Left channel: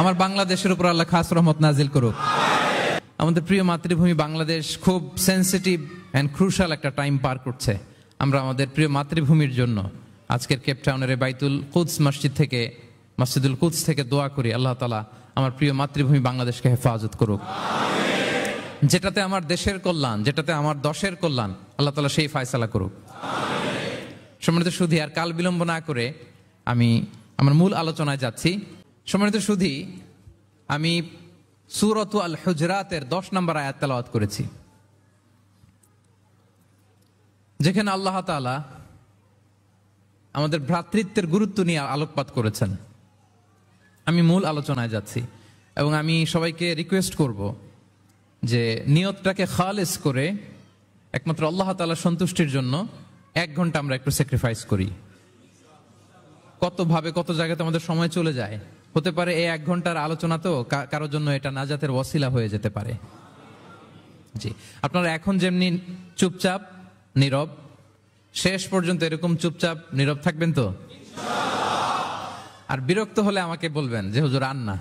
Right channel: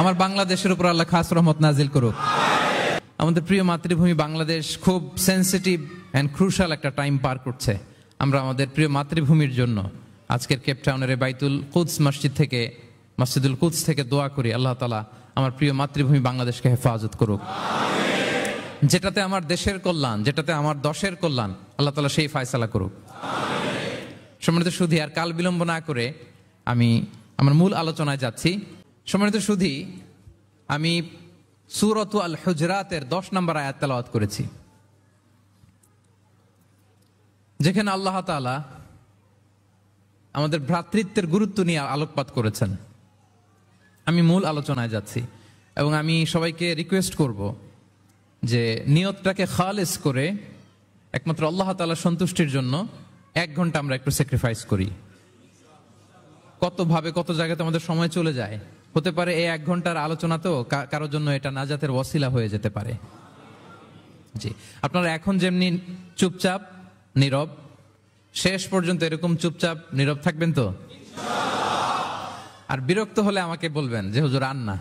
আমার বাংলাদেশের উপর আল্লাহ খাস রহমত নাজিল করুক। আমাদের প্রিয় মাতৃভূমি বাংলাদেশ খুব সেন্সিটিভ অ্যান্ড ক্রুশাল একটা টাইম পার করছে। আমরা আমাদের প্রিয় মাতৃভূমির জন্য আজকের কেপটাউনের বাইতুল কুদস মসজিদ থেকে, মসজিদুল কুদস থেকে দোয়া করি আল্লাহ তাআলা আমার প্রিয় মাতৃভূমি বাংলাদেশকে হেফাজত করুক। যেটাতে আমার দেশের কল্যাণ, যেটাতে আমার দশের কল্যাণ, আল্লাহ তাআলা সেই ফয়সালা করুক। সম্মানিত সুধী, আর কাল বিলম্ব না করে আমি আমার মূল আলোচনায় যাচ্ছি। সম্মানিত সুধী, আমি সূরাত আল হুজরাতের 10 নম্বর আয়াত তেলাওয়াত করেছি, যেখানে আল্লাহ তাআলা আমাদের ভ্রাতৃত্বের গুরুত্ব নিয়ে আলোকপাত করেছেন। আমি মূল আলোচনায় যাচ্ছি এবং আমি সবাইকে রিকোয়েস্ট করব যে নিয়তটাকে খালেস করে একমাত্র আল্লাহ তাআলার সন্তুষ্টির জন্য 1 ঘন্টা আমরা একটু স্যাক্রিফাইস করি। কত ভাবে কত জায়গাতে আমাদের সময় চলে যায়। হতে পারে এই 1 ঘন্টার আলোচনা তো কারোর জন্য এটা নাজাতের ওয়াসিলা হয়ে যেতে পারে। জি, আপনারা এখন যেমনি চুপচাপ নীরব, শেষ পর্যন্ত এরকম চুপচাপ নীরব থাকবেন তো? আর বিরক্ত হলে আমাকে বলবেন যে হুজুর আর না,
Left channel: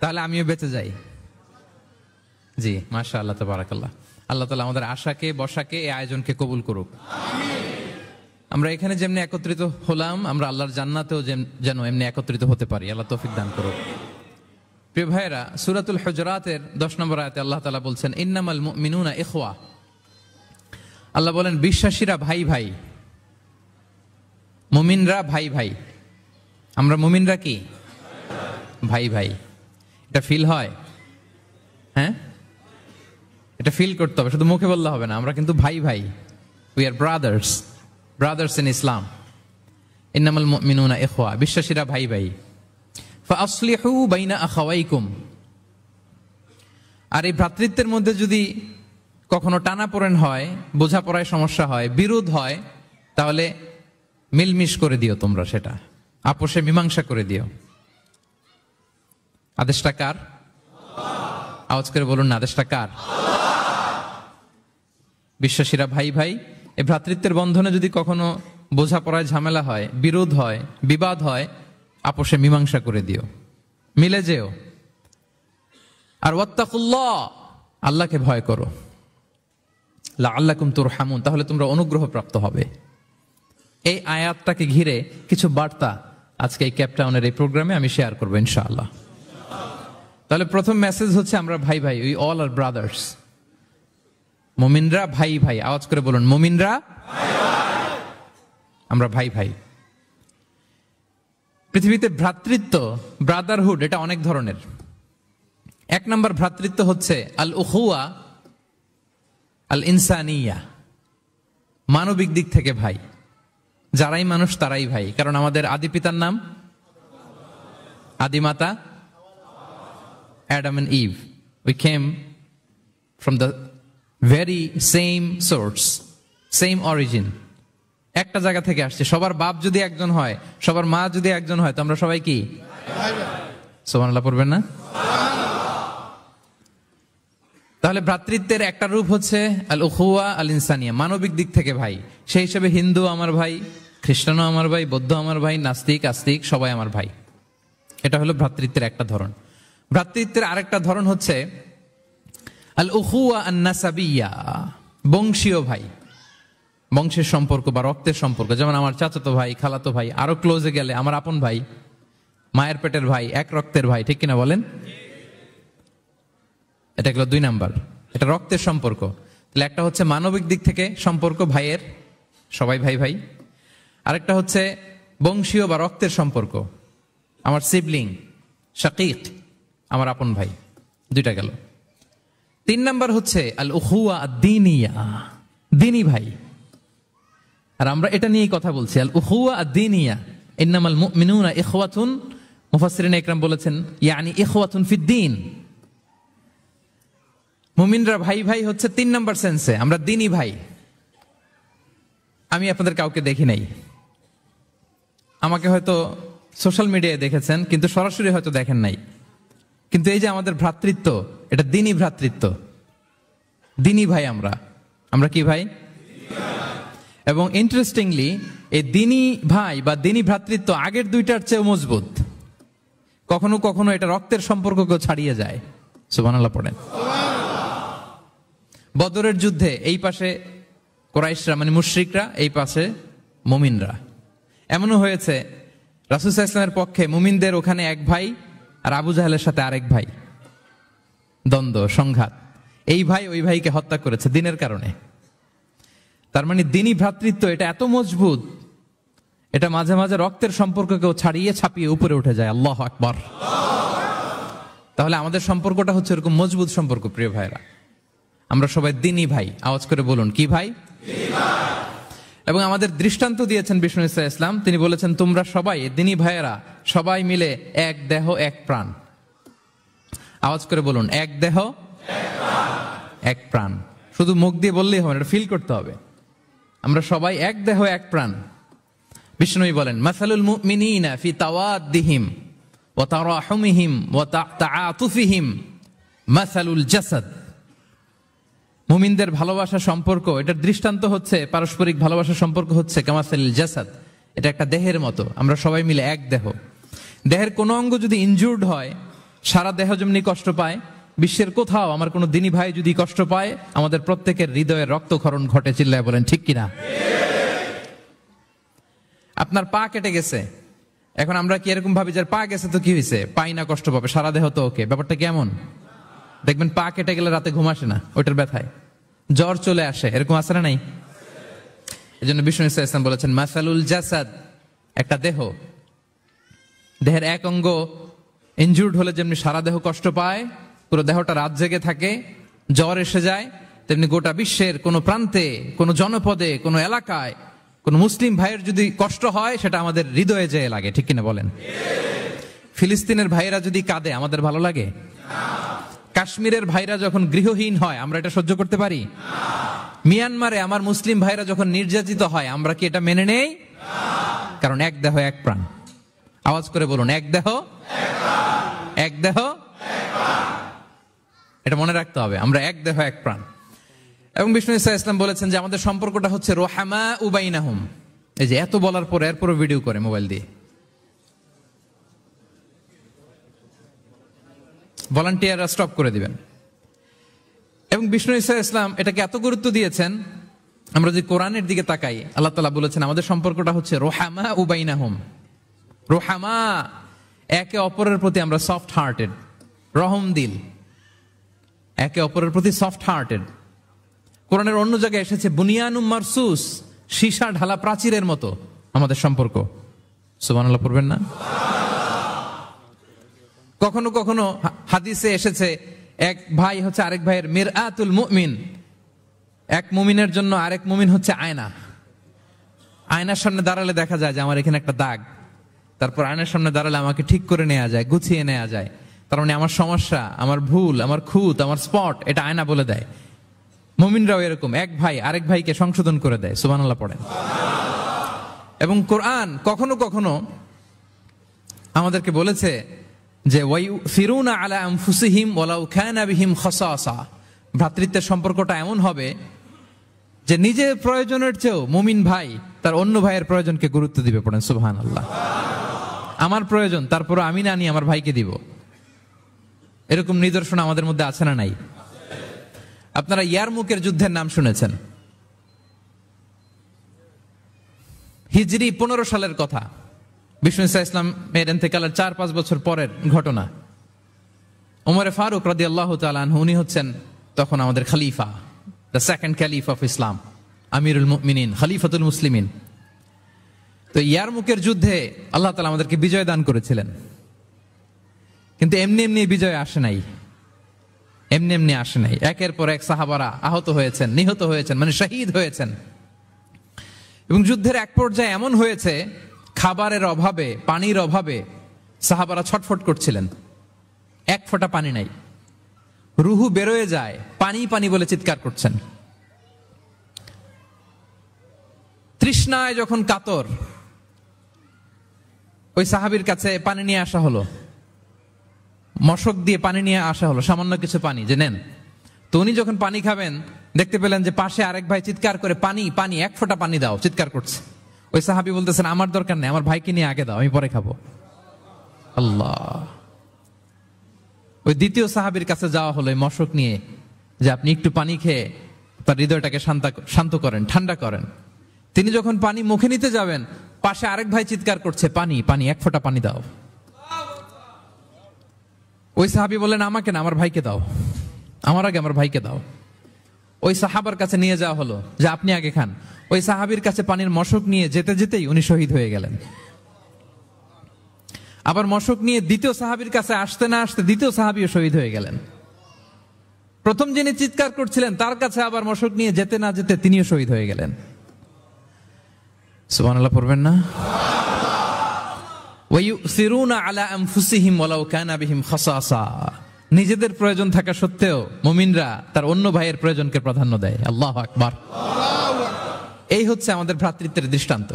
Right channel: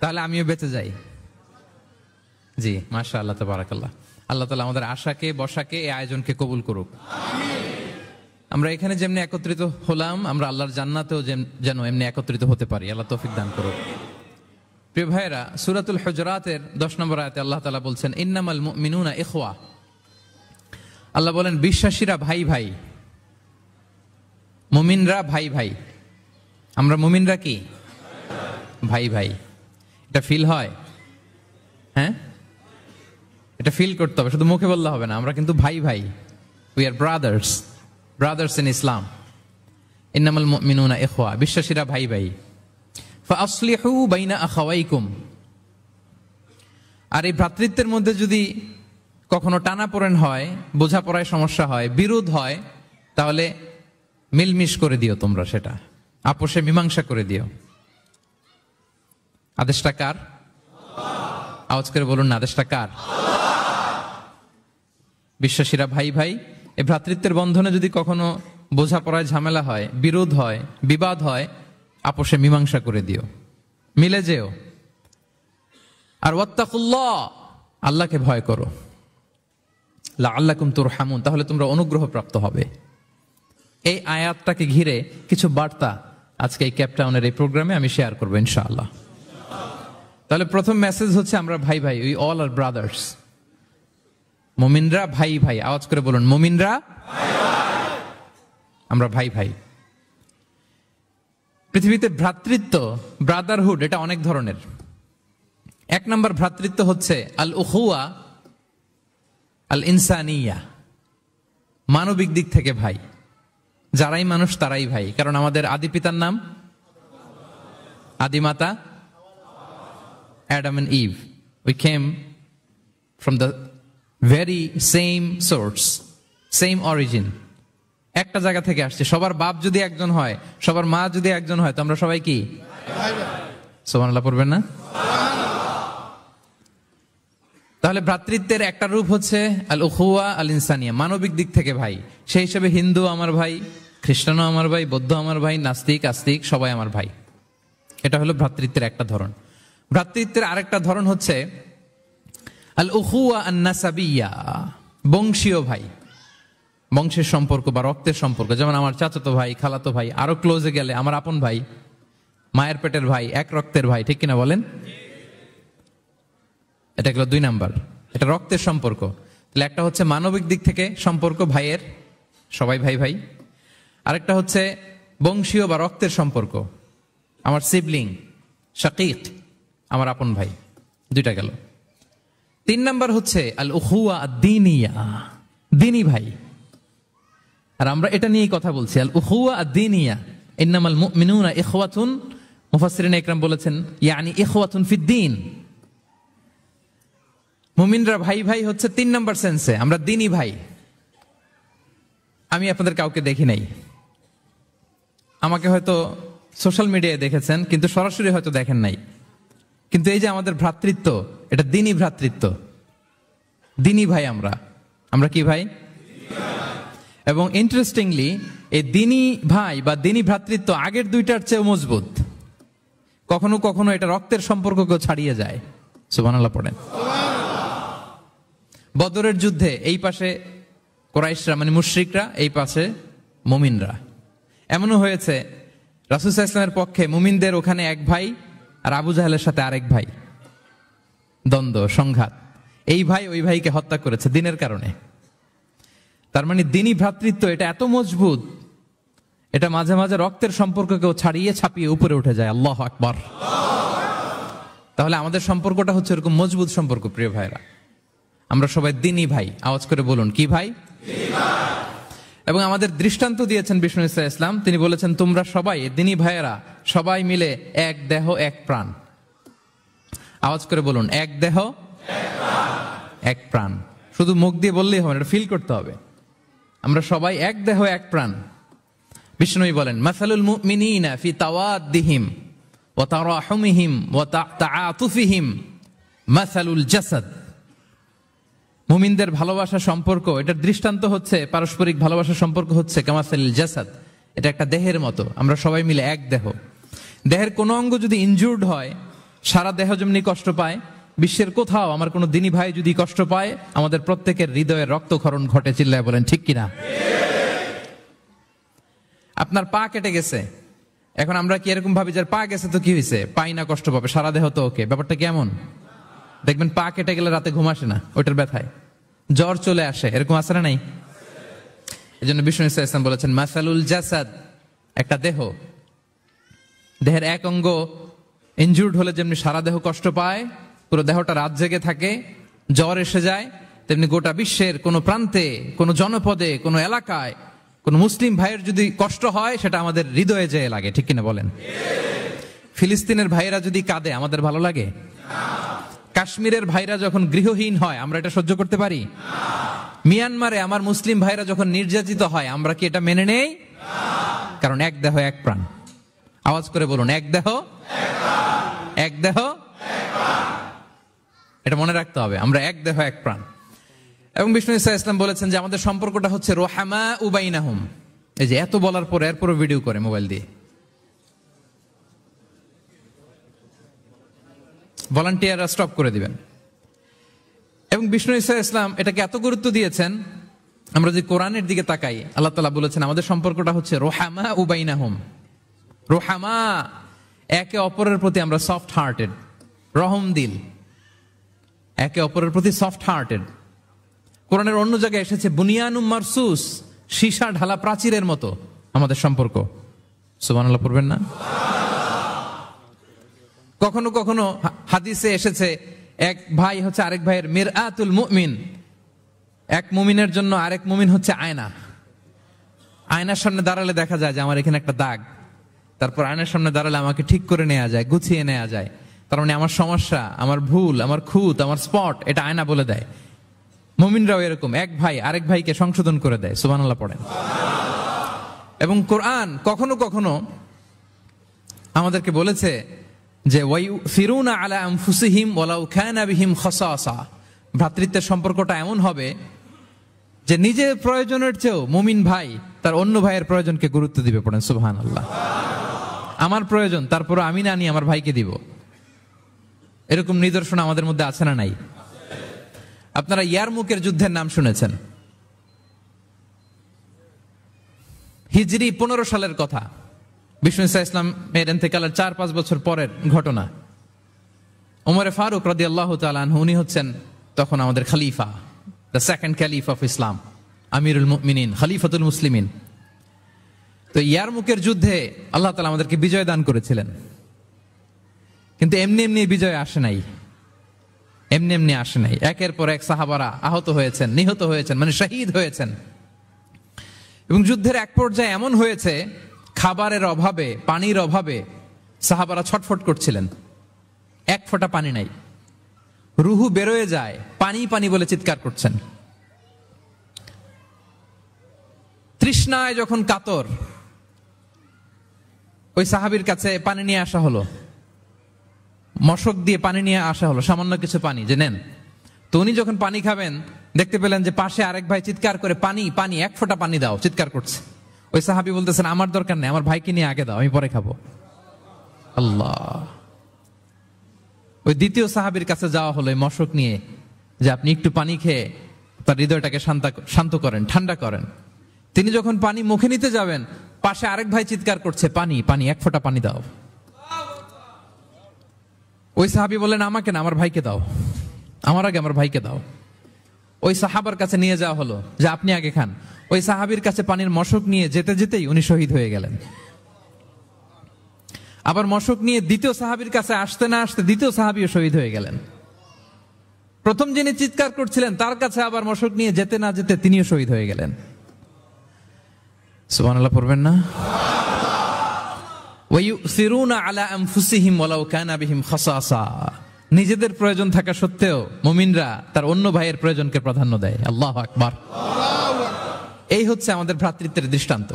তাহলে আমিও বেঁচে যাই। জি, মাশাআল্লাহ, তাবারাকাল্লাহ। আল্লাহ তাআলা আমাদের আশাকে, বসাকে, এই আয়োজনকে কবুল করুক। আমরা এখানে যেমনি একত্রিত হলাম, আমরা আল্লাহর জান্নাতেও যেন এমনি একত্রিত হতে পারি। আল্লাহ তৌফিক দান করুক। প্রিয় ভাইয়েরা, সূরাতুল হুজরাতের 10 নম্বর আয়াতে আল্লাহ তাআলা বলছেন, ইন্নামাল মুমিনুনা ইখওয়া। আল্লাহ বলেন বিশ্বাসীরা ভাই ভাই, মুমিনরা ভাই ভাই। আমরা মুমিনরা কি ভাই ভাই? এটা ফিল হয়? হ্যাঁ, এটা ফিল করতে হবে, শুধু মুখে বললে হবে না। আমরা কিন্তু ভাই ভাই, উই আর ব্রাদার্স ইন ইসলাম। ইন্নামাল মুমিনুনা ইখওয়া, বিশ্বাসীরা ভাই ভাই। ফাআসলিহু বাইনা আখাওয়াইকুম। আর এই ভ্রাতৃত্বের মধ্যে যদি কখনো টানাপোড়েন হয়, বোঝাপড়ায় সমস্যা হয়, বিরোধ হয়, তাহলে মিলমিশ করে দিও তোমরা, সেটা আপোষে মীমাংসা করে দিও। আদেশটা কার? আওয়াজ করে বলুন না, আদেশটা কার? বিশ্বাসীরা ভাই ভাই। এই ভ্রাতৃত্বের বন্ধনে যদি কখনো বোঝাপড়ায় ঝামেলা হয়, বিরোধ হয়, বিবাদ হয়, আপোষে মীমাংসা করে দিও, মিলে যেও। আর ওয়াত্তাকুল্লাহ, আল্লাহকে ভয় করো, লাআল্লাকুম তুরহামুন, তাহলে তোমরা অনুগ্রহ প্রাপ্ত হবে। এই আয়াতটাকে ঘিরে কিছু বার্তা আজকে এই কেপটাউনের এই প্রোগ্রামে আমি শেয়ার করবো ইনশাআল্লাহ। তাহলে প্রথম মেসেজ হচ্ছে আমরা ভাই ভাই, উই অল আর ব্রাদার্স। মুমিনরা ভাই ভাই, আওয়াজ করে বলুন, মুমিনরা আমরা ভাই ভাই। পৃথিবীতে ভ্রাতৃত্ব, ব্রাদারহুড, এটা অনেক ধরনের। 1 নম্বর ভ্রাতৃত্ব হচ্ছে আল উখুয়া আল ইনসানিয়া, মানবিক দিক থেকে ভাই। যারাই মানুষ তারাই ভাই, কারণ আমাদের আদি পিতার নাম, আদিমাতা Adam and Eve. We came from the very same source, same origin. একটা জায়গা থেকে আসছে। সবার বাপ যদি একজন হয়, সবার মা যদি একজন হয়, তো আমরা সবাই কি? সুবহানাল্লাহ পড়বেন না? তাহলে ভ্রাতৃত্বের একটা রূপ হচ্ছে আল উখুয়া আল ইনসানিয়া, মানবিক দিক থেকে ভাই। সেই হিসেবে হিন্দু আমার ভাই, খ্রিস্টানও আমার ভাই, বৌদ্ধ আমার ভাই, নাস্তিক আস্তিক সবাই আমার ভাই। এটা হলো ভ্রাতৃত্বের একটা ধরন। ভ্রাতৃত্বের আরেকটা ধরন হচ্ছে আল উখুয়া আন নাসাবিয়া, বংশীয় ভাই, বংশের সম্পর্ক বা রক্তের সম্পর্ক। যেমন আমার চাচাতো ভাই, খালাতো ভাই, আরো ক্লোজে গেলে আমার আপন ভাই, মায়ের পেটের ভাই, এক রক্তের ভাই, ঠিক কিনা বলেন? এটা গেল 2 নাম্বার, এটা রক্তের সম্পর্ক। তাহলে একটা হচ্ছে মানবিক দিক থেকে সম্পর্ক ভাইয়ের, সবাই ভাই ভাই। আরেকটা হচ্ছে বংশীয় বা রক্তের সম্পর্ক, আমার সিবলিং, শাকিক, আমার আপন ভাই। 2টা গেল। 3 নাম্বার হচ্ছে আল উখুয়া আদ-দীনিয়া, দ্বীনি ভাই। আর আমরা এটা নিয়ে কথা বলছি, আল উখুয়া আদ-দীনিয়া। ইন্নামাল মুমিনুনা ইখওয়াতুন, মুফাসসিরিন ইকরাম বলেছেন ইয়ানি ইখওয়াতুন ফিদ-দীন। মুমিনরা ভাই ভাই হচ্ছে 3 নাম্বার সেন্সে, আমরা দ্বীনি ভাই। আমি আপনাদের কাউকে দেখি নাই, আমাকে হয়তো সোশ্যাল মিডিয়ায় দেখেছেন, কিন্তু সরাসরি হয়তো দেখেন নাই। কিন্তু এই যে আমাদের ভ্রাতৃত্ব, এটা দ্বীনি ভ্রাতৃত্ব, দ্বীনি ভাই। আমরা কি ভাই? এবং ইন্টারেস্টিংলি এই দ্বীনি ভাই বা দ্বীনি ভ্রাতৃত্ব আগের 2টার চেয়ে মজবুত। কখনো কখনো এটা রক্তের সম্পর্ককে ছাড়িয়ে যায়। সুবহানাল্লাহ পড়েন। বদরের যুদ্ধে এই পাশে কুরাইশরা মানে মুশরিকরা, এই পাশে মুমিনরা। এমনও হয়েছে রাসূল সাল্লাল্লাহু আলাইহি ওয়াসাল্লামের পক্ষে মুমিনদের ওখানে এক ভাই আর আবু জাহেলের সাথে আরেক ভাই, দ্বন্দ্ব সংঘাত। এই ভাই ওই ভাইকে হত্যা করেছে দিনের কারণে। তার মানে দ্বীনি ভ্রাতৃত্ব এটা এত মজবুত, এটা মাঝে মাঝে রক্তের সম্পর্ককেও ছাড়িয়ে ছাপিয়ে উপরে উঠে যায়। আল্লাহু আকবার। তাহলে আমাদের সম্পর্কটা হচ্ছে এরকম মজবুত সম্পর্ক। প্রিয় ভাইরা, আমরা সবাই দ্বীনি ভাই। আওয়াজ করে বলুন, কি ভাই? এবং আমাদের দৃষ্টান্ত দিয়েছেন বিষ্ণু ইসা ইসলাম। তিনি বলেছেন, তোমরা সবাই দ্বীনি ভাইয়েরা সবাই মিলে এক দেহ এক প্রাণ। আওয়াজ করে বলুন, এক দেহ এক প্রাণ। শুধু মুখ দিয়ে বললেই হবে, এটা ফিল করতে হবে। আমরা সবাই এক দেহ এক প্রাণ। বিষ্ণুই বলেন, মাসালুল মুমিনিনা ফি তাওয়াদ্দিহিম ওয়া তারাহুমিহিম ওয়া তাআতুফিহিম মাসালুল জাসাদ। মুমিনদের ভালোবাসা সম্পর্ক, এটার দৃষ্টান্ত হচ্ছে পারস্পরিক ভালোবাসা সম্পর্ক হচ্ছে কামাসালিল জাসাদ, এটা একটা দেহের মতো। আমরা সবাই মিলে এক দেহ। দেহের কোনো অঙ্গ যদি ইনজুর্ড হয়, সারা দেহ যেমনি কষ্ট পায়, বিশ্বের কোথাও আমার কোনো দ্বীনি ভাই যদি কষ্ট পায়, আমাদের প্রত্যেকের হৃদয়ের রক্তক্ষরণ ঘটে। চিল্লায় বলেন ঠিক কিনা? আপনার পা কেটে গেছে, এখন আমরা কি এরকম ভাবি যে পা গেছে তো কি হয়েছে, পাই না, কষ্ট পাবে, সারা দেহ তো ওকে। ব্যাপারটা কেমন? দেখবেন পা কেটে গেলে রাতে ঘুম আসে না, ওইটার ব্যথায় জ্বর চলে আসে, এরকম আছে না নাই? এই জন্য বিষ্ণু ইসলাম বলেছেন, মাসালুল জাসাদ, একটা দেহ, দেহের এক অঙ্গ ইনজুর্ড হলে যেমনি সারা দেহ কষ্ট পায়, পুরো দেহটা রাত জেগে থাকে, জ্বর এসে যায়, তেমনি গোটা বিশ্বের কোন প্রান্তে, কোন জনপদে, কোন এলাকায় কোন মুসলিম ভাইয়ের যদি কষ্ট হয়, সেটা আমাদের হৃদয়ে যেয়ে লাগে। ঠিক কিনা বলেন? ফিলিস্তিনের ভাইরা যদি কাঁদে, আমাদের ভালো লাগে? কাশ্মীরের ভাইরা যখন গৃহহীন হয়, আমরা এটা সহ্য করতে পারি? মিয়ানমারে আমার মুসলিম ভাইরা যখন নির্যাতিত হয়, আমরা কি এটা মেনে নেই? কারণ এক দেহ এক প্রাণ। আওয়াজ করে বলুন, এক দেহ এক দেহ। এটা মনে রাখতে হবে, আমরা এক দেহ এক প্রাণ। এবং বিষ্ণু ইসা ইসলাম বলেছেন যে আমাদের সম্পর্কটা হচ্ছে রোহামা উবাইনাহুম। এই যে এত বলার পর এরপরও ভিডিও করে মোবাইল দিয়ে, ভলান্টিয়াররা স্টপ করে দিবেন। এবং বিষ্ণু ইসা ইসলাম এটাকে এত গুরুত্ব দিয়েছেন, আমরা যে কোরআনের দিকে তাকাই, আল্লাহ তাআলা বলেছেন আমাদের সম্পর্কটা হচ্ছে রোহামা উবাইনাহুম। রোহামা, একে অপরের প্রতি আমরা সফট হার্টেড, রহম দিল, একে অপরের প্রতি সফট হার্টেড। কোরআনের অন্য জায়গায় এসেছে বুনিয়ানুম মারসুস, সীসা ঢালা প্রাচীরের মতো আমাদের সম্পর্ক। সুবহানাল্লাহ পড়বেন না? কখনো কখনো হাদিসে এসেছে এক ভাই হচ্ছে আরেক ভাইয়ের মিরআতুল মুমিন। এক মুমিনের জন্য আরেক মুমিন হচ্ছে আয়না। আয়নার সামনে দাঁড়ালে দেখা যায় যে আমার এখানে একটা দাগ, তারপর আয়নার সামনে দাঁড়ালে আমাকে ঠিক করে নেওয়া যায়, গুছিয়ে নেওয়া যায়। তার মানে আমার সমস্যা, আমার ভুল, আমার খুঁত, আমার স্পট, এটা আয়না বলে দেয়। মুমিনরাও এরকম, এক ভাই আরেক ভাইকে সংশোধন করে দেয়। সুবহানাল্লাহ পড়েন। এবং কোরআন কখনো কখনো আমাদেরকে বলেছে যে ওয়ায়ুসিরুনা আলা আনফুসিহিম ওয়ালাউ কানা বিহিম খাসাসা। ভ্রাতৃত্বের সম্পর্কটা এমন হবে যে নিজের প্রয়োজনের চেয়েও মুমিন ভাই তার অন্য ভাইয়ের প্রয়োজনকে গুরুত্ব দিবে। পড়েন সুবহানাল্লাহ। আমার প্রয়োজন, তারপর আমি না নিয়ে আমার ভাইকে দিব। এরকম নিদর্শন আমাদের মধ্যে আছে না নাই? আপনারা ইয়ারমুকের যুদ্ধের নাম শুনেছেন, হিজরি 15 সালের কথা। বিষ্ণু ইসলাম এর ইন্তেকালের 4-5 বছর পরের ঘটনা। ওমরে ফারুক রাদিয়াল্লাহু তাআলা আনহু, উনি হচ্ছেন তখন আমাদের খলিফা, the second caliph of Islam, আমিরুল মুমিনিন, খলিফাতুল মুসলিমিন। তো ইয়ারমুকের যুদ্ধে আল্লাহ তাআলা আমাদেরকে বিজয় দান করেছিলেন। কিন্তু এমনি এমনি বিজয় আসে নাই, এমনি এমনি আসে নাই। একের পর এক সাহাবারা আহত হয়েছেন, নিহত হয়েছেন, মানে শহীদ হয়েছেন। এবং যুদ্ধের এক পর্যায়ে এমন হয়েছে, খাবারের অভাবে, পানির অভাবে সাহাবারা ছটফট করছিলেন। এক ফোঁটা পানি নাই, রুহু বেরোয় যায়, পানি পানি বলে চিৎকার করছেন। তৃষ্ণায় যখন কাতর, ওই সাহাবীর কাছে পানি নিয়ে আসা হলো, মশক দিয়ে পানি নিয়ে আসা হলো, সামান্য কিছু পানি যে নেন। তো উনি যখন পানি খাবেন, দেখতে পেলেন যে পাশে আরেক ভাই চিৎকার করে পানি পানি, এক ফোঁটা পানি দাও, চিৎকার করছে। ওই সাহাবী বলতেছেন আমার দরকার নেই, আমার ভাইকে নিয়ে আগে দাও, আমি পরে খাবো। আল্লাহ, ওই দ্বিতীয় সাহাবীর কাছে যাওয়া হলো মশক নিয়ে, যে আপনি একটু পানি খেয়ে তার হৃদয়টাকে শান্ত করেন, ঠান্ডা করেন। তিনি যখন পানি মুখে নিতে যাবেন, পাশে আরেক ভাই চিৎকার করছে, পানি পানি, এক ফোঁটা পানি দাও। ওই সাহাবী বললেন, আমাকে না, আমার ভাইকে দাও, আমার আগে আমার ভাইকে দাও। ওই সাহাবার কাছে নিয়ে যাওয়া হলো যে আপনি আগে খান। ওই সাহাবীর কাছে পানির মশক নিয়ে যেতে যেতেই উনি শহীদ হয়ে গেলেন। আবার মশক নিয়ে দ্বিতীয় সাহাবীর কাছে আসতে না আসতে দ্বিতীয় সাহাবীও শহীদ হয়ে গেলেন। প্রথম যিনি চিৎকার করছিলেন তার কাছে আবার মশক নিয়ে যেতে না যেতে তিনিও শহীদ হয়ে গেলেন। সুবহানাল্লাহ পড়বেন না? ওয়ায়ুসিরুনা আলা আনফুসিহিম ওয়ালাউ কানা বিহিম খাসাসা। নিজেদের প্রয়োজন থাকা সত্ত্বেও মুমিনরা তার অন্য ভাইয়ের প্রয়োজনকে প্রাধান্য দেয়। আল্লাহু আকবার। এই হচ্ছে আমাদের ভ্রাতৃত্বের দৃষ্টান্ত।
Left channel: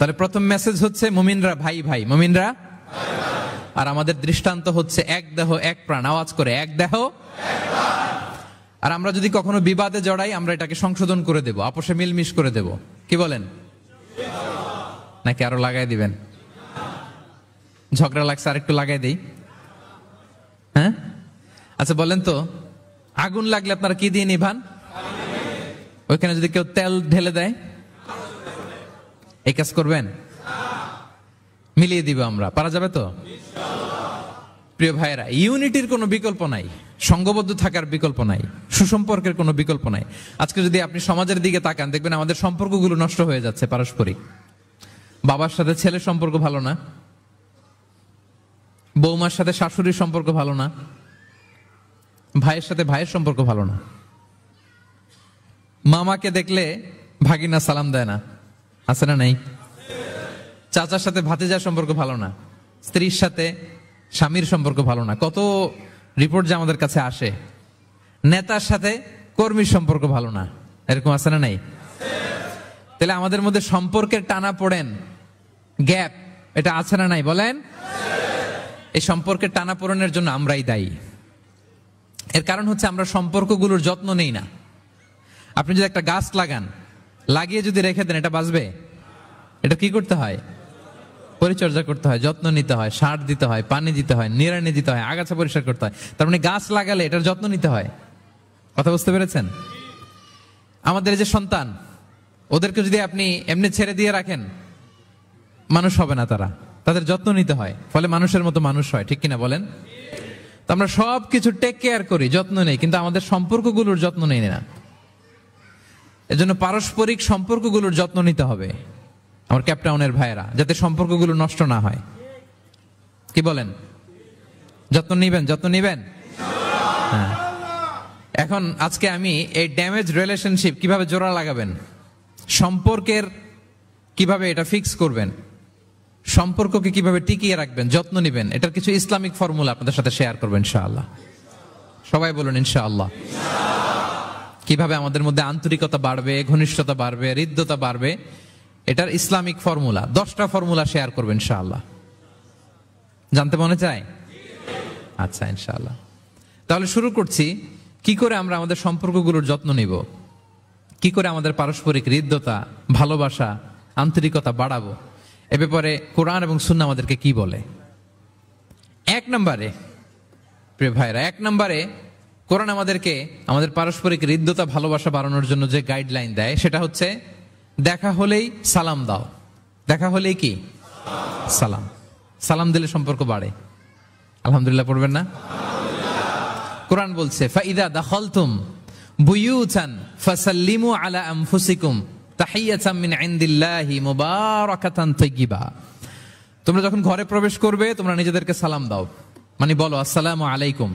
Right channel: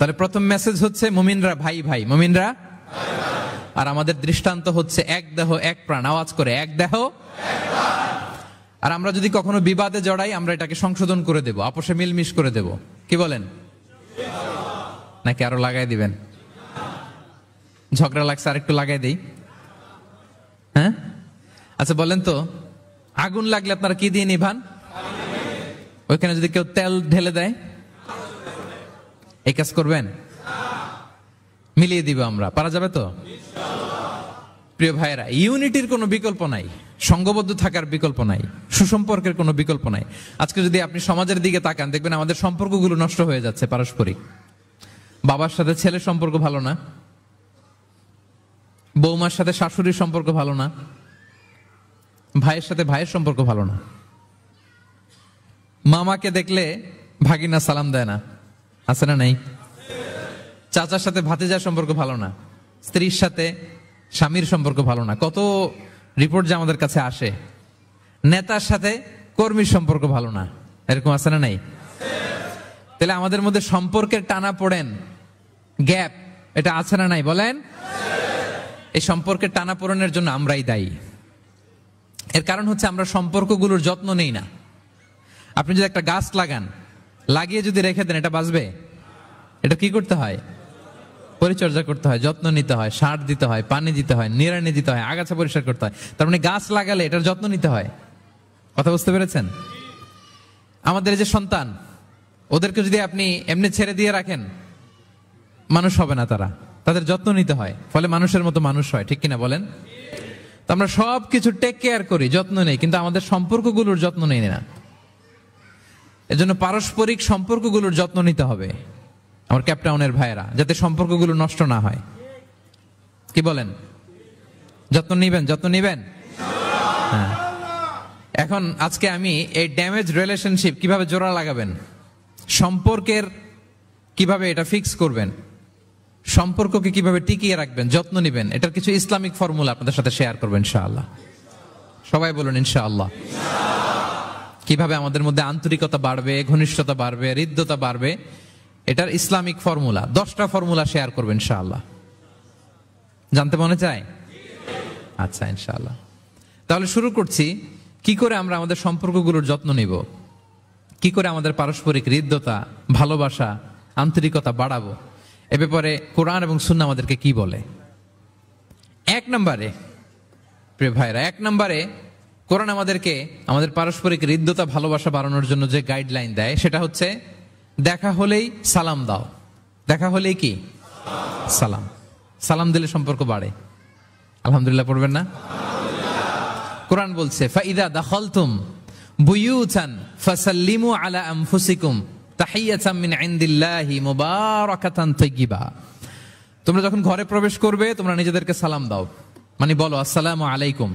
তার প্রথম মেসেজ হচ্ছে মুমিনরা ভাই ভাই, মুমিনরা। আর আমাদের দৃষ্টান্ত হচ্ছে এক দেহ এক প্রাণ। আওয়াজ করে, এক দেহ। আর আমরা যদি কখনো বিবাদে জড়াই, আমরা এটাকে সংশোধন করে দেব, আপোষে মিলমিশ করে দেব। কি বলেন? নাকি আরো লাগাই দিবেন? ঝগড়া লাগছে, আর একটু লাগাই দিই। হ্যাঁ, আচ্ছা বলেন তো, আগুন লাগলে আপনারা কি দিয়ে নিভান? ওইখানে যদি কেউ তেল ঢেলে দেয়, এই কাজ করবেন? মিলিয়ে দিব আমরা, পারা যাবে তো? প্রিয় ভাইয়েরা, ইউনিটির কোনো বিকল্প নাই, সংঘবদ্ধ থাকার বিকল্প নাই, সুসম্পর্কের কোনো বিকল্প নাই। আজকে যদি আপনি সমাজের দিকে তাকান, দেখবেন আমাদের সম্পর্কগুলো নষ্ট হয়ে যাচ্ছে পারস্পরিক। বাবার সাথে ছেলের সম্পর্ক ভালো না, বৌমার সাথে শাশুড়ির সম্পর্ক ভালো না, ভাইয়ের সাথে ভাইয়ের সম্পর্ক ভালো না, মামাকে দেখলে ভাগিনা সালাম দেয় না, আছে না নাই? চাচার সাথে ভাতিজার সম্পর্ক ভালো না, স্ত্রীর সাথে স্বামীর সম্পর্ক ভালো না। কত রিপোর্ট যে আমাদের কাছে আসে। নেতার সাথে কর্মীর সম্পর্ক ভালো না, এরকম আছে না নাই? তাহলে আমাদের মধ্যে সম্পর্কের টানা পড়েন, গ্যাপ, এটা আছে না নাই বলেন? এই সম্পর্কের টানা পড়েনের জন্য আমরাই দায়ী। এর কারণ হচ্ছে আমরা সম্পর্কগুলোর যত্ন নেই না। আপনি যদি একটা গাছ লাগান, লাগিয়ে যদি রেখে দেন, এটা বাঁচবে? এটা কি করতে হয়? পরিচর্যা করতে হয়, যত্ন নিতে হয়, সার দিতে হয়, পানি দিতে হয়, নিড়ানি দিতে হয়, আগাছা পরিষ্কার করতে হয়। তার মানে গাছ লাগালে এটার যত্ন নিতে হয়। কথা বুঝতে পেরেছেন? আমাদের যে সন্তান, ওদেরকে যদি আপনি এমনি ছেড়ে দিয়ে রাখেন, মানুষ হবে না তারা, তাদের যত্ন নিতে হয়, ফলে মানুষের মতো মানুষ হয়। ঠিক কিনা বলেন? তো আমরা সবকিছু টেক কেয়ার করি, যত্ন নেই, কিন্তু আমাদের সম্পর্কগুলোর যত্ন নেই না। এজন্য পারস্পরিক সম্পর্কগুলোর যত্ন নিতে হবে আমার ক্যাপটাউনের ভাইয়েরা, যাতে সম্পর্কগুলো নষ্ট না হয়। কি বলেন? যত্ন নিবেন, যত্ন নিবেন। এখন আজকে আমি এই ড্যামেজ রিলেশনশিপ কিভাবে জোড়া লাগাবেন, সম্পর্কের কিভাবে এটা ফিক্স করবেন, সম্পর্ককে কিভাবে টিকিয়ে রাখবেন, যত্ন নিবেন, এটার কিছু ইসলামিক ফর্মুলা আপনাদের সাথে শেয়ার করবেন ইনশাআল্লাহ। সবাই বলুন ইনশাআল্লাহ। কিভাবে আমাদের মধ্যে আন্তরিকতা বাড়বে, ঘনিষ্ঠতা বাড়বে, হৃদ্যতা বাড়বে, এটার ইসলামিক ফর্মুলা 10টা ফর্মুলা শেয়ার করবেন ইনশাআল্লাহ। জানতে মনে চায়? আচ্ছা ইনশাআল্লাহ। তাহলে শুরু করছি, কি করে আমরা আমাদের সম্পর্কগুলোর যত্ন নিব, কি করে আমাদের পারস্পরিক হৃদ্যতা, ভালোবাসা, আন্তরিকতা বাড়াবো, এ ব্যাপারে কোরআন এবং সুন্নাহ আমাদেরকে কি বলে। 1 নম্বরে প্রিয় ভাইরা, 1 নম্বরে কোরআন আমাদেরকে আমাদের পারস্পরিক হৃদ্যতা, ভালোবাসা বাড়ানোর জন্য যে গাইডলাইন দেয়, সেটা হচ্ছে দেখা হলেই সালাম দাও। দেখা হলেই কি? সালাম। সালাম দিলে সম্পর্ক বাড়ে। আলহামদুলিল্লাহ পড়বেন না? কোরআন বলছে, ফাইদা দাখালতুম বুয়ুতান ফাসাল্লিমু আলা আনফুসিকুম তাহিয়াতাম মিন ইনদিল্লাহি মুবারাকাতান তাইয়্যিবা। তোমরা যখন ঘরে প্রবেশ করবে, তোমরা নিজেদেরকে সালাম দাও, মানে বলো আসসালামু আলাইকুম।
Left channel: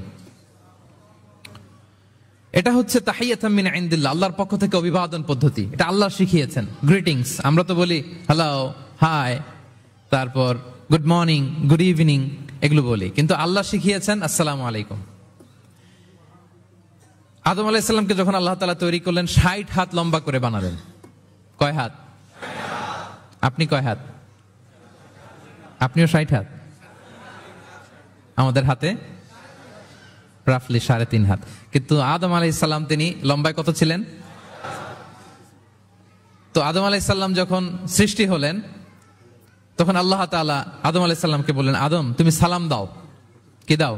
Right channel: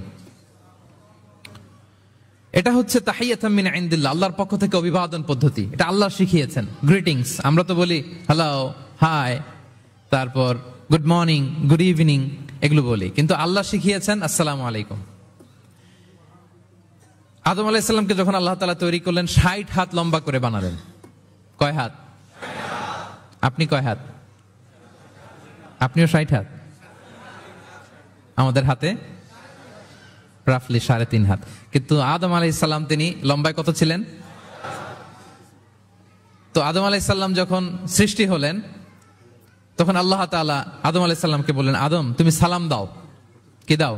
এটা হচ্ছে তাহিয়াতাম মিন ইনদিল্লাহ, আল্লাহর পক্ষ থেকে অভিবাদন পদ্ধতি। এটা আল্লাহ শিখিয়েছেন। গ্রিটিংস আমরা তো বলি হ্যালো, হাই, তারপর গুড মর্নিং, গুড ইভিনিং, এগুলো বলি, কিন্তু আল্লাহ শিখিয়েছেন আসসালামু আলাইকুম। আদম আলাইহিস সালামকে যখন আল্লাহ তাআলা তৈরি করলেন, 60 হাত লম্বা করে বানালেন। কয় হাত? আপনি কয় হাত? আপনিও 60 হাত। আমাদের হাতে রাফলি 3.5 হাত। কিন্তু আদম আলাইহিস সালাম তিনি লম্বায় কত ছিলেন? তো আদম আলাইহিস সালাম যখন সৃষ্টি হলেন, তখন আল্লাহ তাআলা আদম আলাইহিস সালামকে বললেন, আদম তুমি সালাম দাও। কি দাও?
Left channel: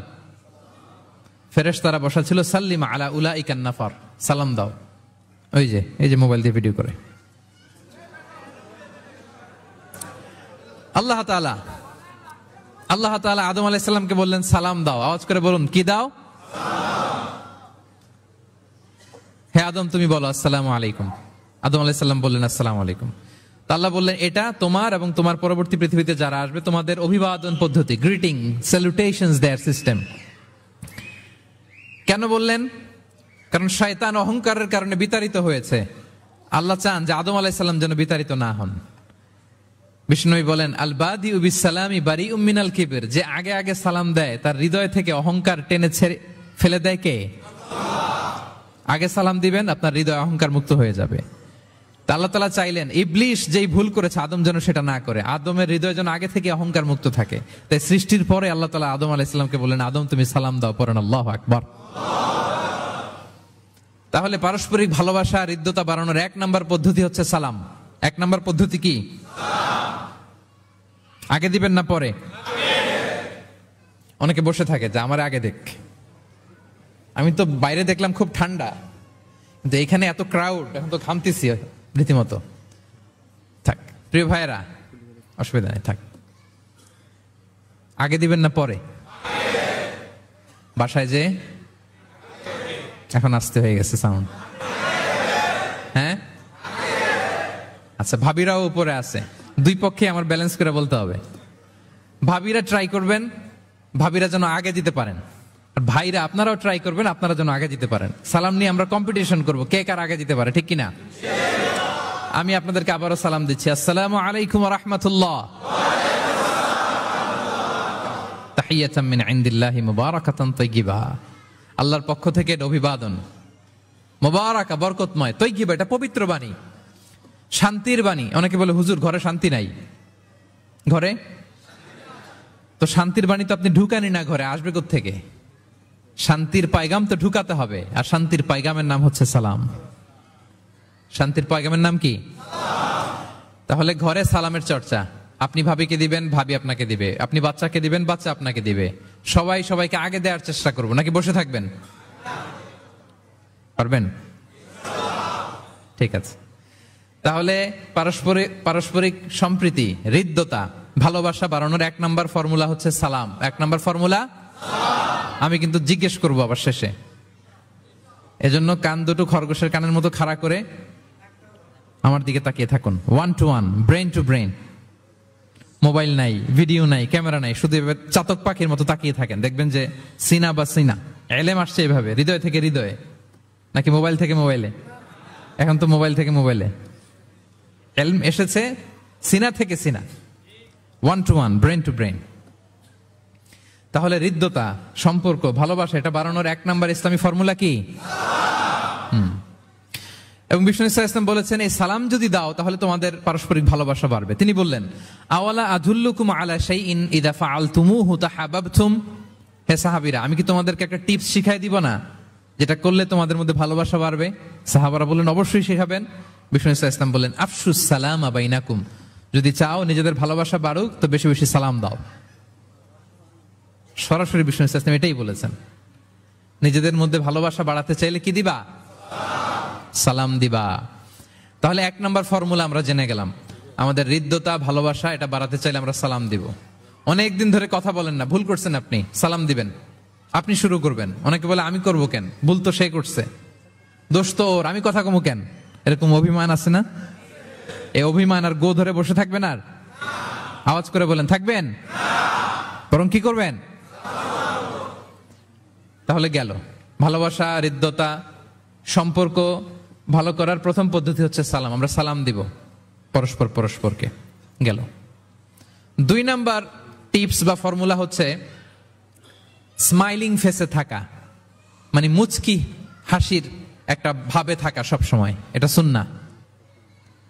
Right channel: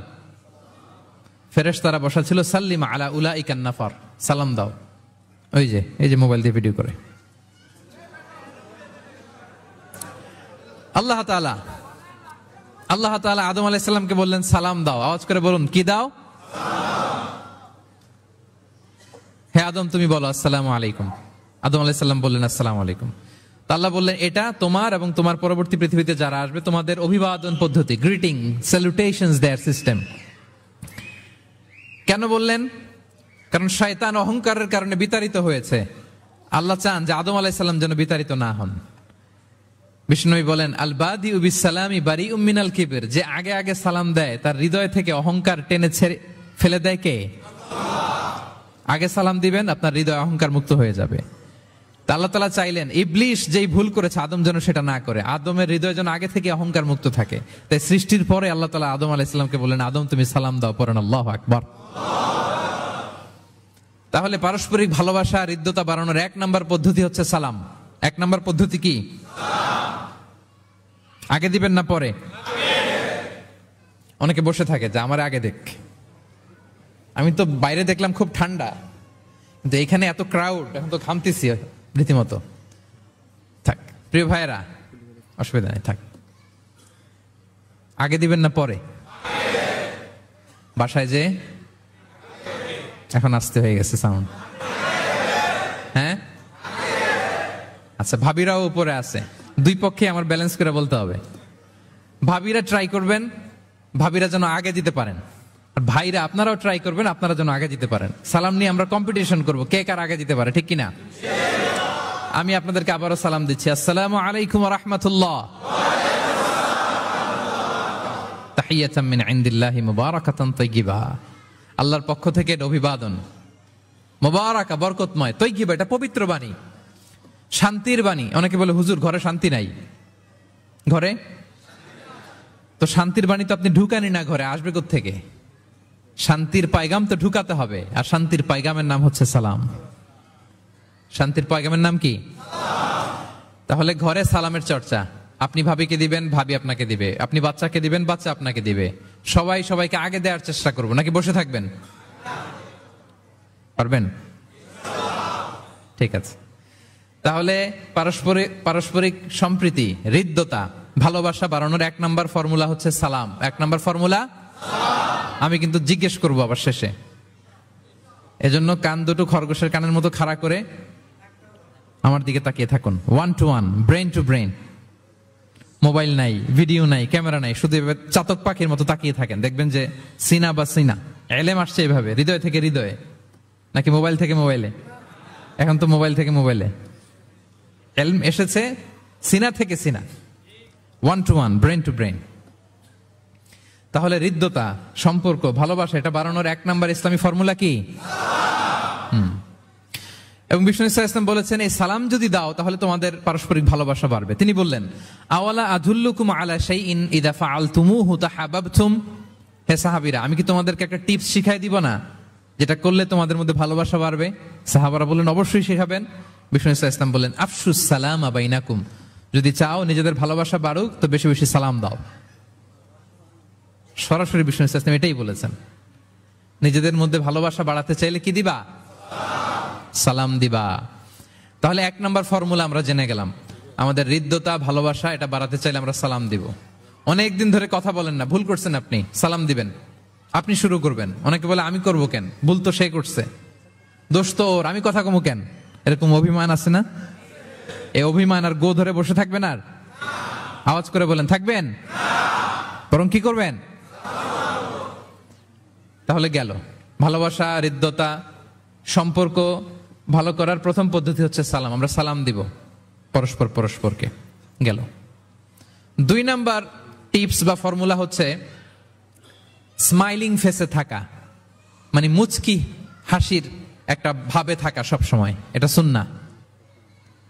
ফেরেশতারা বসা ছিল, সাল্লিম আলা উলাইকান নাফার, সালাম দাও। এই যে মোবাইল দিয়ে ভিডিও করে। আল্লাহ তাআলা আদম আলাইহিস সালামকে বললেন সালাম দাও। আওয়াজ করে বলুন, কি দাও? হ্যাঁ আদম তুমি বলো আসসালামু আলাইকুম। আদম আলাইহিস সালাম বললেন আসসালামু আলাইকুম। আল্লাহ বললেন এটা তোমার এবং তোমার পরবর্তী পৃথিবীতে যারা আসবে তোমাদের অভিবাদন পদ্ধতি, গ্রিটিং, স্যালুটেশনস দেয়ার সিস্টেম। কেন বললেন? কারণ শয়তান অহংকারের কারণে বিতাড়িত হয়েছে। আল্লাহ চান যে আদম আলাইহিস সালাম যেন বিতাড়িত না হন। বিষ্ণু বলেন আল বাদিউ বিস সালামি বারিউম মিনাল কিবর, যে আগে আগে সালাম দেয় তার হৃদয় থেকে অহংকার টেনে ফেলে দেয় কে? আগে সালাম দিবেন, আপনার হৃদয় অহংকার মুক্ত হয়ে যাবে। আল্লাহ তাআলা চাইলেন ইবলিস যেই ভুল করেছে আদম যেন সেটা না করে, আদমের হৃদয় যেন আগে থেকে অহংকার মুক্ত থাকে। তাই সৃষ্টির পরে আল্লাহ তাআলা আদম আলাইহিস সালামকে বললেন আদম তুমি সালাম দাও, পড়েন আল্লাহু আকবার। তাহলে পারস্পরিক ভালোবাসা, হৃদ্যতা বাড়ানোর 1 নম্বর পদ্ধতি হচ্ছে সালাম। 1 নম্বর পদ্ধতি কি? আগে দিবেন না পরে? অনেকে বসে থাকে যে আমার আগে দেখ। আমি তো বাইরে দেখলাম খুব ঠান্ডা, কিন্তু এখানে এত ক্রাউড, এখন তো ঘামতেছি রীতিমতো। থাক প্রিয় ভাইরা, অসুবিধা নেই, থাক। আগে দিবেন না পরে? বাসায় যে এখন আসতে হয়ে গেছে সাউন্ড। হ্যাঁ আচ্ছা, ভাবিরাও উপরে আছে। দুই পক্ষে আমার ব্যালেন্স করে বলতে হবে। ভাবিরা ট্রাই করবেন ভাবিরা যেন আগে দিতে পারেন, আর ভাইরা আপনারাও ট্রাই করবেন আপনারা যেন আগে দিতে পারেন। সালাম নিয়ে আমরা কম্পিটিশন করব, কে কার আগে দিতে পারে, ঠিক কিনা? আমি আপনাদেরকে আবারও সালাম দিচ্ছি, আসসালামু আলাইকুম ওয়া রাহমাতুল্লাহ। তাহিয়াতাম মিন ইনদিল্লাহি মুবারাকাতান তাইয়্যিবা, আল্লাহর পক্ষ থেকে অভিবাদন, মুবারাকা বরকতময়, তাইয়্যিবা এটা পবিত্র বাণী, শান্তির বাণী। অনেকে বলে হুজুর ঘরে শান্তি নাই। ঘরে তো শান্তির বাণী তো আপনি ঢুকানি না, ঘরে আসবে কোত্থেকে? শান্তির পায়গাম তো ঢুকাতে হবে, আর শান্তির পায়গামের নাম হচ্ছে সালাম। শান্তির পায়গামের নাম কি? তাহলে ঘরে সালামের চর্চা। আপনি ভাবিকে দিবেন, ভাবি আপনাকে দিবে। আপনি বাচ্চাকে দিবেন, বাচ্চা আপনাকে দিবে। সবাই সবাইকে আগে দেওয়ার চেষ্টা করবো, নাকি বসে থাকবেন? পারবেন? ঠিক আছে। তাহলে পারস্পরিক সম্প্রীতি, হৃদ্যতা, ভালোবাসা বাড়ানোর 1 নম্বর ফর্মুলা হচ্ছে সালাম। 1 নম্বর ফর্মুলা আমি কিন্তু জিজ্ঞেস করবো আবার শেষে, এজন্য কান দুটো খরগোশের কানের মতো খাড়া করে আমার দিকে তাকিয়ে থাকুন। 1 to 1, brain to brain. Mobile নাই, ভিডিও নাই, ক্যামেরা নাই, শুধু চাতক পাখির মতো তাকিয়ে থাকেন। দেখবেন যে সিনা বা সিনা এলেম আসছে এইভাবে, হৃদয় থেকে হৃদয়ে, নাকি মোবাইল থেকে মোবাইলে? এখন তো মোবাইল থেকে মোবাইলে এলম এসেছে, সিনা থেকে সিনা। 1 to 1, ব্রেন টু ব্রেন। তাহলে হৃদ্যতা, সম্পর্ক, ভালোবাসা এটা বাড়ানোর 1 নম্বর ইসলামী ফর্মুলা কি? এবং বিষ্ণু ইসলাম বলেছেন এই সালাম যদি দাও তাহলে তোমাদের পারস্পরিক ভালোবাসা বাড়বে। তিনি বললেন আওয়ালা আদুল্লুকুম আলা শাইইন ইযা ফাআলতুমুহু তাহাব্বাবতুম, হে সাহাবীরা আমি কি তোমাদেরকে একটা টিপস শিখাই দিব না, যেটা করলে তোমাদের মধ্যে ভালোবাসা বাড়বে? সাহাবারা বললেন অবশ্যই শেখাবেন। বিষ্ণু ইসলাম বললেন আফশুস সালামা বাইনাকুম, যদি চাও নিজেদের ভালোবাসা বাড়ুক তো বেশি বেশি সালাম দাও। সরাসরি বিষ্ণু ইসলাম এটাই বলেছেন, নিজেদের মধ্যে ভালোবাসা বাড়াতে চাইলে কি দিবা? সালাম দিবা। তাহলে 1 নম্বর ফর্মুলা আমরা জেনে গেলাম। আমাদের হৃদ্যতা, ভালোবাসা এটা বাড়াতে চাইলে আমরা সালাম দিব। অনেকদিন ধরে কথা বলেন না, ভুল করছেন আপনি, সালাম দিবেন। আপনি শুরু করবেন। অনেকে বলে আমি করব কেন, ভুল তো সে করছে, দোষ তো ওর, আমি কথা কমু কেন? এরকম অভিমান আছে না? এই অভিমান আর গো ধরে বসে থাকবেন? আর আওয়াজ করে বলেন থাকবেন? বরং কি করবেন? তাহলে গেল ভালোবাসা, হৃদ্যতা, সম্পর্ক ভালো করার প্রথম পদ্ধতি হচ্ছে সালাম। আমরা সালাম দিব পরস্পরকে। গেল 2 নম্বর টিপস বা ফর্মুলা হচ্ছে স্মাইলিং ফেসে থাকা, মানে মুচকি হাসির একটা ভাবে থাকা সব সময়। এটা সুন্নাহ।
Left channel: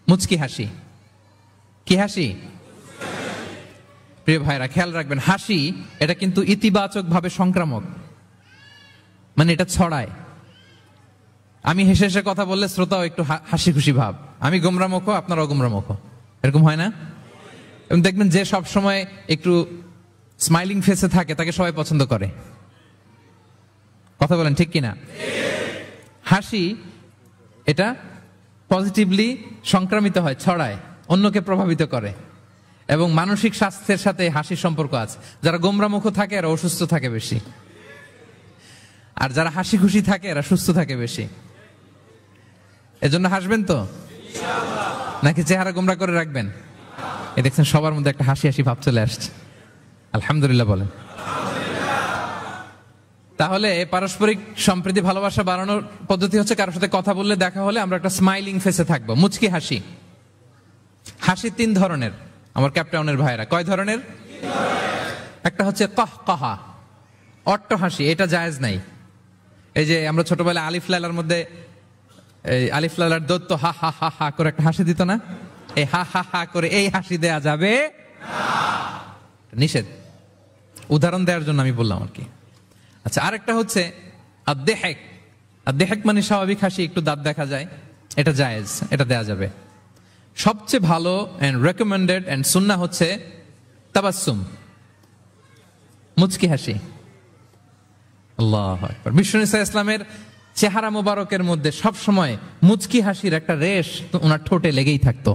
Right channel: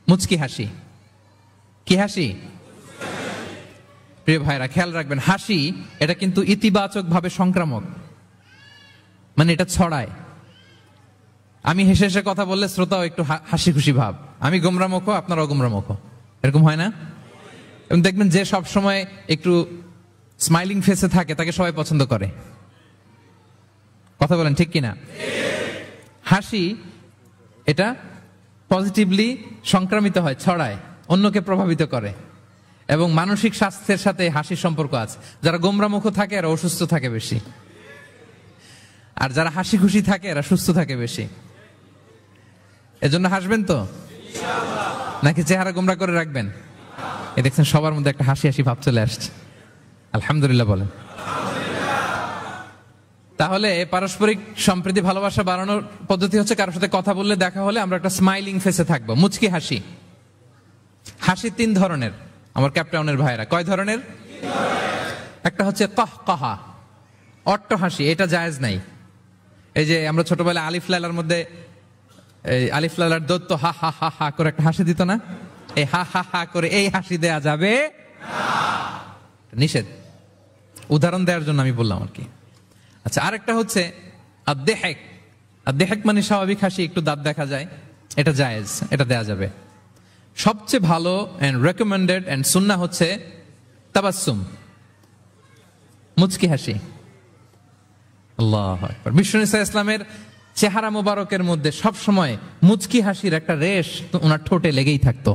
মুচকি হাসি, কি হাসি? প্রিয় ভাইরা খেয়াল রাখবেন, হাসি এটা কিন্তু ইতিবাচক ভাবে সংক্রামক, মানে এটা ছড়ায়। আমি হেসে হেসে কথা বললে শ্রোতাও একটু হাসি খুশি ভাব, আমি গোমরামুখ, আপনারাও গোমরামুখ, এরকম হয় না? দেখবেন যে সব সময় একটু স্মাইলিং ফেসে থাকে তাকে সবাই পছন্দ করে। কথা বলেন ঠিক কিনা? হাসি এটা পজিটিভলি সংক্রামিত হয়, ছড়ায়, অন্যকে প্রভাবিত করে, এবং মানসিক স্বাস্থ্যের সাথে হাসির সম্পর্ক আছে। যারা গোমরা মুখ থাকে এরা অসুস্থ থাকে বেশি, আর যারা হাসি খুশি থাকে এরা সুস্থ থাকে বেশি। এজন্য হাসবেন তো, নাকি চেহারা গোমরা করে রাখবেন? এ দেখছেন সবার মধ্যে একটা হাসি হাসি ভাব চলে আসছে, আলহামদুলিল্লাহ বলেন। তাহলে পারস্পরিক সম্প্রীতি ভালোবাসা বাড়ানোর পদ্ধতি হচ্ছে কারোর সাথে কথা বললে, দেখা হলে আমরা একটা স্মাইলিং ফেসে থাকবো, মুচকি হাসি। হাসি 3 ধরনের আমার ক্যাপটাউনের ভাইরা। কয় ধরনের? একটা হচ্ছে কাহকাহা, অট্ট হাসি, এটা জায়েজ নাই। এই যে আমরা ছোটবেলায় আলিফ লালার মধ্যে এই আলিফ লালার দত্ত হা হা হা হা করে একটা হাসি দিত না? এই হা হা হা করে এই হাসি দেয়া যাবে নিষেধ। উদাহরণ দেওয়ার জন্য আমি বললাম আর কি। আচ্ছা, আরেকটা হচ্ছে আদ-দেহেক। আদ-দেহেক মানে স্বাভাবিক হাসি, একটু দাঁত দেখা যায়, এটা জায়েজ, এটা দেয়া যাবে। সবচেয়ে ভালো এন্ড রেকমেন্ডেড এন্ড সুন্নাহ হচ্ছে তাবাসসুম, মুচকি হাসি। আল্লাহু আকবার। বিষ্ণু ইসলামের চেহারা মোবারকের মধ্যে সব সময় মুচকি হাসির একটা রেশ তো ওনার ঠোঁটে লেগেই থাকতো।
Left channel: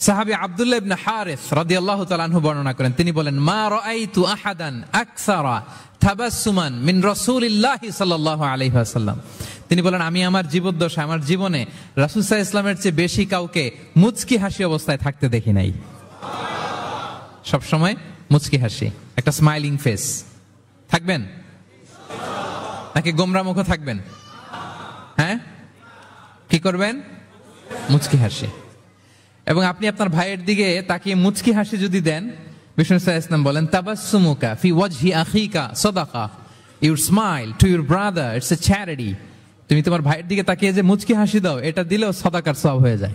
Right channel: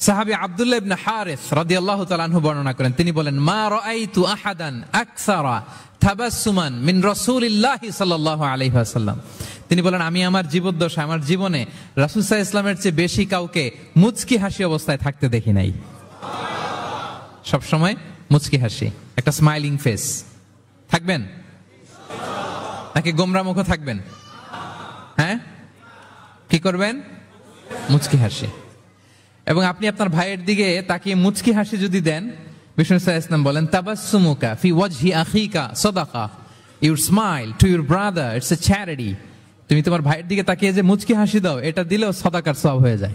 সাহাবী আব্দুল্লাহ ইবনে হারিস রাদিয়াল্লাহু তাআলা আনহু বর্ণনা করেন, তিনি বলেন, মা রাআইতু আহাদান আকসারা তাবাসসুমান মিন রাসূলিল্লাহি সাল্লাল্লাহু আলাইহি ওয়াসাল্লাম। তিনি বলেন, আমি আমার জীবদ্দশায়, আমার জীবনে রাসূল সাল্লাল্লাহু আলাইহি ওয়াসাল্লামের চেয়ে বেশি কাউকে মুচকি হাসি অবস্থায় থাকতে দেখি নাই। সব সময় মুচকি হাসি, একটা স্মাইলিং ফেস থাকবেন, নাকি গোমরা মুখ থাকবেন? হ্যাঁ, কি করবেন? মুচকি হাসি। এবং আপনি আপনার ভাইয়ের দিকে তাকিয়ে মুচকি হাসি যদি দেন, বিষ্ণু সাল্লাল্লাহু আলাইহি ওয়াসাল্লাম বলেন, তাবাসসুমুকা ফি ওয়াজহি আখিকা সাদাকা, you smile to your brother, it's a charity. তুমি তোমার ভাইয়ের দিকে তাকিয়ে যে মুচকি হাসি দাও, এটা দিলেও সাদাকার সওয়াব হয়ে যায়।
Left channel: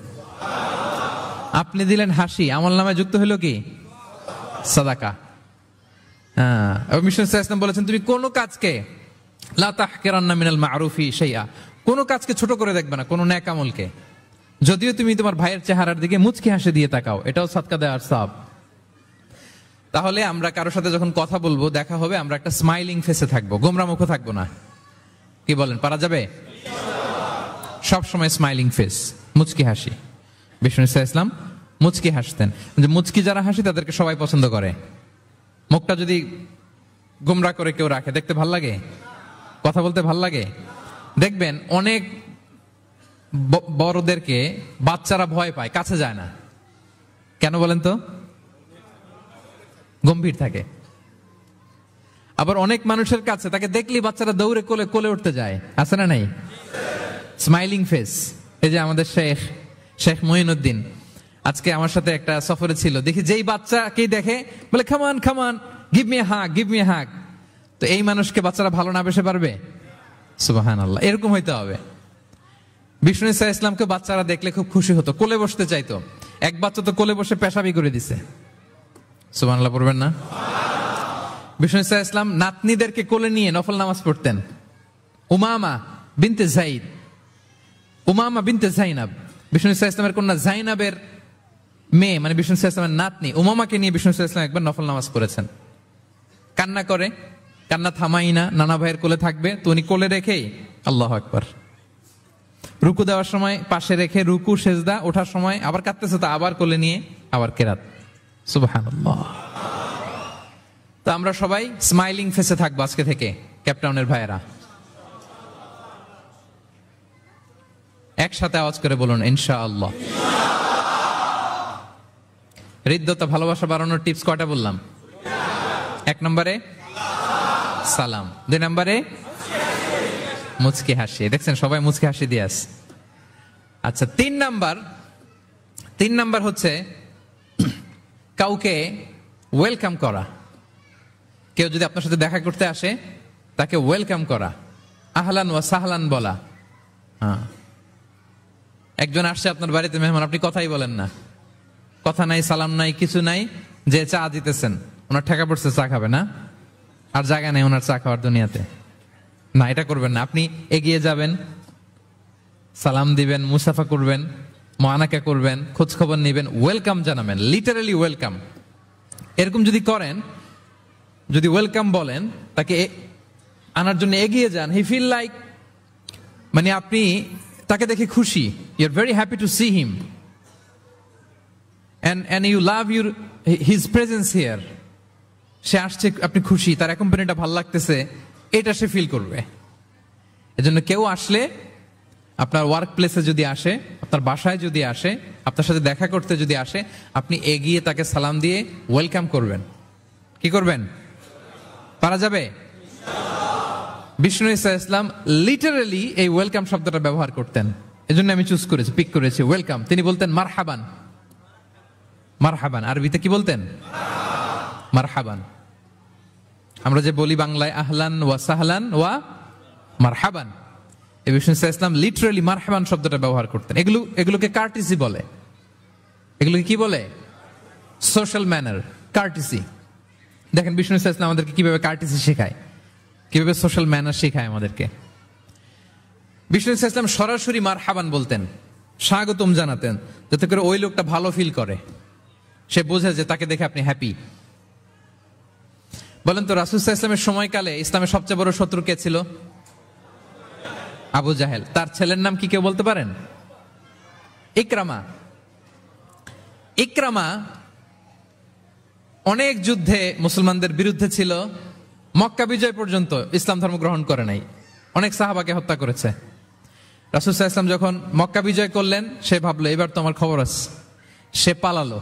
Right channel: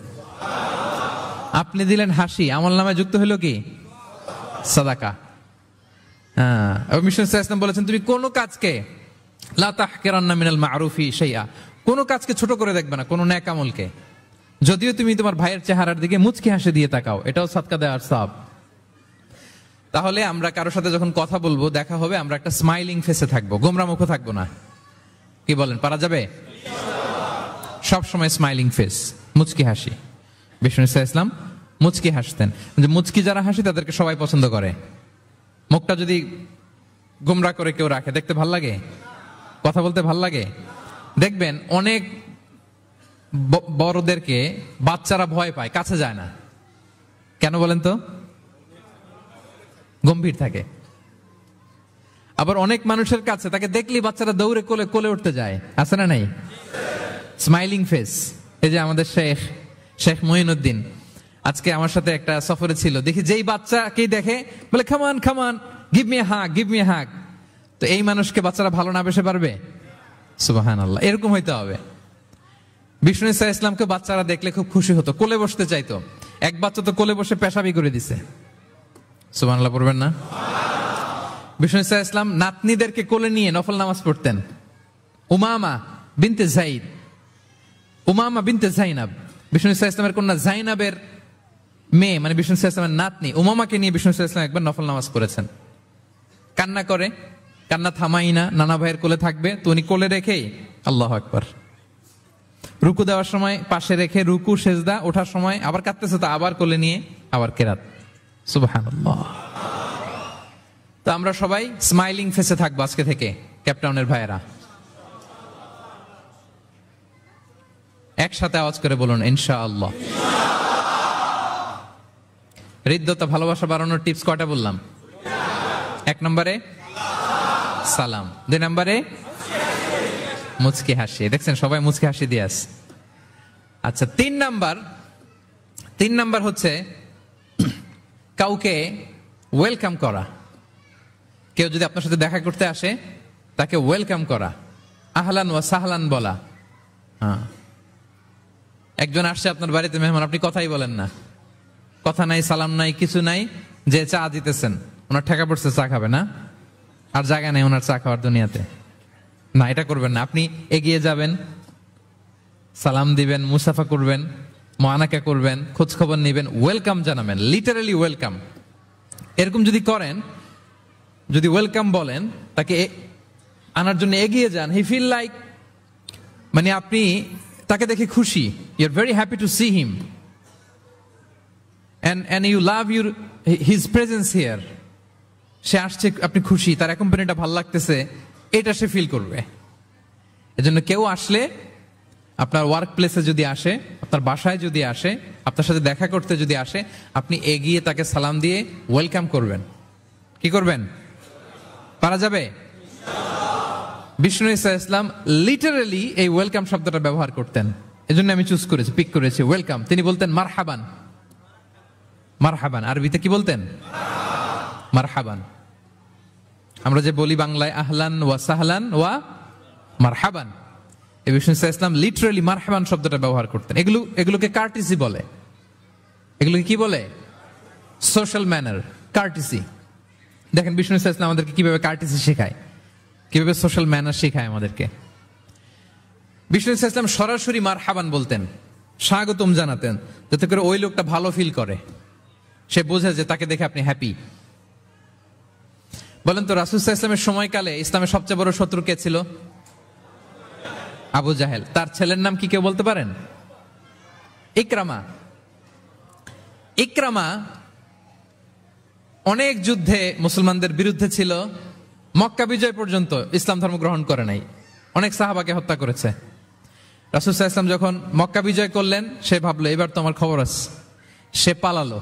আপনি দিলেন হাসি, আমলনামায় যুক্ত হলো কি? সাদাকা। হ্যাঁ, এবং বিষ্ণু সাল্লাল্লাহু আলাইহি ওয়াসাল্লাম বলেছেন, তুমি কোন কাজকে লা তাহকিরান্না মিনাল মা'রুফি শাইআ, কোন কাজকে ছোট করে দেখবে না, কোন নেক আমলকে। যদিও তুমি তোমার ভাইয়ের চেহারার দিকে মুচকি হাসি দিয়ে তাকাও, এটাও সদকা দেওয়ার সওয়াব। তাহলে আমরা কারোর সাথে যখন কথা বলবো, দেখা হবে, আমরা একটা স্মাইলিং ফেসে থাকবো, গোমরা মুখে থাকবো না। কি বলেন, পারা যাবে? সব সময় স্মাইলিং ফেস, মুচকি হাসি। বিষ্ণু ইসলাম মুচকি হাসতেন, যে মুচকি যারা হাসি তাদেরকে সবাই পছন্দ করে। মুখটা যদি গোমরা করে কেউ রাখে, দেখতে ভাল লাগে, কথা বলতে ভাল লাগে। দেখবেন অনেক বড়দেরকে বাচ্চারা ভয় পায়, কাছে যায় না। কেন বলেন তো? গম্ভীর থাকে। আবার অনেক মানুষের কাছে তাকে দেখলেই বাচ্চারা দৌড়ে কোলে কোলে উঠতে যায়, আছে না নাই? Smiling face. এই যে আমাদের শেখ মঈনুদ্দিন আজকে আমার সাথে একটা সফরে ছিল, দেখি যেই বাচ্চাকে দেখে বলে, খামান খামান, give me a hug, give me a hug. তো এই মানুষকে বাচ্চারা ভালো না বেসে পারবে? সুবহানাল্লাহ, এরকম হইতে হবে। বিষ্ণু ইসলামকে বাচ্চারা দেখলে খুব খুশি হতো, কোলে বসতে চাইতো। এক বাচ্চা তো কোলে বসে পেশাবি করে দিছে। সুবহানাল্লাহ পড়বেন না? বিষ্ণু ইসলাম নাতনিদেরকে কোলে নিয়ে নফল নামাজ পড়তেন। উমামা বিনতে যায়েদ, উমামা বিনতে যায়নাব, বিষ্ণু ইসলামের কন্যা যায়নাবের মেয়ে, মানে বিষ্ণু ইসলামের নাতনি উমামাকে নিয়ে বিষ্ণু ইসলাম একবার নফল নামাজ পড়েছেন। কান্না করে, কান্না থামাই না, নানা ভাইয়ের কোলে থাকবে, তো উনি কোলে রেখে আল্লাহু আকবার, রুকু দেওয়ার সময় পাশে রেখে রুকু, সেজদা, ওঠার সময় আবার কাঁদতেছে, তা আবার কোলে নিয়ে আবার কেরাত। সুবহানাল্লাহ। তো আমরা সবাই স্মাইলিং ফেসে থাকবো আজকে থেকে, ক্যাপটাউনের ভাইয়েরা। একসাথে আওয়াজ করে বলুন, ইনশাআল্লাহ। হৃদ্যতা, ভালোবাসা বাড়ানোর টিপস কয়টা বললাম? 1 নম্বরে সালাম, 2 নম্বরে মুচকি হাসি। দেখছেন সবাই মুচকি হাসি দিয়ে আসে। আচ্ছা, 3 নাম্বার হচ্ছে কাউকে ওয়েলকাম করা। কেউ যদি আপনার সাথে দেখা করতে আসে, তাকে ওয়েলকাম করা, আহলান ওয়া সাহলান বলা। হ্যাঁ, একজন আসছে আপনার বাড়িতে মেহমান, আপনি কথাই বলেন না, কথা নাই, সালাম নাই, কিছু নাই, যে চা দিতেছেন, ওনার ঠেকা পড়ছে, চা খাবে না, আর জায়গা নেই ওনার চা খাওয়ার দুনিয়াতে, না, এটা করবেন না। আপনি এগিয়ে যাবেন, সালাম দিবেন, মুসাফা করবেন, মুআনাকা করবেন, খোঁজ খবর নিবেন, ওয়েলকাম জানাবেন, লিটারালি ওয়েলকাম। এরকম যদি করেন, যদি ওয়েলকাম বলেন, তাকে আনার জন্য এগিয়ে যান, হি ফিল লাইক, মানে আপনি তাকে দেখে খুশি, you are very happy to see him and you love his presence here. সে আসছে, আপনি খুশি, তার কোম্পানিটা ভালো লাগতেছে, এটা সে ফিল করবে। এজন্য কেউ আসলে, আপনার ওয়ার্ক প্লেসে যদি আসে, আপনার বাসায় যদি আসে, আপনার সাথে দেখা করতে যদি আসে, আপনি এগিয়ে তাকে সালাম দিয়ে ওয়েলকাম করবেন। কি করবেন? পারা যাবে? বিষ্ণু ইসা ইসলাম লিটারালি এই ওয়েলকাম শব্দটা ব্যবহার করতেন, এজন্য আমি চুজ করেছি, পিক করেছি ওয়েলকাম। তিনি বলতেন মারহাবান। মারহাবান আরবিতে কি বলতেন? মারহাবান। আমরা যে বলি বাংলায় আহলান ওয়া সাহলান ওয়া মারহাবান, এই বিষ্ণু ইসা ইসলাম লিটারালি মারহাবান শব্দটা ব্যবহার করতেন। এগুলোকে কার্টিসি বলে। এগুলোকে কি বলে? Social manner, কার্টিসি। দেখেন বিষ্ণু ইসা ইসলাম আমাদেরকে কিভাবে কার্টিসি শেখায়, কিভাবে সোশ্যাল ম্যানার শেখায় আমাদেরকে। বিষ্ণু ইসা ইসলাম সরাসরি মারহাবান বলতেন, স্বাগতম জানাতেন, যাতে করে ওই লোকটা ভালো ফিল করে, সে বোঝে যে তাকে দেখে আপনি হ্যাপি। বলেন তো, রাসূল সাল্লাল্লাহু আলাইহি ওয়াসাল্লামের সময়কালে ইসলামের সবচেয়ে বড় শত্রু কে ছিল? আবু জাহেল। তার ছেলের নাম কি কেউ বলতে পারেন? ইকরামা। ইকরামা অনেক যুদ্ধে মুসলমানদের বিরুদ্ধে ছিল, মক্কা বিজয় পর্যন্ত ইসলাম ধর্ম গ্রহণ করে নাই, অনেক সাহাবাকে হত্যা করেছে। রাসূল সাল্লাল্লাহু আলাইহি ওয়াসাল্লাম যখন মক্কা বিজয় করলেন, সে ভাবলো এবার তো আমার খবর আছে। সে পালালো,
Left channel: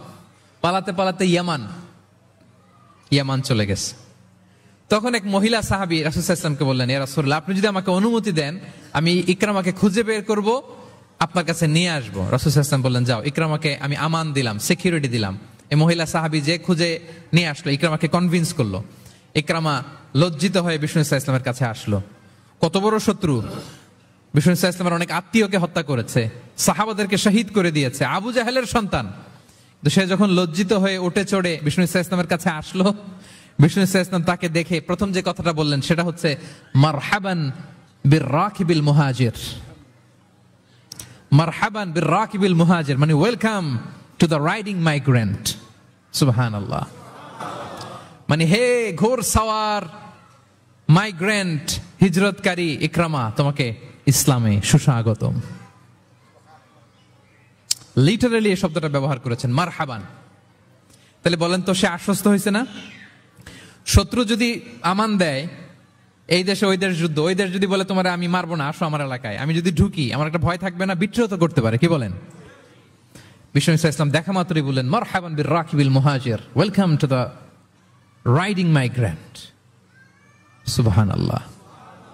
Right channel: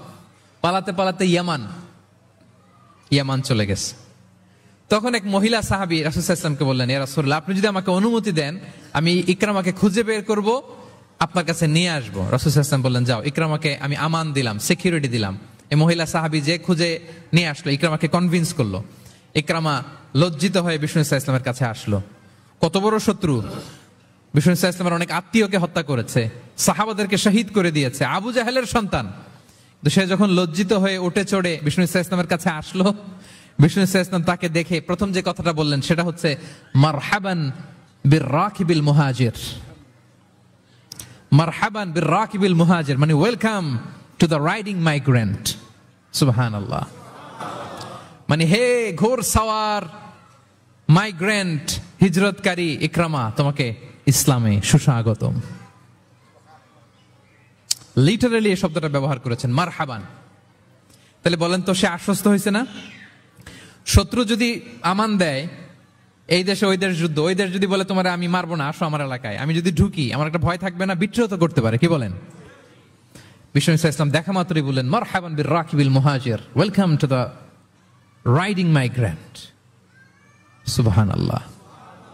পালাতে পালাতে ইয়ামান চলে গেছে। তখন এক মহিলা সাহাবী রাসূল সাল্লাল্লাহু আলাইহি ওয়াসাল্লামকে বললেন, ইয়া রাসূলুল্লাহ, আপনি যদি আমাকে অনুমতি দেন, আমি ইকরামাকে খুঁজে বের করব, আপনার কাছে নিয়ে আসবো। রাসূল সাল্লাল্লাহু আলাইহি ওয়াসাল্লাম বললেন, যাও, ইকরামাকে আমি আমান দিলাম, সিকিউরিটি দিলাম। এই মহিলা সাহাবী যে খুঁজে নিয়ে আসলো, ইকরামাকে কনভিন্স করলো। ইকরামা লজ্জিত হয়ে বিষ্ণু সাল্লাল্লাহু আলাইহি ওয়াসাল্লামের কাছে আসলো। কত বড় শত্রু! বিষ্ণু সাল্লাল্লাহু আলাইহি ওয়াসাল্লামের অনেক আত্মীয়কে হত্যা করেছে, সাহাবাদেরকে শহীদ করে দিয়েছে, আবু জাহেলের সন্তান। তো সে যখন লজ্জিত হয়ে উঠে চড়ে বিষ্ণু সাল্লাল্লাহু আলাইহি ওয়াসাল্লামের কাছে আসলো, বিষ্ণু সাল্লাল্লাহু আলাইহি ওয়াসাল্লাম তাকে দেখে প্রথম যে কথাটা বললেন সেটা হচ্ছে মারহাবান বির-রাকিবিল মুহাজির। মারহাবান বির-রাকিবিল মুহাজির মানে welcome to the riding migrant. সুবহানাল্লাহ। মানে হে ঘোড়সওয়ার মাইগ্রেন্ট, হিজরতকারী ইকরামা, তোমাকে ইসলামে সুস্বাগতম। লিটারালি এই শব্দটা ব্যবহার করেছেন, মারহাবান। তাহলে বলেন তো, সে আশ্বস্ত হয়েছে না? শত্রু যদি আমান দেয়, এই দেশে ওই দেশ যুদ্ধ, ওই দেশ যদি বলে তোমার আমি মারবো না, আসো আমার এলাকায়, আমি যদি ঢুকি, আমার একটা ভয় থাকবে না? বিদ্রোহ তো করতে পারে, কি বলেন? বিষ্ণু ইসলাম দেখা মাত্রই বললেন মারহাবান বির-রাকিবিল মুহাজির, welcome to the riding migrant. সুবহানাল্লাহ।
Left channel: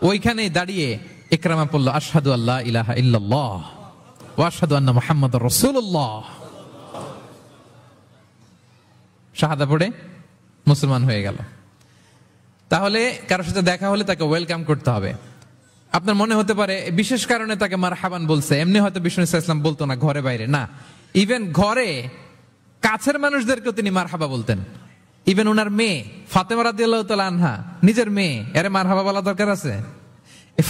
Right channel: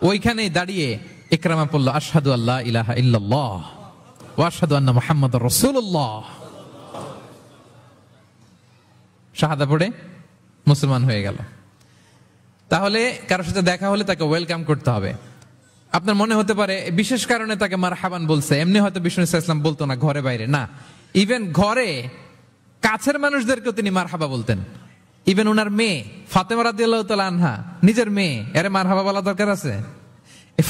ওইখানে দাঁড়িয়ে ইকরামা বলল, আশহাদু আল্লা ইলাহা ইল্লাল্লাহ ওয়া আশহাদু আন্না মুহাম্মাদুর রাসূলুল্লাহ। শাহাদা পড়ে মুসলমান হয়ে গেল। তাহলে কারোর সাথে দেখা হলে তাকে ওয়েলকাম করতে হবে। আপনার মনে হতে পারে বিশেষ কারণে তাকে মারহাবান বলছে, এমনি হয়তো বিষ্ণু ইসলাম বলতো না ঘরে বাইরে, না, ইভেন ঘরে কাছের মানুষদেরকেও তিনি মারহাবা বলতেন। ইভেন ওনার মেয়ে ফাতেমা রাদিয়াল্লাহু তাআলা আনহা, নিজের মেয়ে, এর মারহাবা বলা দরকার আছে?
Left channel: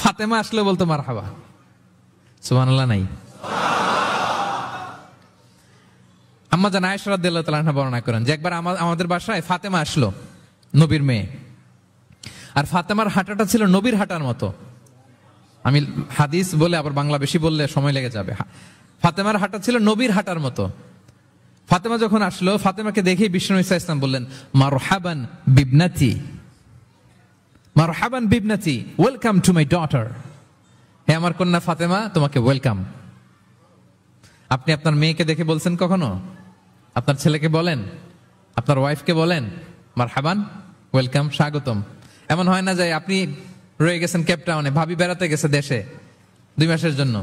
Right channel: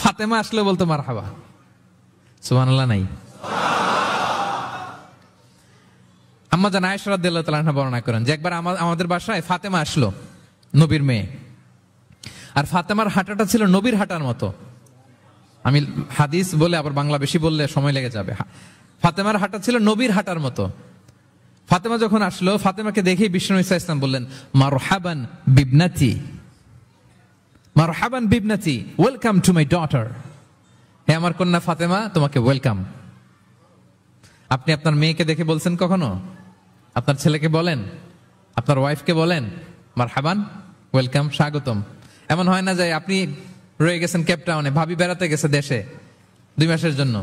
ফাতেমা আসলে বলতো মারহাবা। সুবহানাল্লাহ নাই? আম্মা জান আয়েশা রাদিয়াল্লাহু তাআলা আনহা বর্ণনা করেন যে একবার আমাদের বাসায় ফাতেমা আসলো, নবীর মেয়ে। আর ফাতেমার হাঁটাটা ছিল নবীর হাঁটার মতো। আমি হাদিস বলে আবার বাংলা বেশি বললে সময় লেগে যাবে। ফাতেমার হাঁটা ছিল নবীর হাঁটার মতো। ফাতেমা যখন আসলো, ফাতেমাকে দেখে বিষ্ণু ইসলাম বললেন মারহাবান বিবনাতি, মারহাবান বিবনাতি, ওয়েলকাম টু মাই ডটার। হে আমার কন্যা ফাতেমা, তোমাকে ওয়েলকাম। আপনি আপনার মেয়েকে দেখে বলছেন কখনো? আপনার ছেলেকে বলেন, আপনার ওয়াইফকে বলেন মারহাবান, ওয়েলকাম, স্বাগতম? এমন হয় না যে আপনি রয়ে গেছেন কেপটাউনে, ভাবি বেড়াতে গেছে দেশে 2 মাসের জন্য,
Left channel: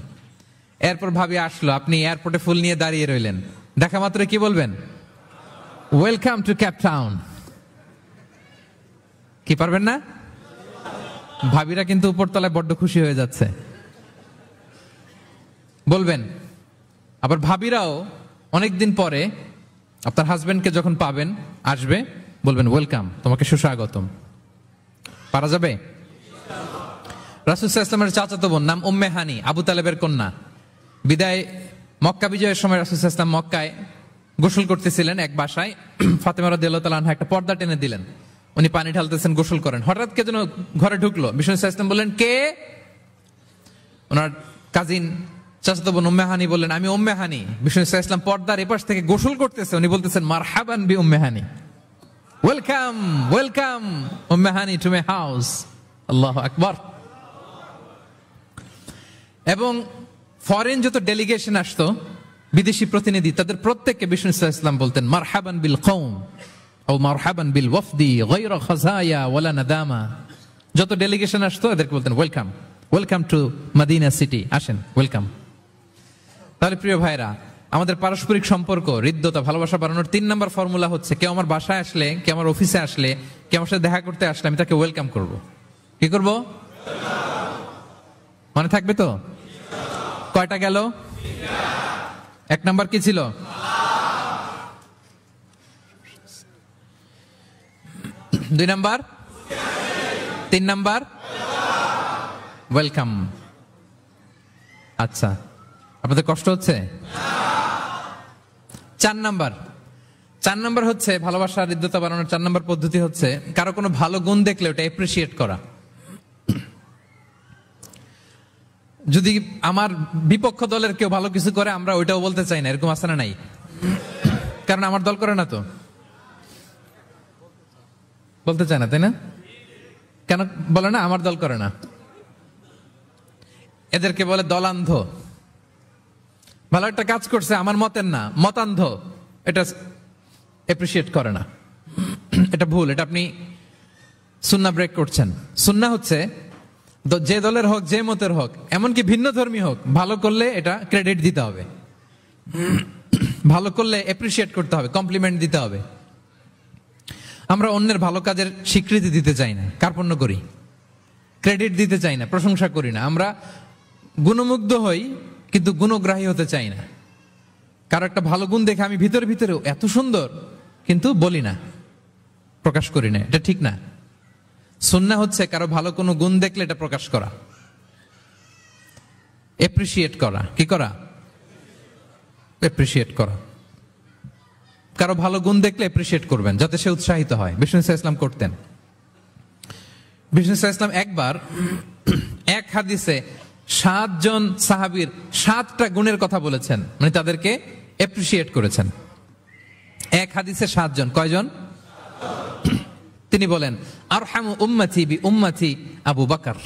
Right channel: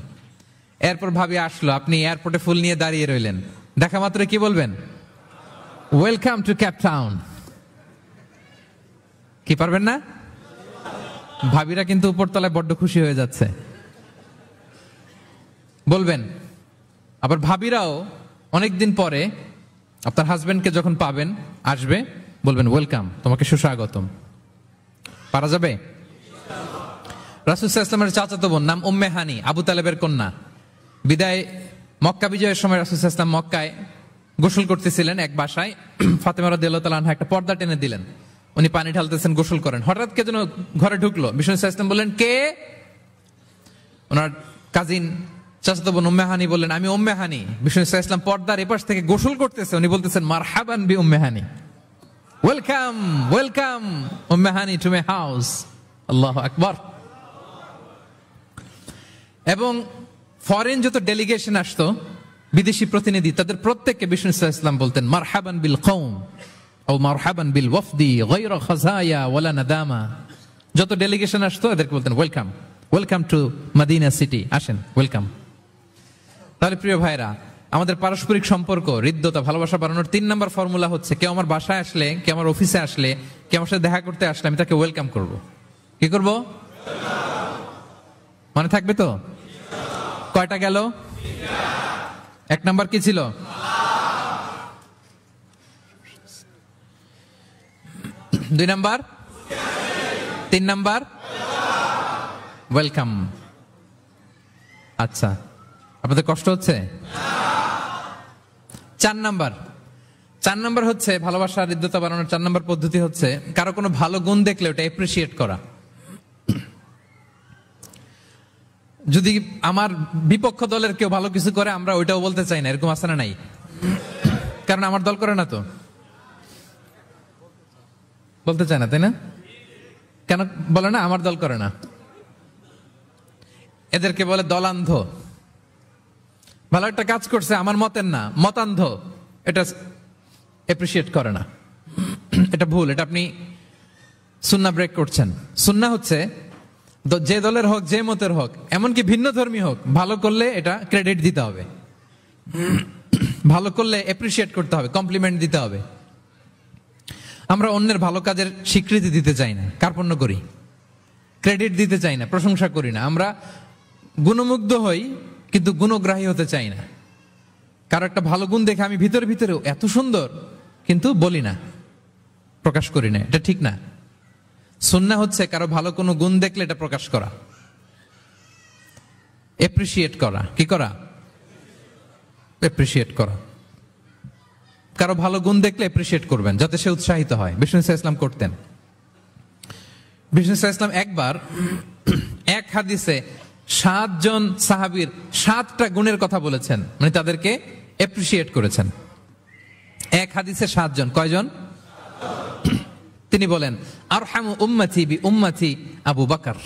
এরপর ভাবি আসলো, আপনি এয়ারপোর্টে ফুল নিয়ে দাঁড়িয়ে রইলেন, দেখা মাত্র কি বলবেন? Welcome to Cape Town. কি পারবেন না? ভাবিরা কিন্তু উপরতলায় বড্ড খুশি হয়ে যাচ্ছে, বলবেন। আবার ভাবিরাও অনেকদিন পরে আপনার হাজবেন্ডকে যখন পাবেন, আসবে, বলবেন ওয়েলকাম, তোমাকে সুস্বাগতম। পারা যাবে? রাসূল সাল্লাল্লাহু আলাইহি ওয়াসাল্লামের চাচাতো বোন নাম উম্মে হানি, আবু তালেবের কন্যা। বিদায় মক্কা বিজয়ের সময় রাসূল সাল্লাল্লাহু আলাইহি ওয়াসাল্লাম মক্কায় গোসল করতেছিলেন এক বাসায়। ফাতেমা রাদিয়াল্লাহু তাআলা আনহা একটা পর্দা টেনে দিলেন, উনি পানি ঢালতেছেন, গোসল করেন। হঠাৎ কে যেন ঘরে ঢুকলো। বিষ্ণু সাল্লাল্লাহু আলাইহি ওয়াসাল্লাম বললেন, কে? ওনার কাজিন চাচাতো বোন উম্মে হানি বললেন, আমি উম্মে হানি। বিষ্ণু সাল্লাল্লাহু আলাইহি ওয়াসাল্লাম পর্দার এপাশ থেকে গোসল করতেছে, উনি বলতেছেন, মারহাবান বি Umm Hani, welcome welcome Umm Hani to my house. আল্লাহু আকবার। এবং ফরেন যত ডেলিগেশন আসতো, বিদেশি প্রতিনিধি, তাদের প্রত্যেককে বিষ্ণু সাল্লাল্লাহু আলাইহি ওয়াসাল্লাম বলতেন, মারহাবান বিল কওম ও মারহাবান বিল ওয়াফদি গায়রা খাযায়া ওয়ালা নাদামা। যত ডেলিগেশন আসতো এদেরকে বলতেন, welcome welcome to Madina city, আসেন, ওয়েলকাম। তাহলে প্রিয় ভাইরা, আমাদের পারস্পরিক সম্পর্ক, হৃদ্যতা, ভালোবাসা বাড়ানোর 3 নম্বর ফর্মুলা হচ্ছে, কেউ আমার বাসায় আসলে, কেউ আমার অফিসে আসলে, কেউ আমার সাথে দেখা করতে আসলে, আমি তাকে ওয়েলকাম করব। কি করব? মনে থাকবে তো? কয়টা গেল? 1 নম্বর কি ছিল? 2 নম্বর, 3 নম্বর ওয়েলকাম। আচ্ছা, আপনাদের কষ্ট হচ্ছে? 4 নম্বর হচ্ছে ভালোবাসা হৃদ্যতা বাড়ানোর 4 নম্বর পদ্ধতি হচ্ছে, কারো কোনো ভালো গুণ দেখলে ওটা এপ্রিসিয়েট করা। যদি আমার বিপক্ষ দলের কেউ ভালো কিছু করে, আমরা ওইটাও বলতে চাই না, এরকম আছে না নাই? কারণ আমার দল করে না, তো বলতে চায় না, তাই না? কেন বলে না? আমার দল করে না। এদেরকে বলে দলান্ধ। ভালো একটা কাজ করছে, আমার মতের না, মতান্ধ, এটা এপ্রিসিয়েট করে না। এটা ভুল, এটা আপনি সুন্নাহ ব্রেক করছেন। সুন্নাহ হচ্ছে যে দলের হোক, যে মতের হোক, এমনকি ভিন্ন ধর্মী হোক, ভালো করলে এটা ক্রেডিট দিতে হবে, ভালো করলে এপ্রিসিয়েট করতে হবে, কমপ্লিমেন্ট দিতে হবে। আমরা অন্যের ভালো কাজের স্বীকৃতি দিতে চাই না, কার্পণ্য করি, ক্রেডিট দিতে চাই না, প্রশংসা করি না। আমরা গুণমুগ্ধ হই কিন্তু গুণগ্রাহী হতে চাই না। কারো একটা ভালো গুণ দেখে আমি ভিতরেও এত সুন্দর, কিন্তু বলি না, প্রকাশ করি না, এটা ঠিক না। সুন্নাহ হচ্ছে কারো ভালো কোনো গুণ দেখলে এটা প্রকাশ করা, এপ্রিসিয়েট করা। কি করা? এপ্রিসিয়েট করা। কারো ভালো গুণ দেখলে এপ্রিসিয়েট করবেন, যাতে সে উৎসাহিত হয়। বিষ্ণু সাল্লাল্লাহু আলাইহি ওয়াসাল্লাম করতেন। বিষ্ণু সাল্লাল্লাহু আলাইহি ওয়াসাল্লাম একবার এক হাদিসে 7 জন সাহাবীর 7টা গুণের কথা বলেছেন, মানে তাদেরকে এপ্রিসিয়েট করেছেন। এক হাদিসে 7 জন। কয়জন? তিনি বলেন, আরহামু উম্মতি বি উম্মতি আবু বকর।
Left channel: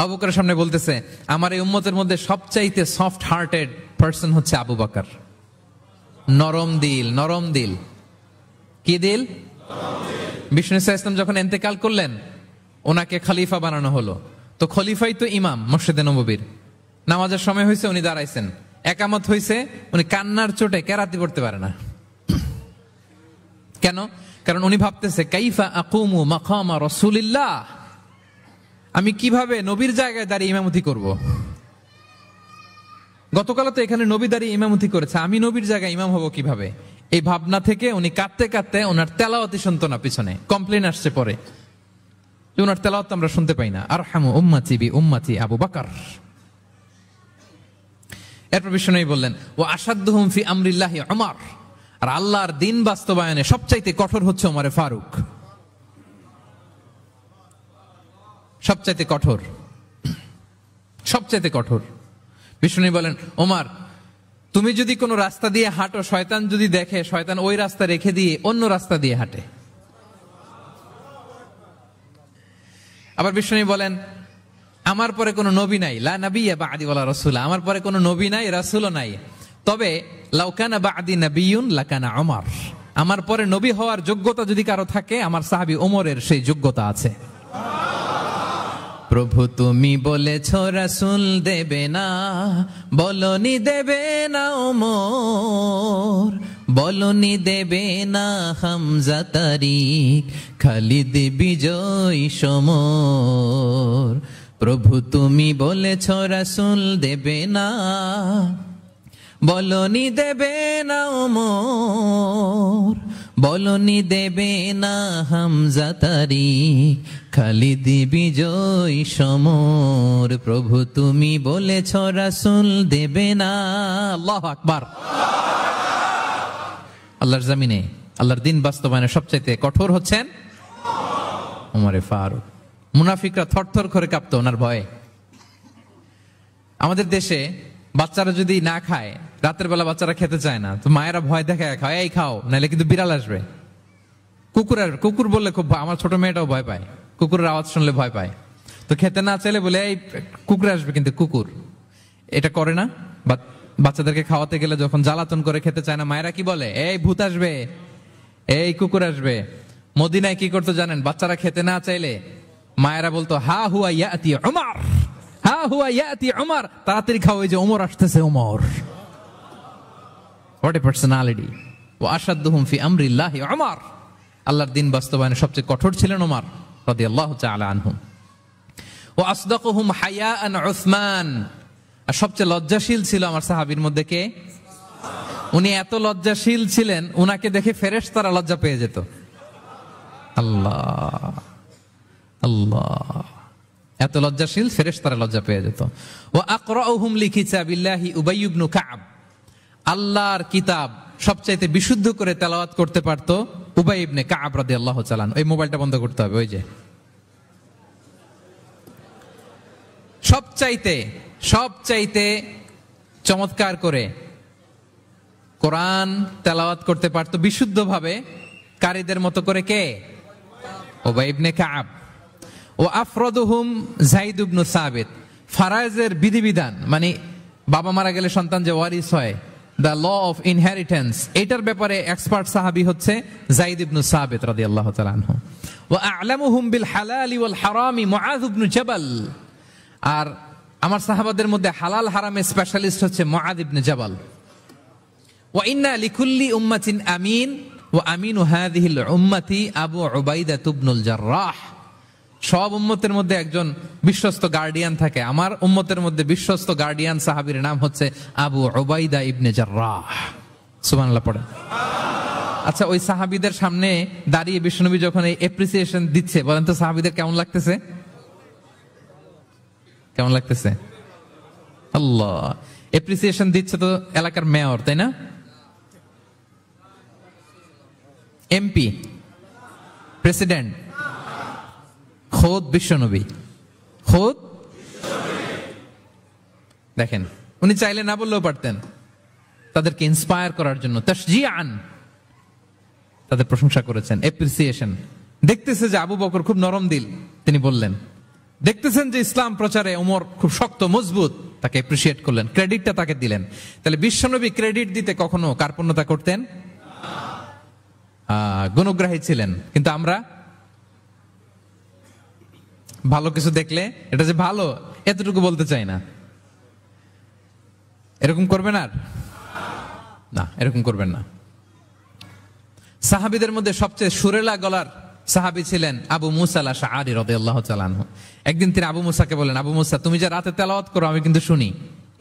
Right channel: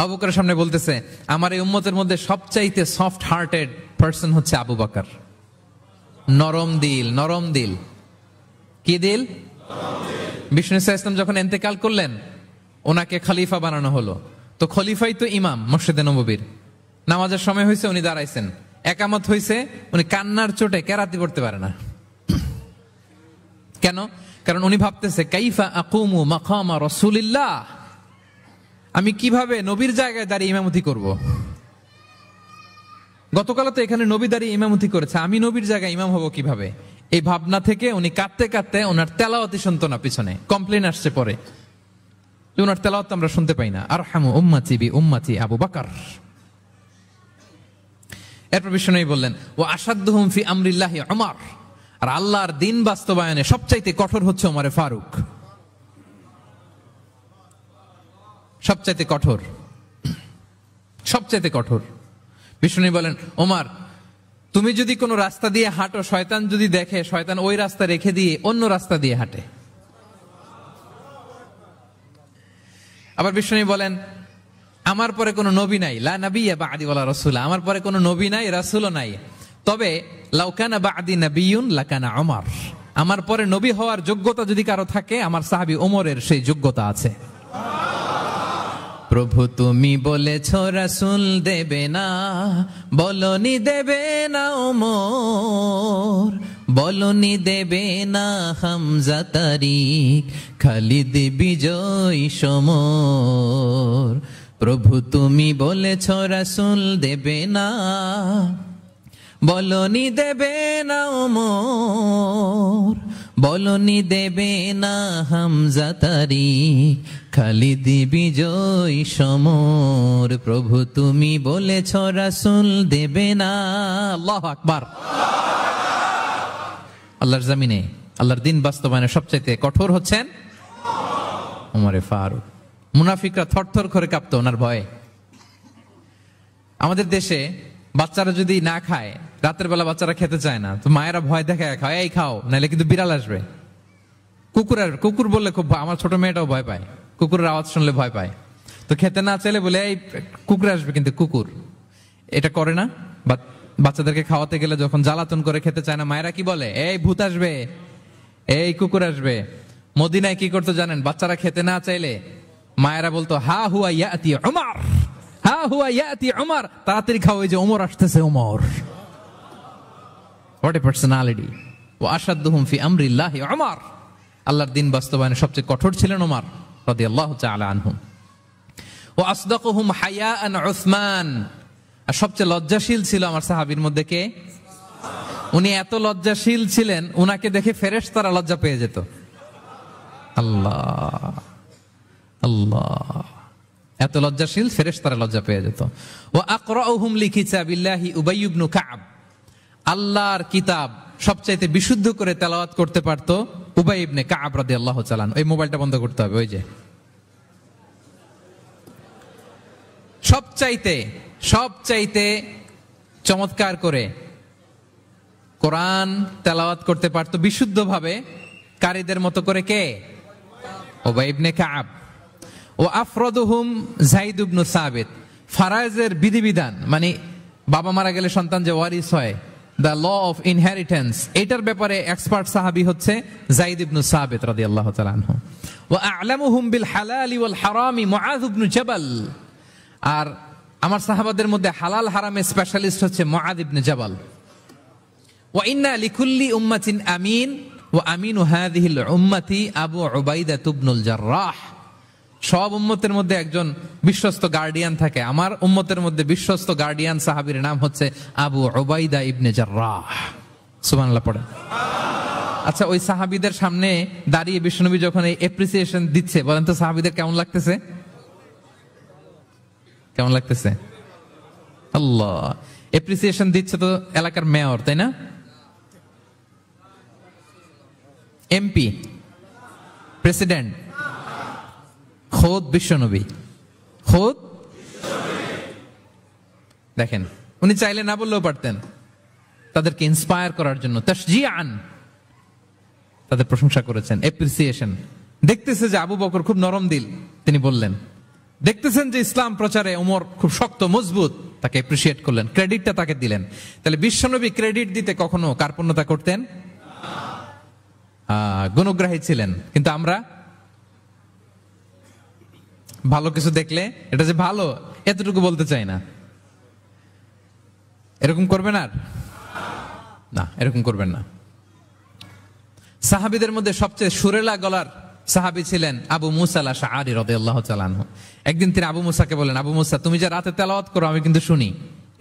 আবু বকরের সামনে বলতেছে, আমার এই উম্মতের মধ্যে সবচাইতে সফট হার্টেড পারসন হচ্ছে আবু বকর। নরম দিল, নরম দিল। কি দিল? বিষ্ণু সাল্লাল্লাহু আলাইহি ওয়াসাল্লাম যখন ইন্তেকাল করলেন, ওনাকে খলিফা বানানো হলো। তো খলিফাই তো ইমাম মসজিদে নববীর। নামাজের সময় হয়েছে, উনি দাঁড়াইছেন। একামত হয়েছে, উনি কান্নার চোটে কেরাতি পড়তে পারে না। কেন? কারণ উনি ভাবতেছে, কাইফা আকুমু মাকামা রাসূলিল্লাহ, আমি কিভাবে নবীর জায়গায় দাঁড়িয়ে ইমামতি করব। গতকাল তো এখানে নবী দাঁড়িয়ে ইমামতি করেছে, আমি নবীর জায়গায় ইমাম হব কিভাবে? এই ভাবনা থেকে উনি কাঁদতে কাঁদতে, ওনার তেলাওয়াতি শুনতো না, পেছনে কমপ্লেন আসছে পরে, ওনার তেলাওয়াত আমরা শুনতে পাই না। আরহামু উম্মতি বি উম্মতি আবু বকর। এরপর বিষ্ণু নবী বললেন, ওয়া আশাদ্দুহুম ফি আমরিল্লাহি উমর, আর আল্লাহর দ্বীন বাস্তবায়নে সবচাইতে কঠোর হচ্ছে ওমরে ফারুক। সবচাইতে কঠোর, সবচাইতে কঠোর। বিষ্ণু নবী বলেন, ওমর, তুমি যদি কোনো রাস্তা দিয়ে হাঁটো, শয়তান যদি দেখে, শয়তান ওই রাস্তা রেখে দিয়ে অন্য রাস্তা দিয়ে হাঁটে। আবার বিষ্ণু নবী বলেন, আমার পরে কোনো নবী নাই, লা নাবিয়্যা বা'দি ওয়ালা রাসূল, আমার পরে কোনো নবী নাই, রাসূলও নাই। তবে লাউ কানা বা'দি নাবিয়্যুন লাকানা উমর, আমার পরে নবী হওয়ার যোগ্যতা যদি কারো থাকে, আমার সাহাবী ওমরের সেই যোগ্যতা আছে। প্রভু তুমি বলেছ রাসূল দেবে না, বলনি দেবে না ওমর, বলনি দেবে না হামজা তারিক, খালিদ বিজয় সমর। প্রভু তুমি বলেছ রাসূল দেবে না, বলনি দেবে না ওমর, বলনি দেবে না হামজা তারিক, খালিদ বিজয় সমর। প্রভু তুমি বলেছ রাসূল দেবে না। আল্লাহু আকবার। আল্লাহর জমিনে আল্লাহর দিন বাস্তবায়নে সবচেয়ে কঠোর হচ্ছেন ওমরে ফারুক। মুনাফিকরা থরথর করে কাঁপতো ওনার ভয়ে। আমাদের দেশে বাচ্চারা যদি না খায়, রাতের বেলা বাচ্চারা খেতে চায় না, তো মায়েরা ভয় দেখায় খাও, এই খাও, নাহলে কিন্তু বিড়াল আসবে, কুকুর আসবে। কুকুর বললে খুব, আমার ছোট মেয়েটাও ভয় পায়, কুকুরের আওয়াজ শুনলে ভয় পায়। তো খেতে না চাইলে বলে এই কুকুর আসবে, কিন্তু কুকুর এটা করে না। বাচ্চাদেরকে খাওয়াতে গেলে যখন জ্বালাতন করে খেতে চায় না, মায়েরা কি বলে, এই ভূত আসবে, এই কুকুর আসবে। মদিনায় কি করতে জানেন? বাচ্চারা খেতে না চাইলে মায়েরা বলতো, হা হুয়া ইয়াতি উমর, হা হুয়া ইয়াতি উমর, তাড়াতাড়ি খাও, এই যে ওমর আসতেছে, ওমর। What a personality. ওয়া আশাদ্দুহুম ফি আমরিল্লাহি উমর। আল্লাহর দিন বাস্তবায়নে সবচেয়ে কঠোর ছিলেন ওমর রাদিয়াল্লাহু তাআলা আনহু। ওয়া আসদাকুহুম হায়াআন উসমান। আর সবচেয়ে লজ্জাশীল ছিল আমার সাহাবীর মধ্যে কে? উনি এত লজ্জাশীল ছিলেন, উনাকে দেখে ফেরেশতারা লজ্জা পেয়ে যেত। আল্লাহ আল্লাহ, এত লজ্জাশীল, ফেরেশতারা লজ্জা পেয়ে যেত। ওয়া আকরাউহুম লিকিতাবিল্লাহি উবাই ইবনে কাব। আল্লাহর কিতাব সবচাইতে বিশুদ্ধ করে তেলাওয়াত করতে পারতো উবাই ইবনে কাব রাদিয়াল্লাহু তাআলা। এই মোবাইলটা বন্ধ করতে হবে। ওই যে সবচাইতে চমৎকার করে কুরআন তেলাওয়াত করতে পারতো বিশুদ্ধভাবে, কারীদের মতো করে কে? উবাই ইবনে কাব। ও আফরাদুহুম যায়েদ ইবনে সাবিত। ফারায়েজের বিধিবিধান, মানে বাবা মারা গেলে সন্তান যে ওয়ারিস হয়, the law of inheritance, এটার ব্যাপারে এক্সপার্ট সাহাবী হচ্ছে যায়েদ ইবনে সাবিত রাদিয়াল্লাহু তাআলা আনহু। ওয়া আ'লামুহুম বিল হালাল ওয়াল হারাম মুআয ইবনে জাবাল। আর আমার সাহাবাদের মধ্যে হালাল হারামের স্পেশালিস্ট হচ্ছে মুআয ইবনে জাবাল। ওয়া ইন্না লিকুল্লি উম্মাতিন আমিন ওয়া আমিনু হাযিহিল উম্মতি আবু উবাইদা ইবনুল জাররাহ। সব উম্মতের মধ্যে একজন বিশ্বস্ত গার্ডিয়ান থাকে, আমার উম্মতের মধ্যে বিশ্বস্ত গার্ডিয়ান সাহাবীর নাম হচ্ছে আবু উবাইদা ইবনে জাররাহ। সুবহানাল্লাহ পড়ে। আচ্ছা, ওই সাহাবীদের সামনে দাঁড়িয়ে বিশ্বনবী যখন এই অ্যাপ্রিসিয়েশন দিচ্ছে, বলেন তো সাহাবীদের কেমন লাগতেছে? কেমন লাগতেছে? আল্লাহ, অ্যাপ্রিসিয়েশন দিচ্ছে তো এলাকার মেয়র, তাই না? এমপি, প্রেসিডেন্ট, খুদ বিশ্বনবী, খুদ। দেখেন, উনি চাইলে না বললেও পারতেন, তাদেরকে ইন্সপায়ার করার জন্য তাশজিআন তাদের প্রশংসা করেছেন, অ্যাপ্রিসিয়েশন। দেখতেছি যে আবু বকর খুব নরম দিল, তিনি বললেন। দেখতেছেন যে ইসলাম প্রচারে ওমর খুব শক্ত মজবুত, তাকে অ্যাপ্রিসিয়েট করলেন, ক্রেডিটটা তাকে দিলেন। তাহলে বিশ্বনবী ক্রেডিট দিতে কখনো কার্পণ্যতা করতেন? গুণগ্রাহী ছিলেন। কিন্তু আমরা ভালো কিছু দেখলে এটা যে ভালো এতটুকু বলতে চাই না। এরকম করবেন আর না, এরকম করবেন না। সাহাবীদের মধ্যে সবচেয়ে সুরেলা গলার সাহাবী ছিলেন আবু মুসা আল-আশআরী রাদিয়াল্লাহু তাআলা আনহু। একদিন তিনি আবু মুসাকে বলেন, আবু মুসা, তুমি যে রাতে তেলাওয়াত করো আমি কিন্তু শুনি।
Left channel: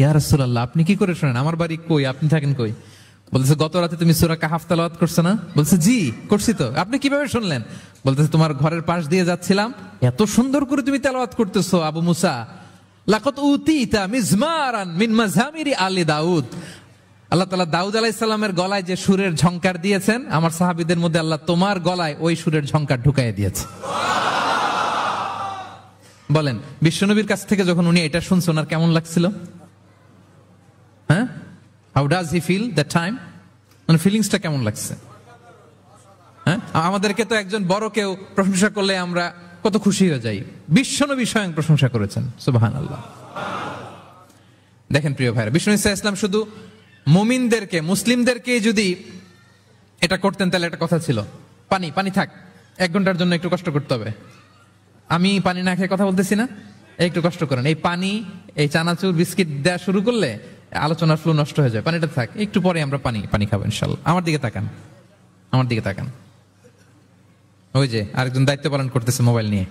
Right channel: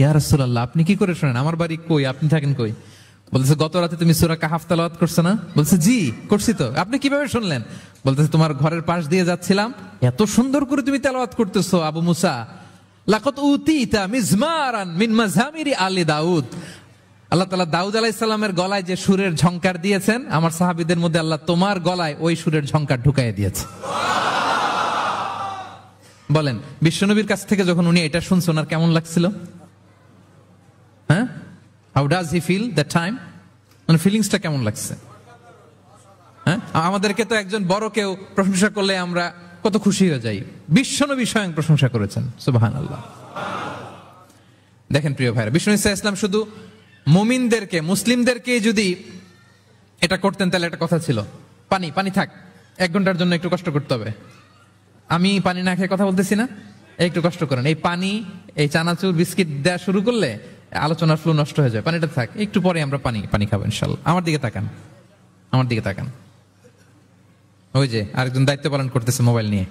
ইয়া রাসূলুল্লাহ, আপনি কি করে শুনেন? আমার বাড়ি কই, আপনি থাকেন কই? বলতেছে, গত রাতে তুমি সূরা কাহাফ তেলাওয়াত করছো না? বলছে, জি করছি তো। আপনি কিভাবে শুনলেন? বলতেছে, তোমার ঘরের পাশ দিয়ে যাচ্ছিলাম, এত সুন্দর করে তুমি তেলাওয়াত করতেছো আবু মুসা। লাকাদ উতিতা মিজমারান মিন মাযামিরি আলি দাউদ। আল্লাহ তাআলা দাউদ আলাইহিস সালামের গলায় যে সুরের ঝংকার দিয়েছেন, আমার সাহাবীদের মধ্যে আল্লাহ তোমার গলায় ওই সুরের ঝংকার ঢুকাইয়া দিয়েছে। বলেন, বিশ্বনবীর কাছ থেকে যখন উনি এটা শুনছেন, ওনার কেমন লাগছিল? হ্যাঁ, how does he feel that time? মানে ফিলিংসটা কেমন লাগছে? হ্যাঁ, আমাদেরকে তো একজন বড় কেউ প্রশংসা করলে আমরা কত খুশি হয়ে যাই। বিশ্বনবী স্বয়ং প্রশংসা করেছেন, সুবহানাল্লাহ। দেখেন প্রিয় ভাইরা, বিশ্বনবী সাল্লাল্লাহু আলাইহি ওয়াসাল্লাম শুধু মুমিনদেরকে, মুসলিমদেরকে যদি এটা করতেন তাহলে এটা কথা ছিল, পানি পানি থাক, 1 ঘন্টার জন্য একটু কষ্ট করতে হবে। আমি পানি না খেয়ে কথা বলতেছি না, একটু কষ্ট করেন। এই পানি, এই চানাচুর, বিস্কিট দেওয়া শুরু করলে আলোচনার ফ্লো নষ্ট হয়ে যায়। পানিটা থাক, একটু পরে আমরা পানি খাবো ইনশাআল্লাহ। আমার দিকে তাকান, আমার দিকে তাকান। ওই যে আরেকজন দায়িত্ব পালন করতেছে মোবাইল নিয়ে,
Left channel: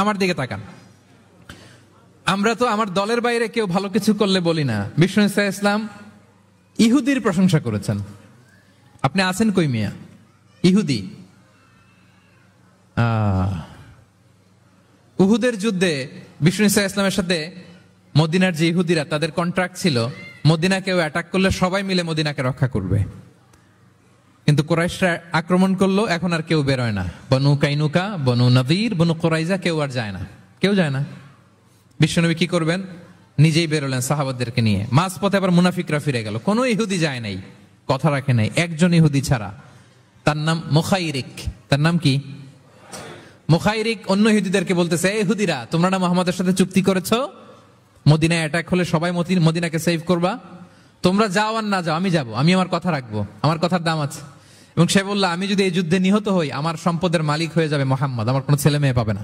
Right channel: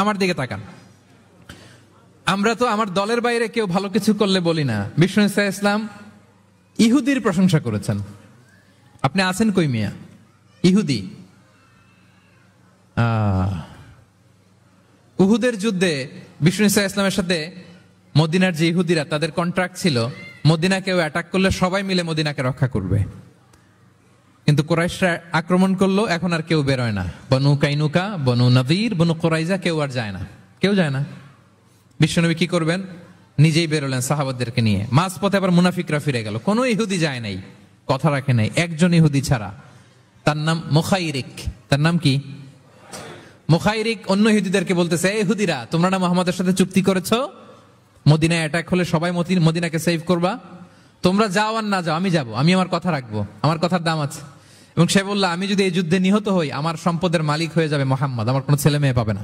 আমার দিকে তাকান। আমরা তো আমার দলের বাইরে কেউ ভালো কিছু করলে বলি না। বিশ্বনবী সাল্লাল্লাহু আলাইহি ওয়াসাল্লাম ইহুদির প্রশংসা করেছেন। আপনি আছেন কই মিয়া? ইহুদি। উহুদের যুদ্ধে বিশ্বনবী সাল্লাল্লাহু আলাইহি ওয়াসাল্লামের সাথে মদিনার যে ইহুদিরা, তাদের কন্ট্রাক্ট ছিল, মদিনা কেউ অ্যাটাক করলে সবাই মিলে মদিনাকে রক্ষা করবে। কিন্তু কুরাইশরা আক্রমণ করলো, এখন আর কেউ বেরোয় না। বনু কাইনুকা, বনু নদীর, বনু কুরাইজা কেউ আর যায় না, কেউ যায় না। বিশ্বনবী কি করবেন? নিজেই বেরোলেন সাহাবাদেরকে নিয়ে। মাঝ পথে আবার মুনাফিকরা ফিরে গেল, কোন ইহুদি যায় নাই, কথা রাখে নাই, একজন ইহুদি ছাড়া। তার নাম মুখাইরিক। তার নাম কি? মুখাইরিক। অন্য ইহুদিদেরকে বলতেছে, এই ইহুদিরা, তোমরা না মুহাম্মাদের সাথে চুক্তি করেছ মদিনায় অ্যাটাক হলে সবাই মদিনাকে সেভ করবা, তোমরা যাও আর না যাও, আমি যাব, আমি আমার কথা রাখবো, আমার কথার দাম আছে। এবং সে বলল, আমি যদি এই যুদ্ধে নিহত হই, আমার সম্পদের মালিক হয়ে যাবে মুহাম্মদ, আমার কোনো ছেলে মেয়ে পাবে না।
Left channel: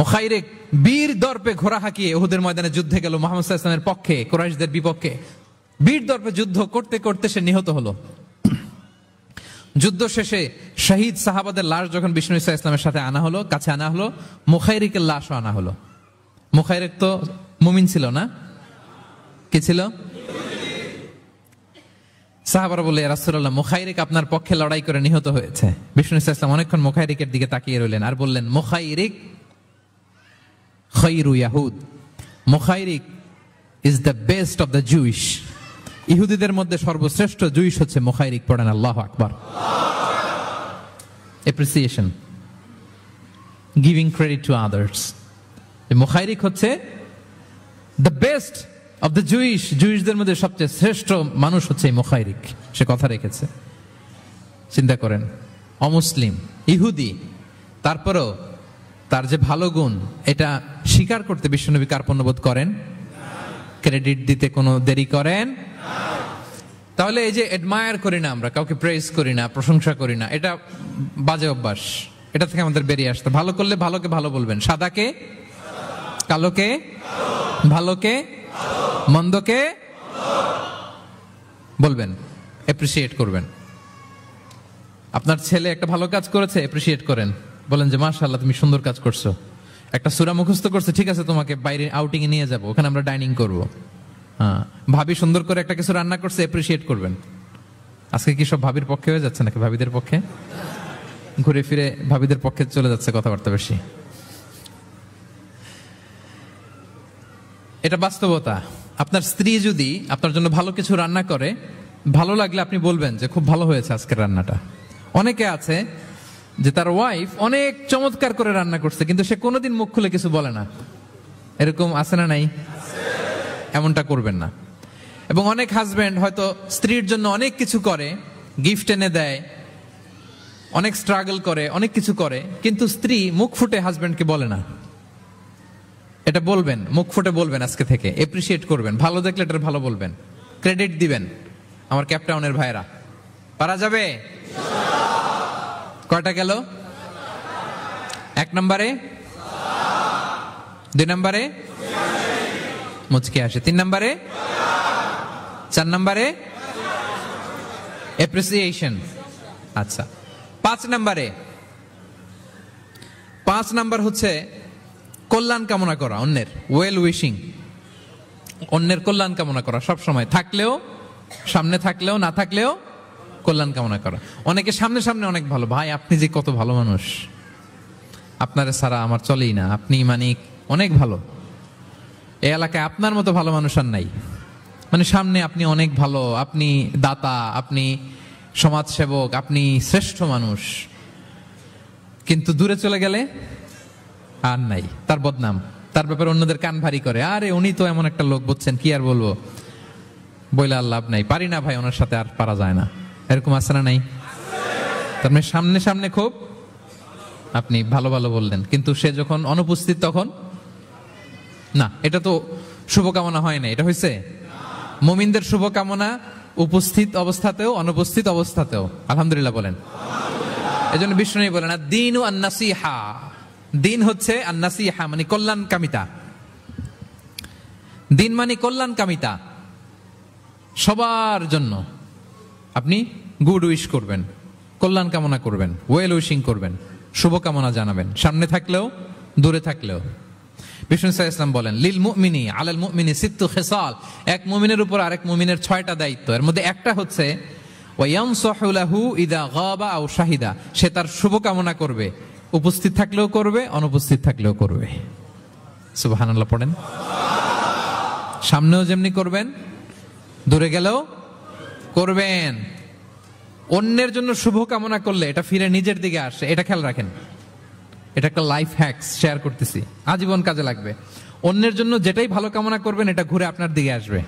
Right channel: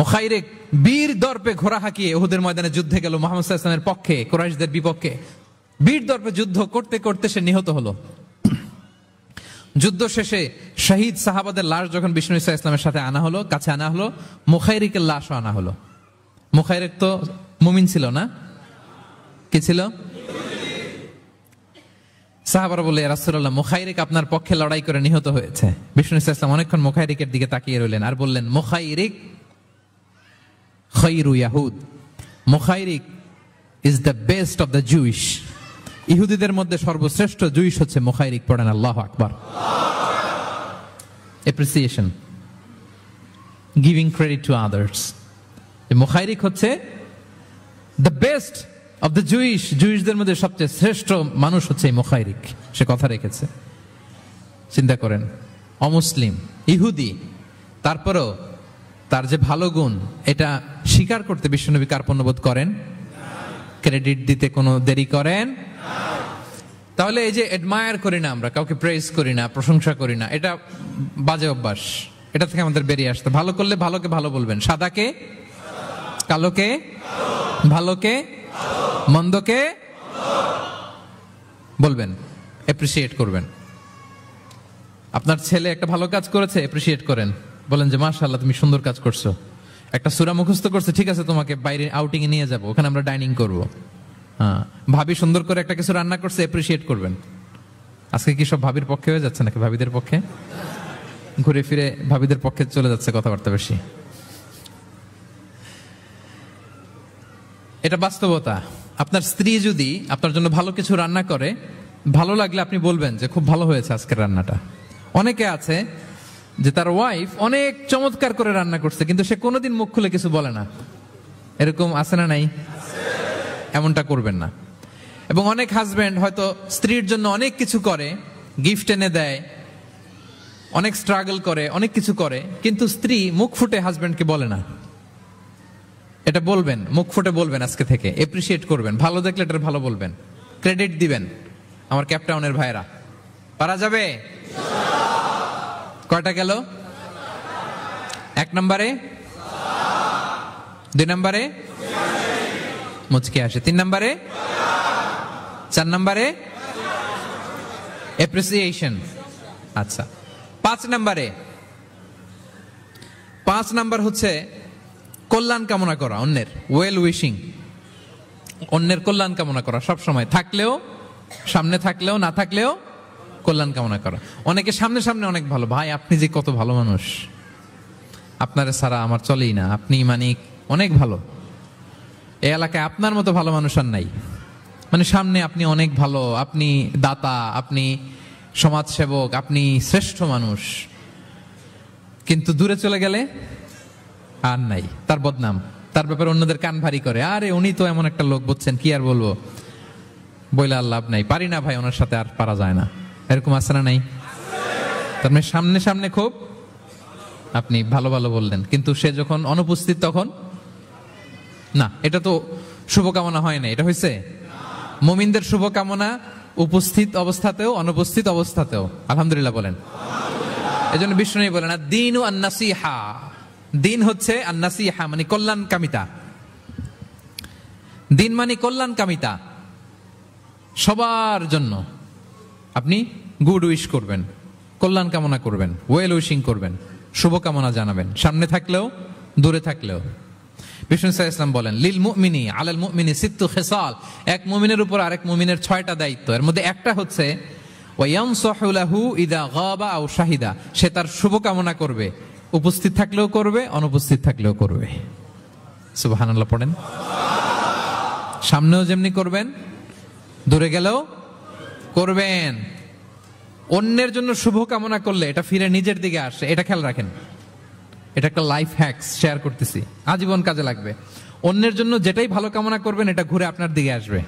মুখাইরিক বীর দর্পে ঘোড়া হাঁকিয়ে উহুদের ময়দানে যুদ্ধে গেল মুহাম্মদ সাল্লাল্লাহু আলাইহি ওয়াসাল্লামের পক্ষে, কুরাইশদের বিপক্ষে। বীর দর্পে যুদ্ধ করতে করতে সে নিহত হলো। যুদ্ধ শেষে শহীদ সাহাবাদের লাশ যখন বিষ্ণু সাল্লাল্লাহু আলাইহি ওয়াসাল্লামের সাথে আনা হলো, কাছে আনা হলো, মুখাইরিকের লাশও আনা হলো। মুখাইরিক তো মুমিন ছিল না, কি ছিল? সাহাবারা বলে, ইয়া রাসূলুল্লাহ, মুখাইরিক আপনার পক্ষে লড়াই করে নিহত হয়েছে। বিষ্ণু সাল্লাল্লাহু আলাইহি ওয়াসাল্লাম অনেকক্ষণ মুখাইরিকের দিকে তাকিয়ে রইলেন আর বললেন, মুখাইরিক খায়রু ইয়াহুদ, Mukhayriq is the best of the Jewish. ইহুদিদের মধ্যে সর্বশ্রেষ্ঠ জুইশ হচ্ছে মুখাইরিক। পড়েন আল্লাহু আকবার। Appreciation, giving credit to others. Mukhayriq হচ্ছে the best of the Jewish, জুইশদের মধ্যে সবচেয়ে শ্রেষ্ঠ মানুষ হচ্ছে মুখাইরিক। সে কথা রেখেছে। চিন্তা করেন, অমুসলিম, ইহুদি, তারপরেও তার যে ভালো গুণ, এটা স্বীকার করতে বিশ্বনবী কার্পণ্যবোধ করেন, ক্রেডিট দিতে কোনো দেরি করেন? তাহলে এই যে অ্যাডমায়ার করি না আমরা, কাউকে প্রেজ করি না, প্রশংসা করি না, এটা বাজে অভ্যাস। এটা থেকে আমাদের বেরিয়ে আসতে, ভালো করলে ভালোকে ভালো বলবেন, সাদাকে কালোকে, ভালোকে মন্দকে বলবেন, অ্যাপ্রিসিয়েট করবেন। আপনার ছেলে একটা ভালো কাজ করেছে, অ্যাপ্রিসিয়েট করেন, বলেন যে মাশাআল্লাহ তুমি সুন্দর কাজ করছো। একটা সূরা মুখস্থ করছে, ঠিক আছে তোমাকে বাইরে আউটিং এ নিয়ে যাব, ওখানে আমরা ডাইনিং করব। হ্যাঁ, ভাবি সুন্দর করে একটা কিছু রান্না করছে, অ্যাপ্রিসিয়েট করবেন। আজকে কি সব ভাবির পক্ষে হয়ে যাচ্ছে নাকি ভাবিদের পক্ষে? ঘুরে ফিরে ভাবিদের পক্ষে চলে যাচ্ছে কথাবার্তা বেশি। এটা বাস্তবতা। আপনার স্ত্রী যদি আপনার জন্য ভালো কিছু রান্না করে, ভালো লাগলে আপনি বলবেন যে খুব ভালো হয়েছে আজকের রান্নাটা। অনেকে আছে যে তার ওয়াইফ অনেক চমৎকার করে রান্না করছে, কিন্তু সে কোনোদিন মুখ খুলে কিছু বলে না। এরকম আছে না নাই? এমনটা করবেন না। এবং অনেক হাজবেন্ড হয়তো স্ত্রীর জন্য অনেক কিছু করে, গিফট এনে দেয়, অনেক স্ট্রাগল করে, অনেক কিছু করে, কিন্তু স্ত্রী মুখ ফুটে হাজবেন্ডকে বলে না। এটা বলবেন, মুখ ফুটে বলবেন আজকে থেকে, এপ্রিসিয়েট করবেন, ভালো দেখলে এটা ভালো বলবেন, ক্রেডিট দিবেন। আমার ক্যাপটাউনের ভাইরা, পারা যাবে? কয়টা গেল? 1 নম্বরে, 2 নম্বরে মুচকি আসে, 3 নম্বরে, 4 নম্বরে অ্যাপ্রিসিয়েশন। আচ্ছা, 5 নম্বরে, 5 নাম্বার হচ্ছে কল্যাণ কামনা করা, অন্যের ওয়েল উইশিং, অন্যের কল্যাণ কামনা করা সব সময়, থাকলেও, সামনে থাকলেও, না থাকলেও কল্যাণ কামনা করা। অনেকে সামনে সামনে অনেক ভালো, ভাই আপনি যে কত ভালো মানুষ, আপনারা ছাড়া আমার চলেই না, আপনি মানে অনেক ভালো, এই এলাকায় আপনার মতো ভালো মানুষ আর নাই। মানে সামনে আপনি অনেক ভালো, আপনি দাতা, আপনি সমাজসেবক, আপনি শ্রেষ্ঠ মানুষ, কিন্তু দূরে চলে গেলে আর নাই, তার বদনাম, তার ব্যাপারে অন্যদের কান ভারী করে, আরে উনি তো এমন একটা লোক, বুঝছেন, কি আর বলবো, বলে আর লাভ নাই, পারি না ভাই, ওনার সাথে আর পারা যায় না। এরকম আছে না নাই? তার মানে সামনে সামনে খুব আপনি ভালো ভালো বললেন, কিন্তু সে যখন অনুপস্থিত তখন না। এটা তো শুভকামনা হয় না, এটা হয়েছে মুমিনদের শুভকামনা উপস্থিত অবস্থাতেও, অনুপস্থিত অবস্থাতেও। আলহামদুলিল্লাহ বলেন। এই জন্য বিষ্ণু বলেন, দ্বীন ও আন-নাসিহা, দিন হচ্ছে আন-নাসিহা মানে কল্যাণ কামিতা। দিন মানে কল্যাণ কামিতা, সবার জন্য আপনি গুড উইশ করবেন, কল্যাণ কামনা করবেন, ওয়েল উইশিং করবেন, শুভকামনা জানাবেন, সামনে থাকলেও দূরে থাকলেও। বিষ্ণু সাল্লাল্লাহু আলাইহি ওয়াসাল্লাম বলেন, লিল মুমিনি আলাল মুমিনি সিত্তু খিসাল, এক মুমিনের উপর আরেক মুমিনের 6টা দায়িত্ব। এর মধ্যে একটা হচ্ছে ওয়ায়ানসাহু লাহু ইযা গাবা আও শাহিদা, সে তার শুভকামনা করবে, উপস্থিত থাকলেও করবে, অনুপস্থিত থাকলেও করবে। সুবহানাল্লাহ পড়েন। সামনেও যেমনি করবেন, দূরে গেলেও করবেন। অন্যের জন্য শুভ কামনা করলে এটা ফিরে নিজের দিকে আসে, এটা খেয়াল রাখেন। এটা একটা লাইফ হ্যাকস শেয়ার করতেছি, আজীবন কাজে লাগবে। অন্যের জন্য যেটাই ভালো কামনা করবেন এটা ঘুরে আপনার দিকে আসবে।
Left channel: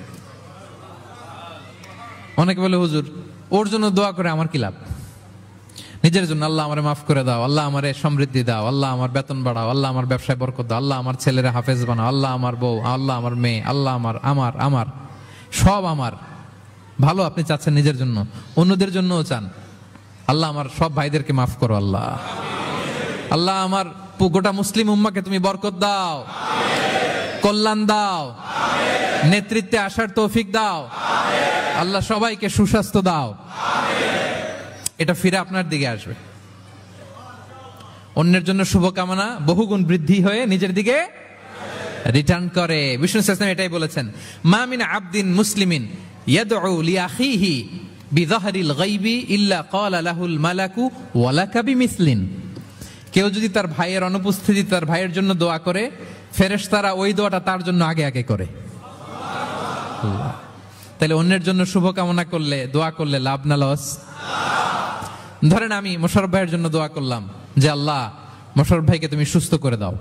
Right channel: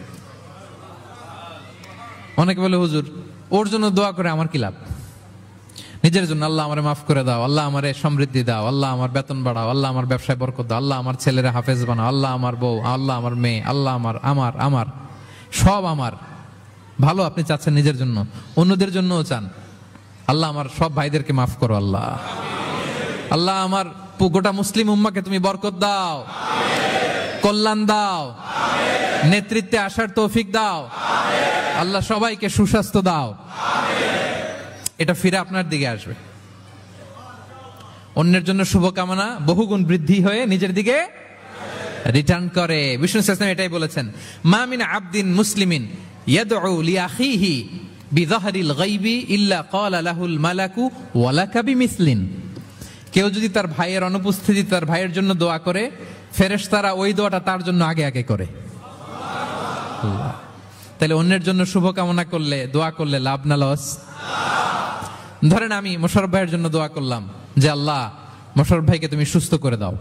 অনেকে বলে হুজুর ওর জন্য দোয়া করে আমার কি লাভ? নিজের জন্য আল্লাহ আমারে মাফ করে দাও, আল্লাহ আমারে সমৃদ্ধি দাও, আল্লাহ আমার বেতন বাড়াও, আল্লাহ আমার ব্যবসায় বরকত দাও, আল্লাহ আমার ছেলেরা হাফেজ বানাও, আল্লাহ আমার বউ, আল্লাহ আমার মেয়ে, আল্লাহ আমার আমার আমার সব আমার ভালো আপনি চাচ্ছেন নিজের জন্য, অন্যদের জন্যও চান। আল্লাহ আমার সব ভাইদেরকে মাফ করো, আল্লাহ আল্লাহ আমার গোটা মুসলিম উম্মাকে তুমি বরকত দাও, কল্যাণ দাও, নেতৃত্বে আসার তৌফিক দাও, আল্লাহ সবাইকে সুস্বাস্থ্য দাও। এটা ফিরে আপনার দিকে আসবে। অন্যের জন্য শুভকামনা বহুগুণ বৃদ্ধি হয়ে নিজের দিকে রিটার্ন করে। বিষ্ণু সাল্লাল্লাহু এটাই বলেছেন, মা মিন আবদিন মুসলিমিন ইয়াদউ লিআখিহি বিযাহরিল গায়বি ইল্লা ক্বালা লাহুল মালাকু ওয়া লাকা বিমিসলিন। কেউ যদি তার ভাইয়ের অনুপস্থিতি তার ভাইয়ের জন্য দোয়া করে, ফেরেশতারা ওই দোয়াটা তার জন্য আগে আগে করে। তাহলে অন্যের জন্য শুভকামনা করলে, দোয়া করলে লাভ না লস? ধরেন আমি মোশাররফ ভাইয়ের জন্য দোয়া করলাম যে আল্লাহ মোশাররফ ভাইকে তুমি সুস্থ করে দাও,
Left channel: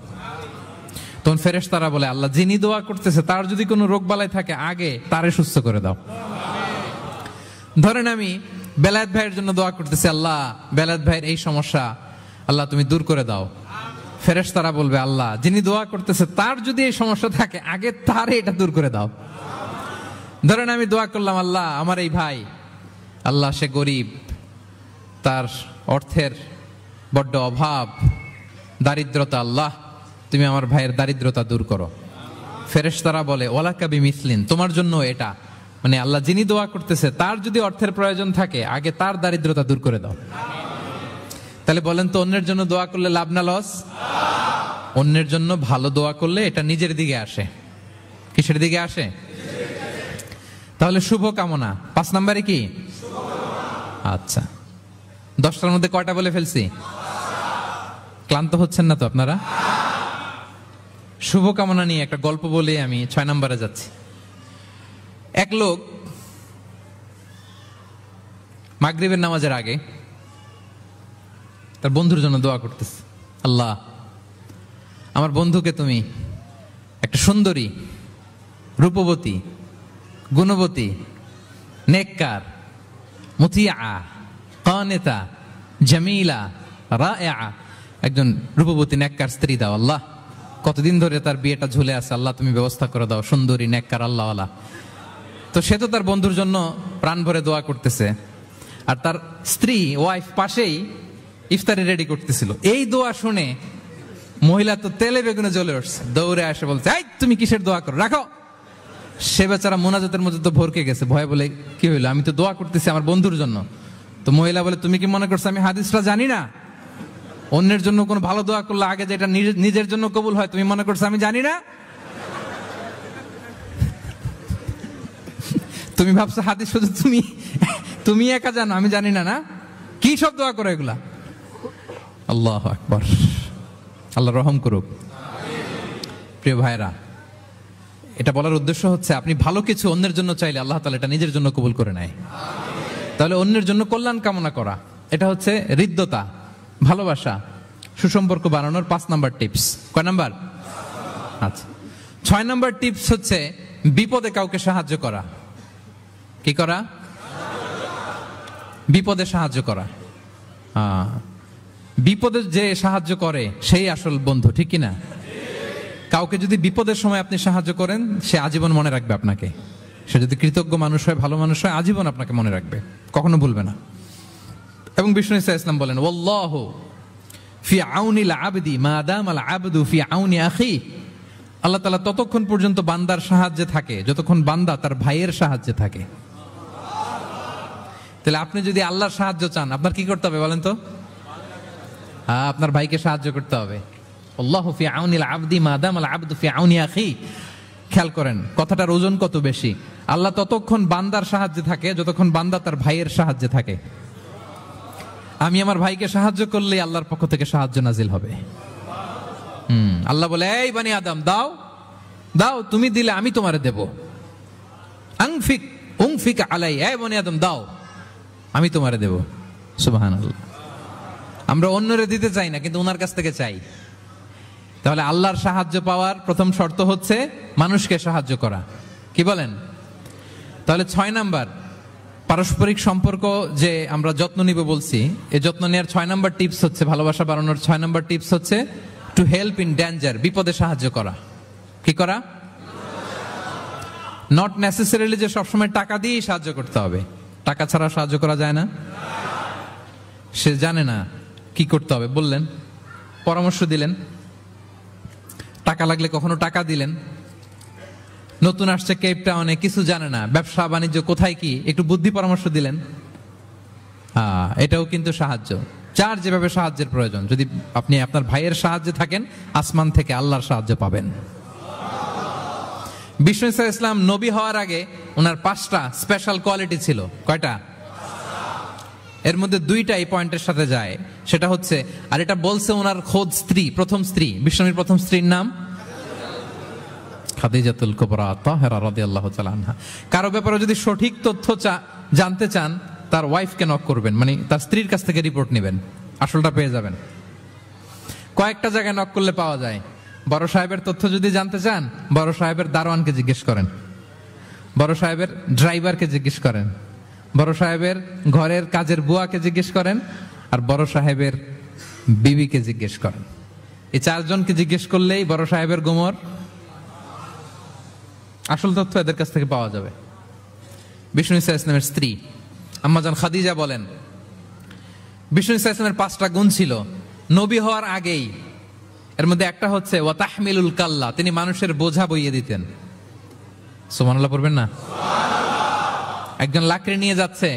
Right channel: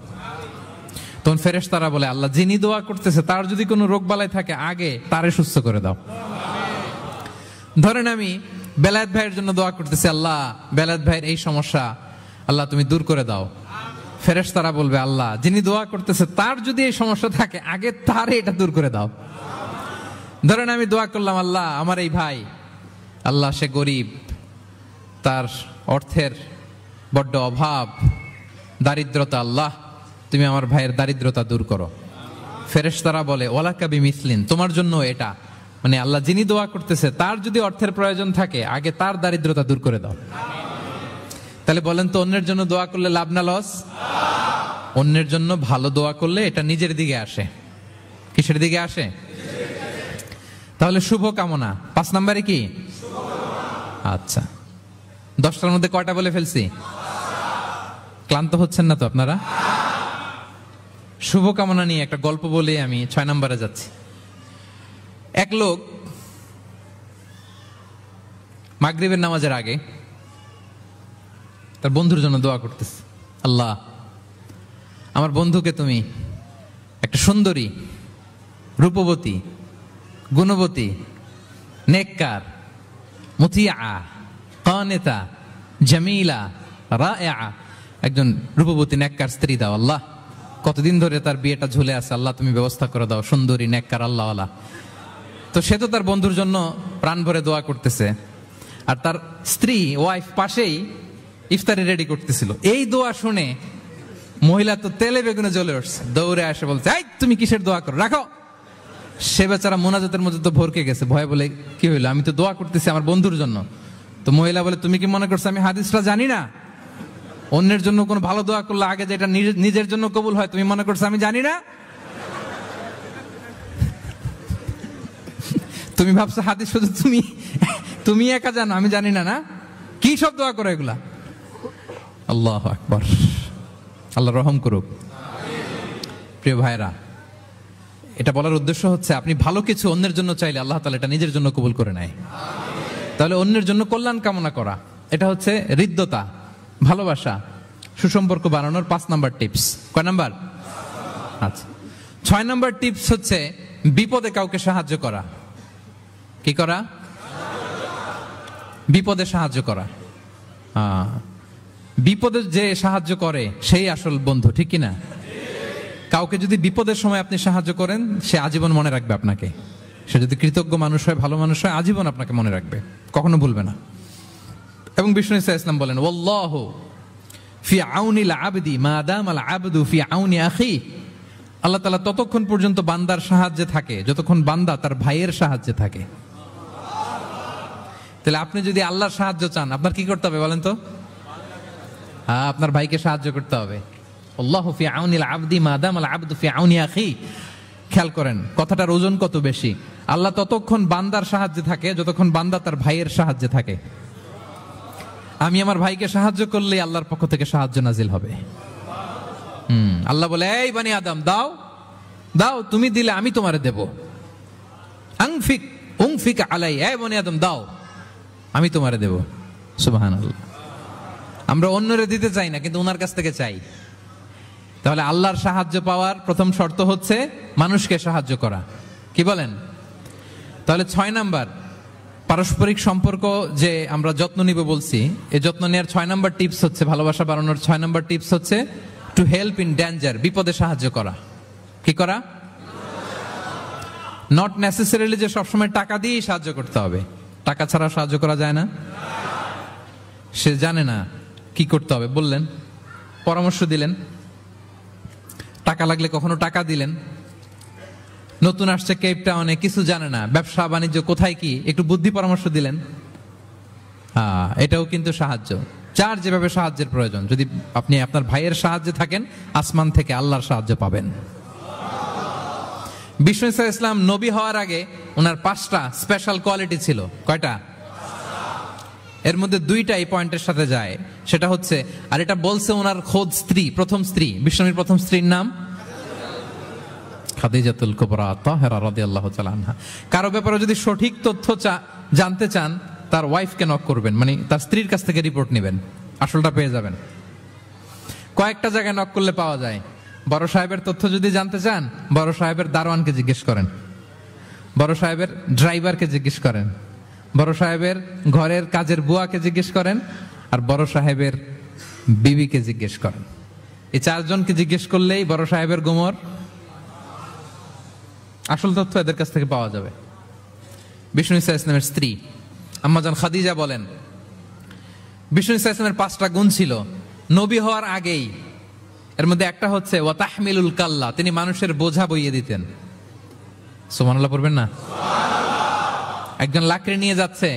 তখন ফেরেশতারা বলে আল্লাহ যিনি দোয়া করতেছে তার যদি কোনো রোগ বালাই থাকে আগে তারে সুস্থ করে দাও। ধরেন আমি বেলায়েত ভাইয়ের জন্য দোয়া করতেছি, আল্লাহ বেলায়েত ভাইয়ের এই সমস্যা আল্লাহ তুমি দূর করে দাও, ফেরেশতারা বলবে আল্লাহ যিনি দোয়া করতেছে তার যদি এই সমস্যা থাকে আগে তারে এটা দূর করে দাও। ধরেন আমি দোয়া করলাম আল্লাহ আমার এই ভাই, আল্লাহ সে গরিব, তার অর্থের বড্ড অভাব, দারিদ্রতা, আল্লাহ তুমি আমার ভাইয়ের দারিদ্রতা দূর করো। ফেরেশতারা বলে ওয়ালাকা বিমিসলিন, তোমার জন্য এটা, মানে আল্লাহ যিনি দোয়া করতেছে তার যদি অর্থের প্রয়োজন থাকে আগে তার দারিদ্রতা দূর করে দাও। তাহলে বলেন তো অন্যের জন্য দোয়া করলে লাভ না লস? অন্যের জন্য ভালো দোয়া করলে এটা নিজের দিকে আসে। কিসের দিকে আসে? তাহলে শুভ কামনা 5 নম্বরে কি? আচ্ছা 10টার মধ্যে কয়টা বলে ফেলছি? ক্লান্ত হচ্ছেন না তো আপনারা? শুভ কামনা নিয়ে একটা গল্প বলি, আমি 6 নম্বরে যাচ্ছি। এক লোক মাগরিবের নামাজের আগে তার বন্ধুর জন্য দোয়া করতেছে, আল্লাহ আমার বন্ধুকে তুমি একটা সুন্দরী, রূপবতী, গুণবতী, নেককার, মুতিয়া, কানিতা, জামিলা, রাইআ একজন রূপবতী নেককার স্ত্রী দাও আল্লাহ। কতদিন ধরে তার বিয়েটা ঝুলে আছে, আল্লাহ তুমি ব্যবস্থা করে দাও, সুন্দরী নেককার আল্লাহওয়ালা। তো সে তো তার বন্ধুর জন্য প্রাণ ভরে দোয়া করতেছে, আর তার স্ত্রী ওয়াইফ পাশেই ইফতারি রেডি করতেছিল। এই দোয়া শুনে মহিলা তো তেলে বেগুনে জ্বলে উঠছে, দৌড়ে আসে বলছে এই তুমি কিসের দোয়া করো, রাখো। সে বেচারা মোনাজাতের মতো তো ভরকে গেছে, ভয় বলে কি হইলো, আমি তো দোয়া করতেছি আমার বন্ধুর জন্য। তো মহিলা বলে তুমি কি মনে করছো আমি হাদিসটা জানি না? অন্যের জন্য কোনো ভালো দোয়া করলে আগে যেটা নিজের জন্য কবুল হয় তুমি মনে করছো আমি জানি না? তুমি ভাবছো হাদিস শুধু তুমি একা জানো, আমি জানি না? না কি সব দোয়া করো এগুলা? আল্লাহু আকবার, আল্লাহ রহম করুক। প্রিয় ভাইরা, এটা বলার উদ্দেশ্য হচ্ছে আপনি ভালো কিছু অন্যের জন্য চাইলে আল্লাহ তাআলা এটা নিজের জন্য কবুল করে নেয়। তাহলে অন্যের জন্য কল্যাণ কামনা করা, এটা হচ্ছে হৃদ্যতা, ভালোবাসা, সুসম্পর্ক বানানোর 5 নাম্বার টিপস। কয় নাম্বার? আচ্ছা 6 নাম্বার টিপস হচ্ছে বিপদে কাউকে সাহায্য করা। কি করা? বিপদে সাহায্য করা। বিপদে যে সাহায্য করে সেই আসল বন্ধু, ঠিক কিনা? কাউকে যদি বিপদের সময় আপনি সাহায্য করেন সে আজীবন মনে রাখবে আপনাকে। সে যদি কৃতজ্ঞ মানুষ হয়, ভালো মানুষ হয়, আজীবন আপনাকে মনে রাখবে, কখনো ভুলবে না। এবং বিষ্ণু ইসলাম বলেন ওয়াল্লাহু ফি আউনিল আবদি মা দামাল আবদু ফি আউনি আখি। আল্লাহ তাআলা ততক্ষণ পর্যন্ত বান্দার সাহায্যে থাকে যতক্ষণ বান্দা তার ভাইয়ের সাহায্যে থাকে। তাহলে আপনি যদি আল্লাহর সাহায্য চান আপনার কি করতে হবে বলেন তো? আপনার ভাইকে সাহায্য করতে হবে। আল্লাহু ফি আউনিল আবদি মা দামাল আবদু ফি আউনি আখি। খেয়াল করেন কথাটার ওজন কত বেশি। আল্লাহ ততক্ষণ বান্দার সাহায্যে থাকে যতক্ষণ বান্দা তার ভাইয়ের সাহায্যে থাকে। আমি আমার ভাইকে সাহায্য করলে আল্লাহর পক্ষ থেকে সাহায্য নাজিল হবে। আল্লাহ বলে এই বনি আদম দাও দাও, তুমি দিলে আমি তোমারে দেব। আনফিক উনফিক আলাই, এ বনি আদম দাও, আমি তোমারে দেব। সুবহানাল্লাহ। আমরা অন্যরে দিতে চাই না, কিন্তু ওনার কাছ থেকে চাই। তাহলে আল্লাহর সাহায্য পাওয়ার প্রথম শর্ত হচ্ছে মানুষকে সাহায্য করা। কি বলেন? তাহলে 6 নাম্বার, পারস্পরিক সম্পর্ক যে আমরা যত্ন নিব বলছি, এই যত্ন নেওয়ার 6 নাম্বার টিপস হচ্ছে, ভালোবাসা বাড়ানোর 6 নাম্বার টিপস হচ্ছে টু হেল্প ইন ডেঞ্জার, বিপদে সাহায্য করা। কি করা? নট নেসেসারিলি যে সবসময় টাকা দিয়ে সাহায্য করতে হবে, টাকা ছাড়া সাহায্য করা যায় না। সে জানে না কি করতে হবে, বললেন, পরামর্শ দিলেন, টাকা লাগলে কখনো টাকা দিলেন। নতুন আসছে কেপ টাউনে, কিছু জানে না, ব্যবসা বাণিজ্য কোথায় কি, একটু বুদ্ধি পরামর্শ দিলেন। এটাও কিন্তু সাহায্য। যার যেভাবে সাহায্যের প্রয়োজন, যদি আপনি আপনার ভাইয়ের সাহায্যে থাকেন, আসমান থেকে আল্লাহর সাহায্য পাবেন। বিষ্ণু ইসলাম নবী হওয়ার আগে ওনার 5টা স্পেশাল কোয়ালিটি ছিল। কয়টা? এর মধ্যে 2টা এই পয়েন্টের সাথে যায়। সেটা হচ্ছে, আর এটা বলছে ওনার খোদ স্ত্রী, প্রথম স্ত্রী, বিষ্ণুর প্রথম স্ত্রীর নাম খাদিজাতুল কুবরা তাহরা রাদিয়াল্লাহু তাআলা আনহা। কারো ব্যাপারে যদি সঠিক তথ্য জানতে চান, তার ওয়াইফকে নক করবেন, মানে তার স্ত্রীর কাছ থেকে রিপোর্ট নেবেন, আসলটা পেয়ে যাবেন। কয়েকটা জায়গায় নক করলে পাওয়া যায়। বড় সাহেবের তথ্য যদি জানতে চান, বড় সাহেবের দারোয়ানকে জিজ্ঞেস করেন, বড় সাহেবের ড্রাইভারকে জিজ্ঞেস করেন, বড় সাহেবের ঘরের কাজের বুয়াকে জিজ্ঞেস করেন, আর বড় সাহেবের বিবিকে জিজ্ঞেস করেন। এই 4 জনকে জিজ্ঞেস করলেই বড় সাহেবের গোমর আসল তথ্য এদের কাছ থেকে পাওয়া যাবে। বিষ্ণু ইসলামের স্ত্রী আম্মাজান খাদিজা বলেন, বিষ্ণু ইসলামের 5টা গুণ ছিল নবী হওয়ার আগেই। এর মধ্যে একটা হচ্ছে ওয়া তাহমিলুল কাল্লা, তিনি মানুষের বোঝা বইয়ে দিতেন। সুবহানাল্লাহ পড়বেন না? একজন লাকড়ি নিয়ে যাচ্ছে,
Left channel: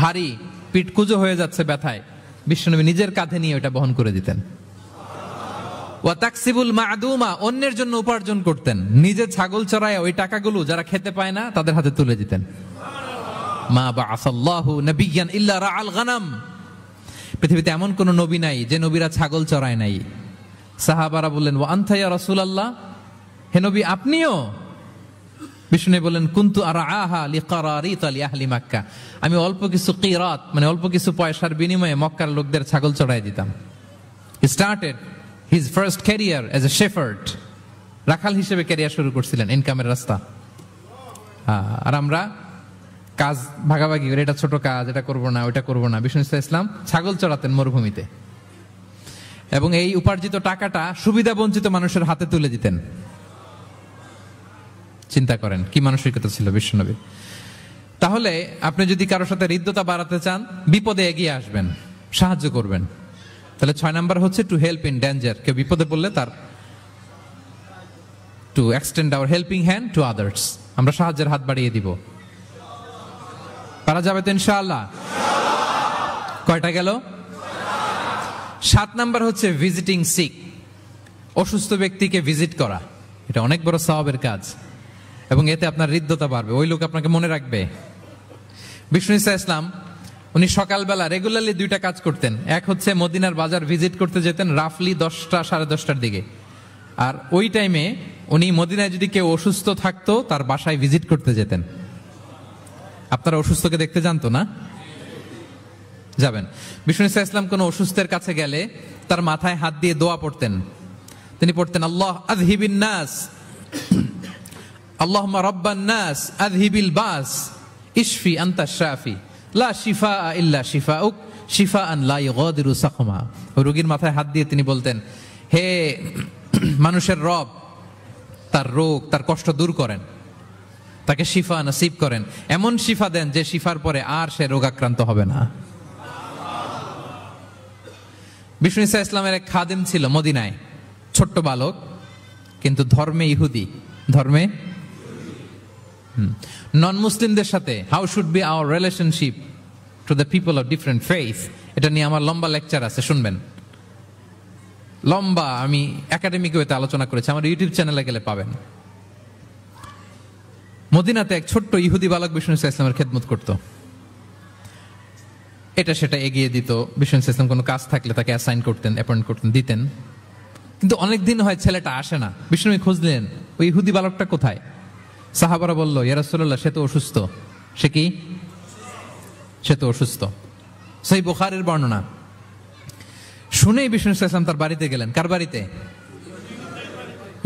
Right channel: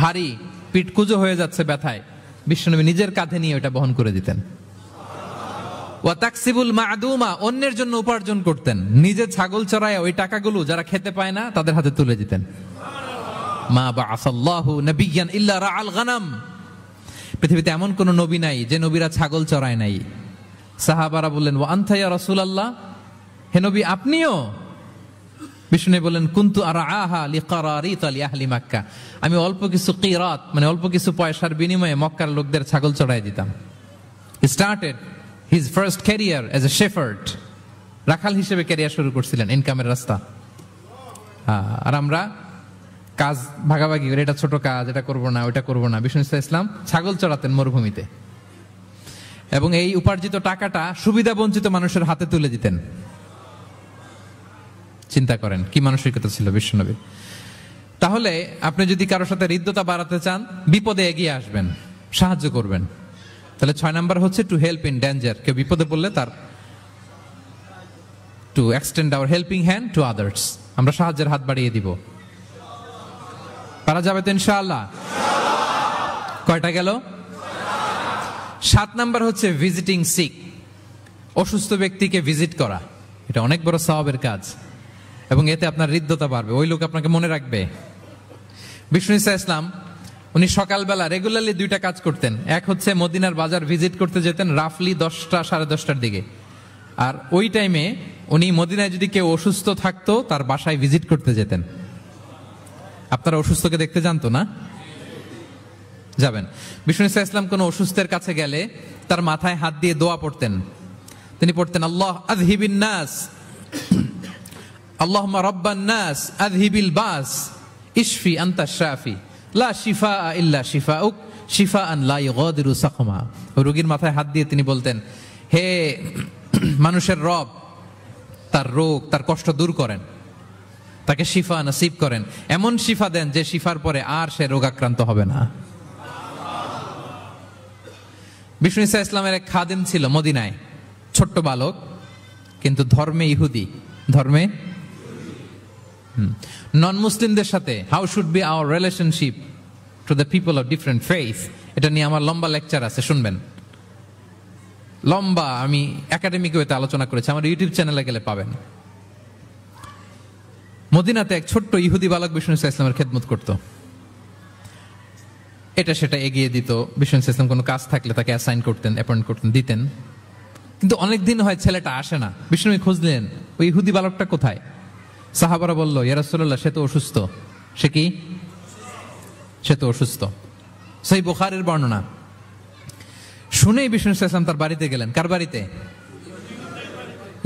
ভারী, পিঠ কুঁজো হয়ে যাচ্ছে ব্যথায়, বিশ্বনবী নিজের কাঁধে নিয়ে ওটা বহন করে দিতেন। ওয়া তাকসিবুল মা'দুমা, অন্যের জন্য উপার্জন করতেন, নিজে ছাগল চড়ায় ওই টাকাগুলো যারা খেতে পায় না তাদের হাতে তুলে দিতেন। মা বা'আসাল্লাহু নাবিয়্যান ইল্লা রা'আল গনাম, পৃথিবীতে এমন কোন নবী নাই যে নবীরা ছাগল চড়ায় নাই। সাহাবারা বললেন, ওয়া আনতা ইয়া রাসূলুল্লাহ, হে নবী আপনিও? বিষ্ণু বললেন, কুনতু আরআহা লিকারারিত লিআহলি মক্কা, আমি অল্প কিছু কিরাত, মানে অল্প কিছু পয়সার বিনিময়ে মক্কার লোকদের ছাগল চড়াই দিতাম। He started his first career as a shepherd, রাখাল হিসেবে ক্যারিয়ার শুরু করছিলেন, ইনকামের রাস্তা। আর আমরা কাজ ভাগাভাগি করে, এটা ছোট কাজ, এটা করবো না, ওইটা করবো না। বিষ্ণু ইসলাম ছাগল চড়াতেন মরুভূমিতে, এবং এই উপার্জিত টাকাটা সুবিধা বঞ্চিত মানুষের হাতে তুলে দিতেন। চিন্তা করেন কি মানসিকতা ছিল বিষ্ণুনবীর। তাহলে আপনি যদি কারোর সাথে হৃদ্যতা বাড়াতে চান, বিপদে এগিয়ে আসবেন, সাহায্য করবেন। তাহলে 6 নাম্বার হচ্ছে টু হেল্প ইন ডেঞ্জার, কেউ বিপদে পড়লে তার to extend hour helping hand to others, আমরা সাহায্যের হাত বাড়িয়ে দিব। পারা যাবে তো ইনশাআল্লাহ? কয়টা গেল? 7 নাম্বার হচ্ছে ভিজিটিং সিক, অসুস্থ ব্যক্তিকে ভিজিট করা। এটা অনেক বড় সওয়াবের কাজ, এবং এতে আপনার হৃদ্যতা বাড়বে, ওই লোক আপনাকে মনে রাখবে। বিষ্ণু ইসলাম উনি সকালবেলা রেগুলারলি 2টা কাজ করতেন। এক হচ্ছে মদিনার বাজার ভিজিট করতে যেতেন রাফলি 10টা সাড়ে 10টার দিকে, আর ওই টাইমে উনি মদিনায় যদি কেউ অসুস্থ থাকতো তার বাসায় ভিজিট করতে যেতেন। আপনারা অসুস্থকে দেখতে জানতো না? যাবেন। বিষ্ণু ইসলাম কোন অসুস্থের কাছে গেলে তার মাথায় হাত দিয়ে দোয়া পড়তেন। তিনি পড়তেন, আল্লাহ আযহিবিন নাস, আল্লাহুম্মা রাব্বান নাস আযহিবিল বাস, ইশফি আনতা শাফি, লা শিফা ইল্লা শিফাউক, শিফাআন লা ইগাদিরু সাকমা। রোগীর মাথায় হাত দিয়ে তিনি বলতেন, হে মানুষের রব, তার রোগ, তার কষ্ট দূর করেন, তাকে শিফা নসিব করেন, এমন শিফা দেন যে শিফার পরে আর সে রোগাক্রান্ত হবে না। বিষ্ণু ইসলামের এক খাদেম ছিল মদিনায়, ছোট্ট বালক, কিন্তু ধর্মে ইহুদি, ধর্মে নন মুসলিমদের সাথে how should be our relationship to the people of different faith, এটা নিয়ে আমার লম্বা লেকচার আছে, শুনবেন। লম্বা, আমি একাডেমিক ওয়েতে আলোচনা করেছি, আমার ইউটিউব চ্যানেলে গেলে পাবেন। মদিনাতে এক ছোট্ট ইহুদি বালক বিষ্ণু ইসলামের খেদমত করত, এটা সেটা এগিয়ে দিত। বিষ্ণু ইসলাম কোনো কাজ থাকলে তাকে অ্যাসাইন করতেন, অ্যাপয়েন্ট করতেন, দিতেন। কিন্তু অনেকদিন হয় ছেলেটা আসে না। বিষ্ণু খোঁজলেন ওই ইহুদি বালকটা কোথায়। সাহাবারা বলল, ইয়া রাসূলুল্লাহ, সে তো অসুস্থ। সে কি? সে তো অসুস্থ। সেই বুখারীর বর্ণনা শুনেই বিষ্ণু ইসলাম তার বাড়িতে গেলেন। কার বাড়িতে?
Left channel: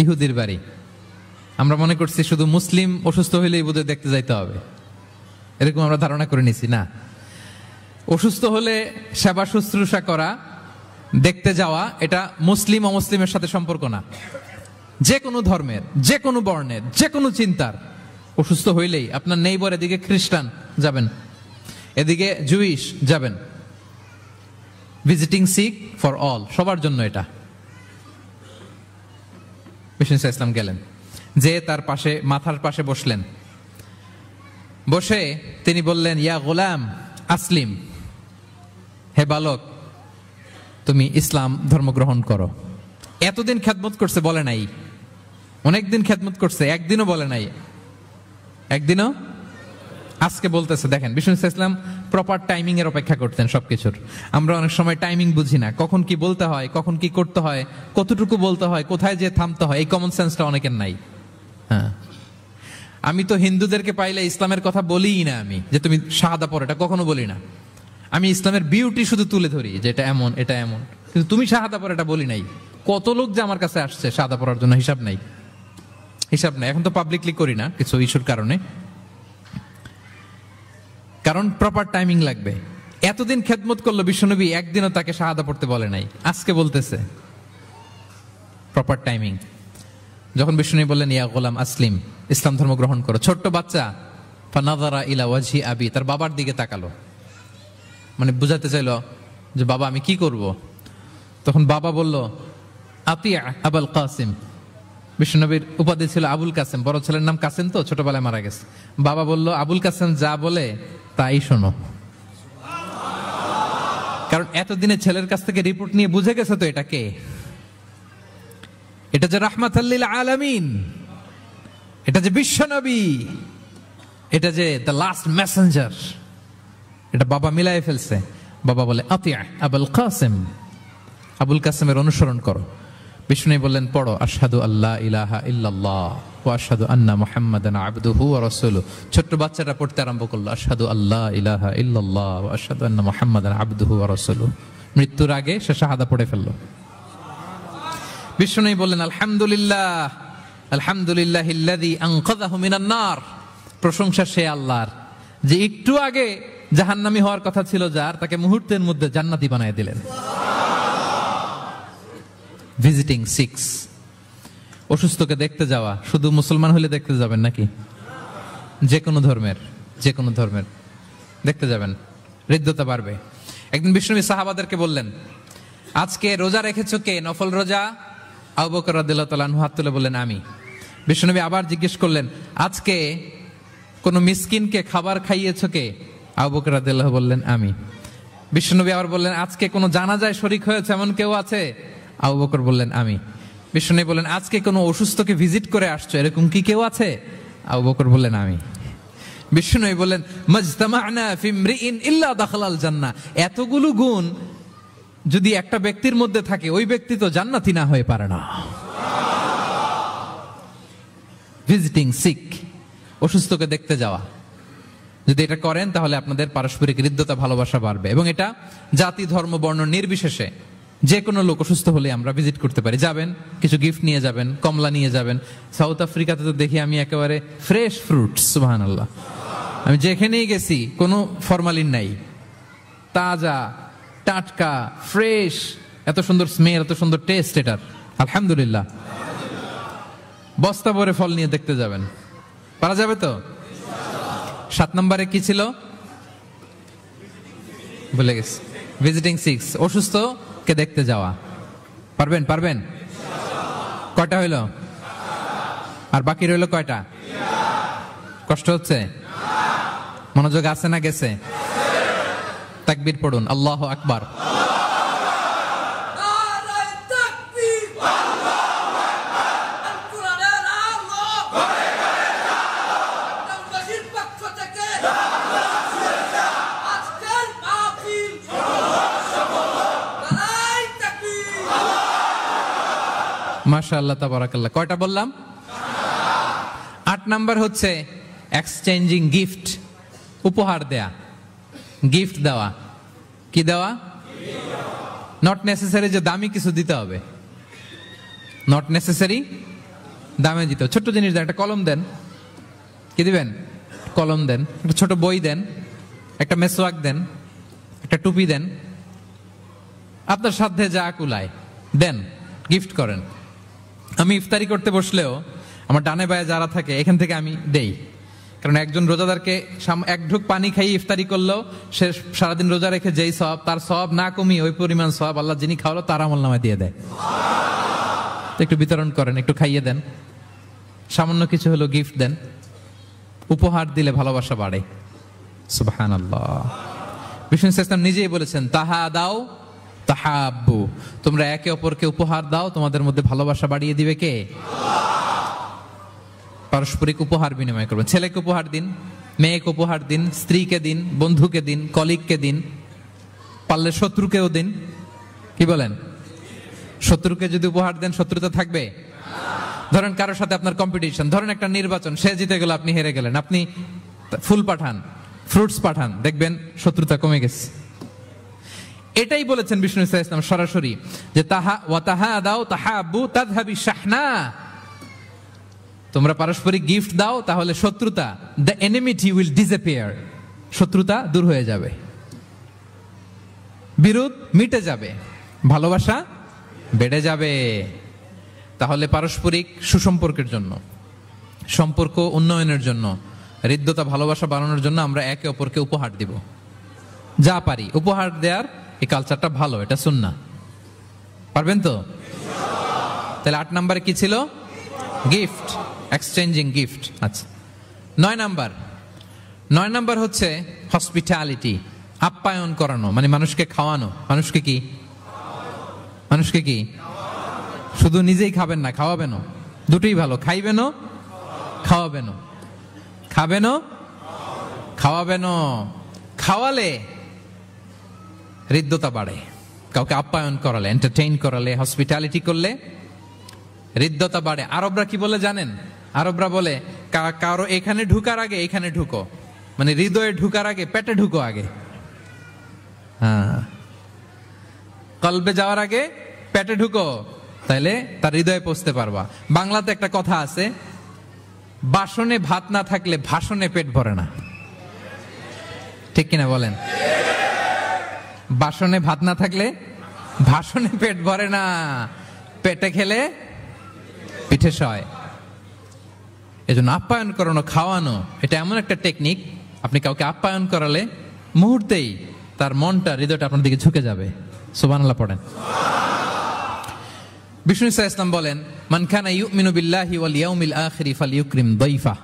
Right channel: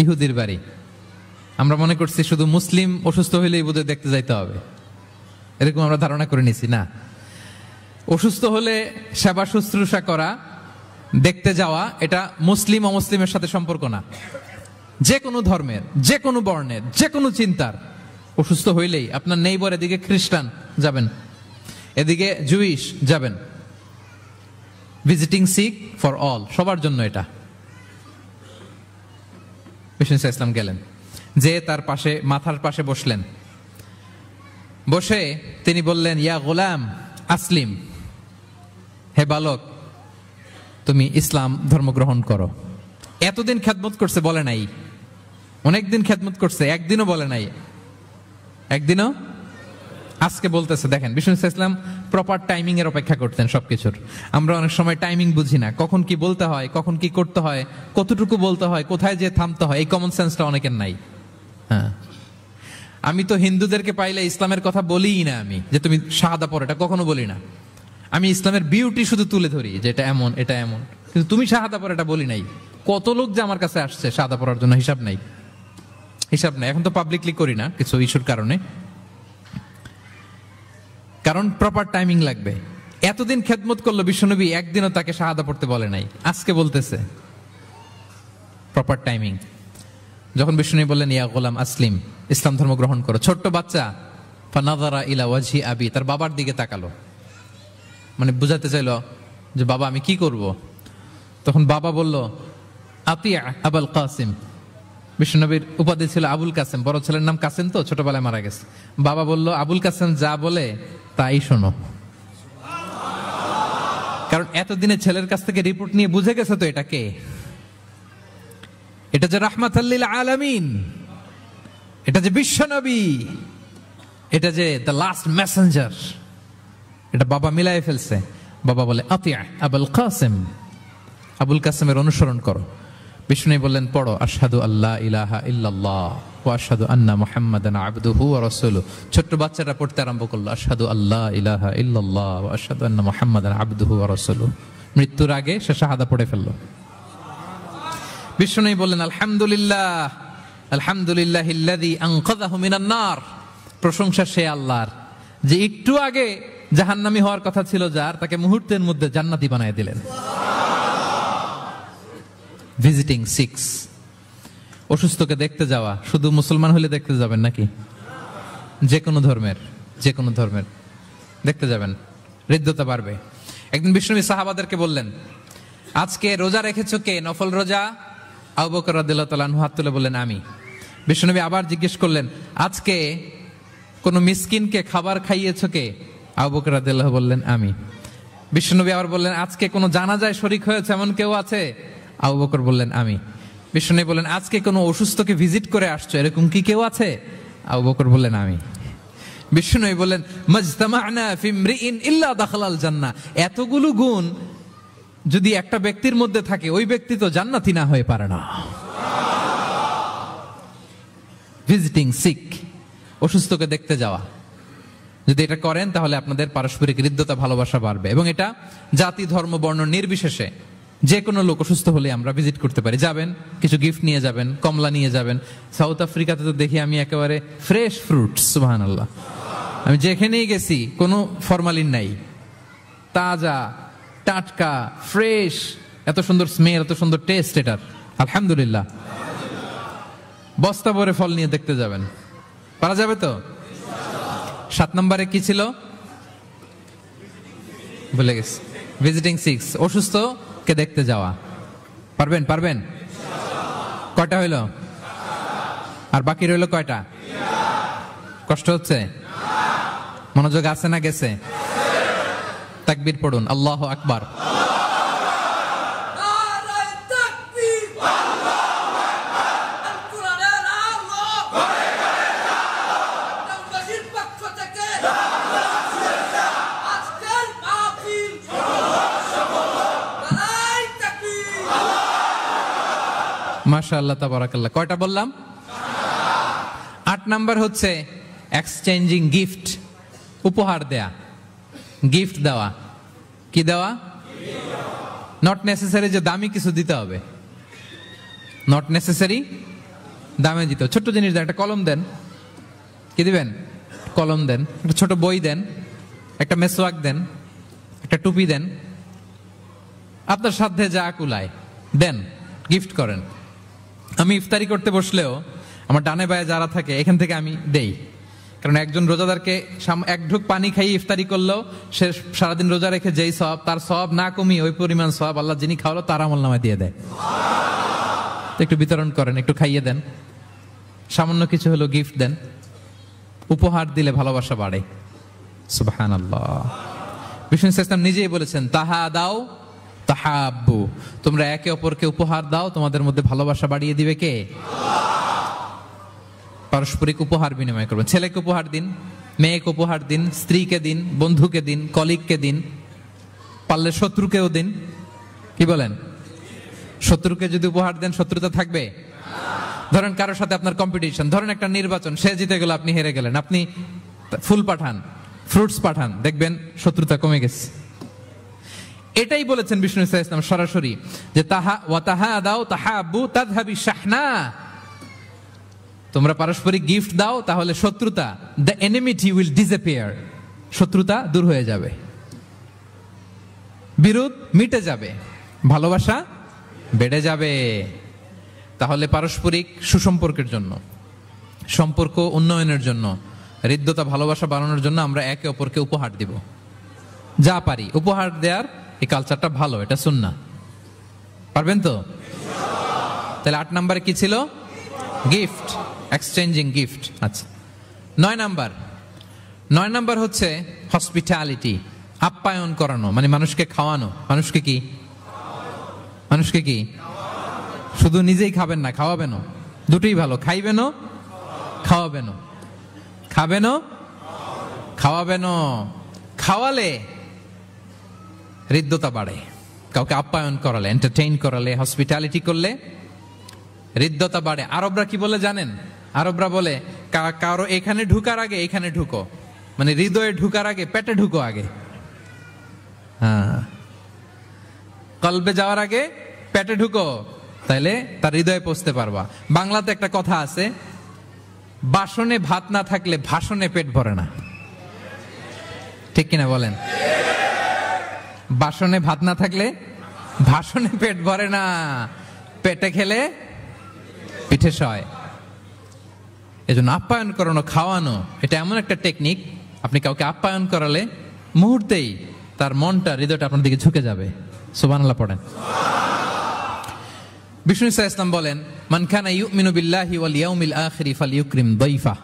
ইহুদির বাড়ি। আমরা মনে করছি শুধু মুসলিম অসুস্থ হইলেই বোধহয় দেখতে যাইতে হবে, এরকম আমরা ধারণা করে নিছি। না, অসুস্থ হলে সেবা শুশ্রূষা করা, দেখতে যাওয়া, এটা মুসলিম ও মুসলিমের সাথে সম্পর্ক না। যে কোনো ধর্মের, যে কোনো বর্ণের, যে কোনো চিন্তার অসুস্থ হইলেই আপনার নেইবার, এদিকে খ্রিস্টান যাবেন, এদিকে জুইশ যাবেন। ভিজিটিং সিক ফর অল, সবার জন্য এটা। বিষ্ণু ইসলাম গেলেন, যে তার পাশে, মাথার পাশে বসলেন। বসে তিনি বললেন, ইয়া গোলাম আসলিম, হে বালক তুমি ইসলাম ধর্ম গ্রহণ করো। এতদিন খেদমত করছে, বলে নাই। অনেকদিন খেদমত করছে, একদিনও বলে নাই। একদিনও, আজকে বলতেছে। দেখেন, বিষ্ণু ইসলাম প্রপার টাইমিং এর অপেক্ষা করতেন সবকিছুর। আমরা অনেক সময় টাইমিং বুঝি না, কখন কি বলতে হয়, কখন কি করতে হয়, কতটুকু বলতে হয়, কোথায় যে থামতে হয়, এই কমন সেন্সটা অনেকের নাই। হ্যাঁ, আমি তো হিন্দুদেরকে পাইলে ইসলামের কথা বলিই না, আমি যে তুমি শাহাদা পড়ো এটা কখনো বলি না। আমি ইসলামের বিউটি শুধু তুলে ধরি, যে এটা এমন, এটা এমন, কিন্তু তুমি শাহাদা পড়ো এটা বলি নাই। কত লোক যে আমার কাছে আসছে শাহাদা পড়ার জন্য, হিসাব নাই, হিসাব নাই। এখন তো পাবলিকলি করি না কিছু ইস্যুর কারণে, কারণ প্রপার টাইমিং লাগবে। এতদিন খেদমত করলো বিশ্বনবী, একদিনও তাকে শাহাদা পড়তে বলে নাই, আজকে বলতেছে। Proper timing. যখন বিষ্ণু বললেন, ইয়া গোলাম আসলিম, ইসলাম ধর্ম গ্রহণ করো, ছোট্ট বাচ্চা ফানাযারা ইলা ওয়াজহি আবি, তার বাবার দিকে তাকালো, মানে বুঝাতে চাইলো যে বাবা আমি কি করব। তখন বাবা বলল, আতিয়া আবুল কাসিম। বিষ্ণুনবীর উপাধি ছিল আবুল কাসিম, বড় ছেলের নাম কাসিম, তো ছোটবেলায় মারা গেছে। বাবা বলল, আবুল কাসিম যা বলে তাই শোনো। কারণ এতদিনে ছেলের কাছ থেকে রিপোর্ট নিয়ে বুঝে গেছে তো এটা কে, এটা যে রাহমাতাল লিল আলামিন, এটা যে বিশ্বনবী, এটা যে দ্য লাস্ট মেসেঞ্জার, এটা বাবা মিলাই ফেলছে। বাবা বলে, আতিয়া আবুল কাসিম, আবুল কাসিমের অনুসরণ করো। বিষ্ণু বললেন, পড়ো আশহাদু আল্লা ইলাহা ইল্লাল্লাহ ওয়া আশহাদু আন্না মুহাম্মাদান আবদুহু ওয়া রাসূলুহু। ছোট্ট বাচ্চাটা পড়তে আরম্ভ করলো, আশহাদু আল্লা ইলাহা ইল্লাল্লাহ ওয়া আশহাদু আন্না মুহাম্মাদান আবদুহু ওয়া রাসূলুহু। মৃত্যুর আগে সে শাহাদা পড়ে ফেললো। বিষ্ণু বললেন, আলহামদুলিল্লাহ, আলহামদুলিল্লাহিল্লাযী আনকাযাহু মিনান নার। প্রশংসা সে আল্লাহর, যে একটু আগে জাহান্নামী হওয়ার কথা ছিল যার, তাকে মুহূর্তের মধ্যে জান্নাতি বানায় দিলেন। ভিজিটিং সিক্স, অসুস্থকে দেখতে যাওয়া। শুধু মুসলমান হলে দেখতে যাবেন নাকি? যে কোনো ধর্মের, যে কোনো ধর্মের দেখতে যাবেন, হৃদ্যতা বাড়বে। একদিন বিশ্বনবী সাহাবাদেরকে বললেন, আজকে রোজা রেখেছো কে? নফল রোজা? আবু বকর রাদিয়াল্লাহু তাআলা আনহু হাত তুলে বললেন, আমি। বিশ্বনবী আবার জিজ্ঞেস করলেন, আজকে কোন মিসকিনকে খাবার খাইয়েছো কে? আবু বকর রাদিয়াল্লাহু বললেন, আমি। বিশ্বনবী আবার বললেন, আজকে কোন জানাজায় শরীক হয়েছে এমন কেউ আছে? আবু বকর বললেন, আমি। বিশ্বনবী বললেন, আজকে কোন অসুস্থকে ভিজিট করে আসছো এরকম কি কেউ আছে? আবু বকর বললেন, আমি। বিশ্বনবী বললেন, মাজতামা'না ফি ইমরিইন ইল্লা দাখালাল জান্নাহ। এতগুলো গুণ যদি একটা ব্যক্তির মধ্যে থাকে, ওই ব্যক্তি তো জান্নাতি না হয়ে পারে না। ভিজিটিং সিক, অসুস্থকে দেখতে যাওয়া, যদি এটা করেন তাহলে আপনাদের পারস্পরিক হৃদ্যতা, ভালোবাসা বাড়বে। এবং এটা জাতি, ধর্ম, বর্ণ নির্বিশেষে যে কোনো লোক অসুস্থ হলে আমরা ভিজিট করতে পারি। যাবেন, কিছু গিফট নিয়ে যাবেন, কমলা নিয়ে যাবেন। সাউথ আফ্রিকাতে তো দেখি আমি একেবারে ফ্রেশ ফ্রুট, সুবহানাল্লাহ। আমি যেখানেই গেছি কোনো ফরমালিন নাই, তাজা, টাটকা, ফ্রেশ, এত সুন্দর স্মেল, এত সুন্দর টেস্ট, এটা আলহামদুলিল্লাহ। বস্তা ভরে ফল নিয়ে দেখতে যাবেন, পারা যাবে তো? 7 নম্বরে কি ছিল ভুলে গেছি। ভিজিটিং সিক্স, অসুস্থ কে দেখতে যাওয়া। পারবেন? পারবেন? কয়টা হইল? আর বাকি রইল কয়টা? কষ্ট হচ্ছে? মনোযোগ আছে না গেছে? তাকবীর পড়ুন, আল্লাহু আকবার। মাশাআল্লাহ, তাবারাকাল্লাহ। কয়টা বললাম? 8 নাম্বার হচ্ছে এক্সচেঞ্জিং গিফট। উপহার দেয়া, গিফট দেওয়া। কি দেওয়া? নট নেসেসারি যে দামি কিছু দিতে হবে, নট নেসেসারি দামে দিতে। ছোট্ট জিনিস দেন, একটা কলম দেন, কি দিবেন? কলম দেন, একটা ছোট বই দেন, একটা মেসওয়াক দেন, একটা টুপি দেন, আপনার সাধ্যে যা কুলায় দেন, গিফট করেন। আমি ইফতারি করতে বসলেও আমার ডানে বায়ে যারা থাকে এখান থেকে আমি দেই, কারণ একজন রোজাদারকে এক ঢুক পানি খাইয়ে ইফতারি করলেও সে সারাদিন রোজা রেখে যেই সওয়াব, তার সওয়াব না কমিয়ে ওই পরিমাণ সওয়াব আল্লাহ যিনি খাওয়ালো তার আমলনামায় দিয়ে দেয়। তো একটু বিতরণ করেন, একটু খাইয়ে দেন, সামান্য কিছু হলো গিফট দেন। উপহার দিলে ভালোবাসা বাড়ে। সুবহানাল্লাহ। বিষ্ণু ইসলাম নিজেই বলেছেন, তাহাদাও তাহাব্বু, তোমরা একে অপরকে উপহার দাও, তোমাদের মধ্যে ভালোবাসা বাড়িয়ে দিবে কে? পারস্পরিক উপহার বিনিময় করবেন। ছেলেকে উপহার দিন, মেয়েকে উপহার দিন, স্ত্রীকে দিন, বন্ধুকে দিন, কলিগকে দিন, পারলে শত্রুকেও দিন। কি বলেন? শত্রুকে যদি উপহার দেন শত্রুতা থাকবে? ধরেন কারোর সাথে আপনার কম্পিটিশন, ধরেন একটা নির্বাচন, সে জিতে গেল, আপনি হেরে গেলেন, আপনি ফুল পাঠান, ফ্রুটস পাঠান, দেখবেন শত্রুতা কমে গেছে। এটাই বলেছেন বিষ্ণু ইসলাম সরাসরি, যে তাহাদাও তাহাব্বু তাযহাবি শাহনা, তোমরা পারস্পরিক গিফট দাও, তাহলে শত্রুতা, the enmity will disappear, শত্রুতা দূর হয়ে যাবে, বিরোধ মিটে যাবে, ভালোবাসা বেড়ে যাবে। তাহলে পারস্পরিক সুসম্পর্কের জন্য, সম্পর্ক উন্নয়নের জন্য, হৃদ্যতা ভালোবাসা বাড়ানোর জন্য আমরা একে অপরকে উপহার দিব, যা পারি উপহার দেওয়ার এই কালচারটা ভালো, এটা সুন্নাহ। পারবেন তো? তাহলে 8 নম্বরে কি ছিল? Gift, exchanging gift. আচ্ছা, 9 নাম্বার হচ্ছে হসপিটালিটি, আপ্যায়ন করানো, মানে মানুষকে খাওয়ানো। মানুষকে কি শুধু নিজেই খাবেন না, খাওয়াবেনও, দুটোই ভালো। খাইবেনও, খাওয়াবেনও। খাবেনও, খাওয়াবেনও। খাওয়ালে হৃদ্যতা বাড়ে, কাউকে আপ্যায়ন করালে, এন্টারটেইন করালে, হসপিটালিটি করলে হৃদ্যতা বাড়ে। আরবরা কি বলে জানেন? আরবরা বলে, কারো এখানে ঢুকার আগে এখানে ঢুকো, মানে হৃদয়ে ঢুকার আগে পেটে ঢুকো আগে। হ্যাঁ, কলবে যাওয়ার আগে পেটে ঢুকো, তাইলে তার হৃদয়ে পৌঁছতে পারবা। বাংলাতে একটা কথা আছে, বাসনে ভাত না থাকলে ভাষণে পেট ভরে না। ঠিক কিনা বলেন? বাসনে ভাত না থাকলে ভাষণে পেট ভরে না, পেটে খেলে পিঠে সয়। এজন্য আপ্যায়ন করানো, খাওয়ানো, এটা এমন একটা টেকনিক, আপনি কাউকে আপ্যায়ন করালে মুহূর্তেই তার মনটা, হৃদয়টা আপনার দিকে ঝুঁকে যাবে। সুবহানাল্লাহ পড়েন। বিষ্ণু ইসলাম বলেন, মান কানা ইউমিনু বিল্লাহি ওয়াল ইয়াউমিল আখিরি ফালইউকরিম দাইফা,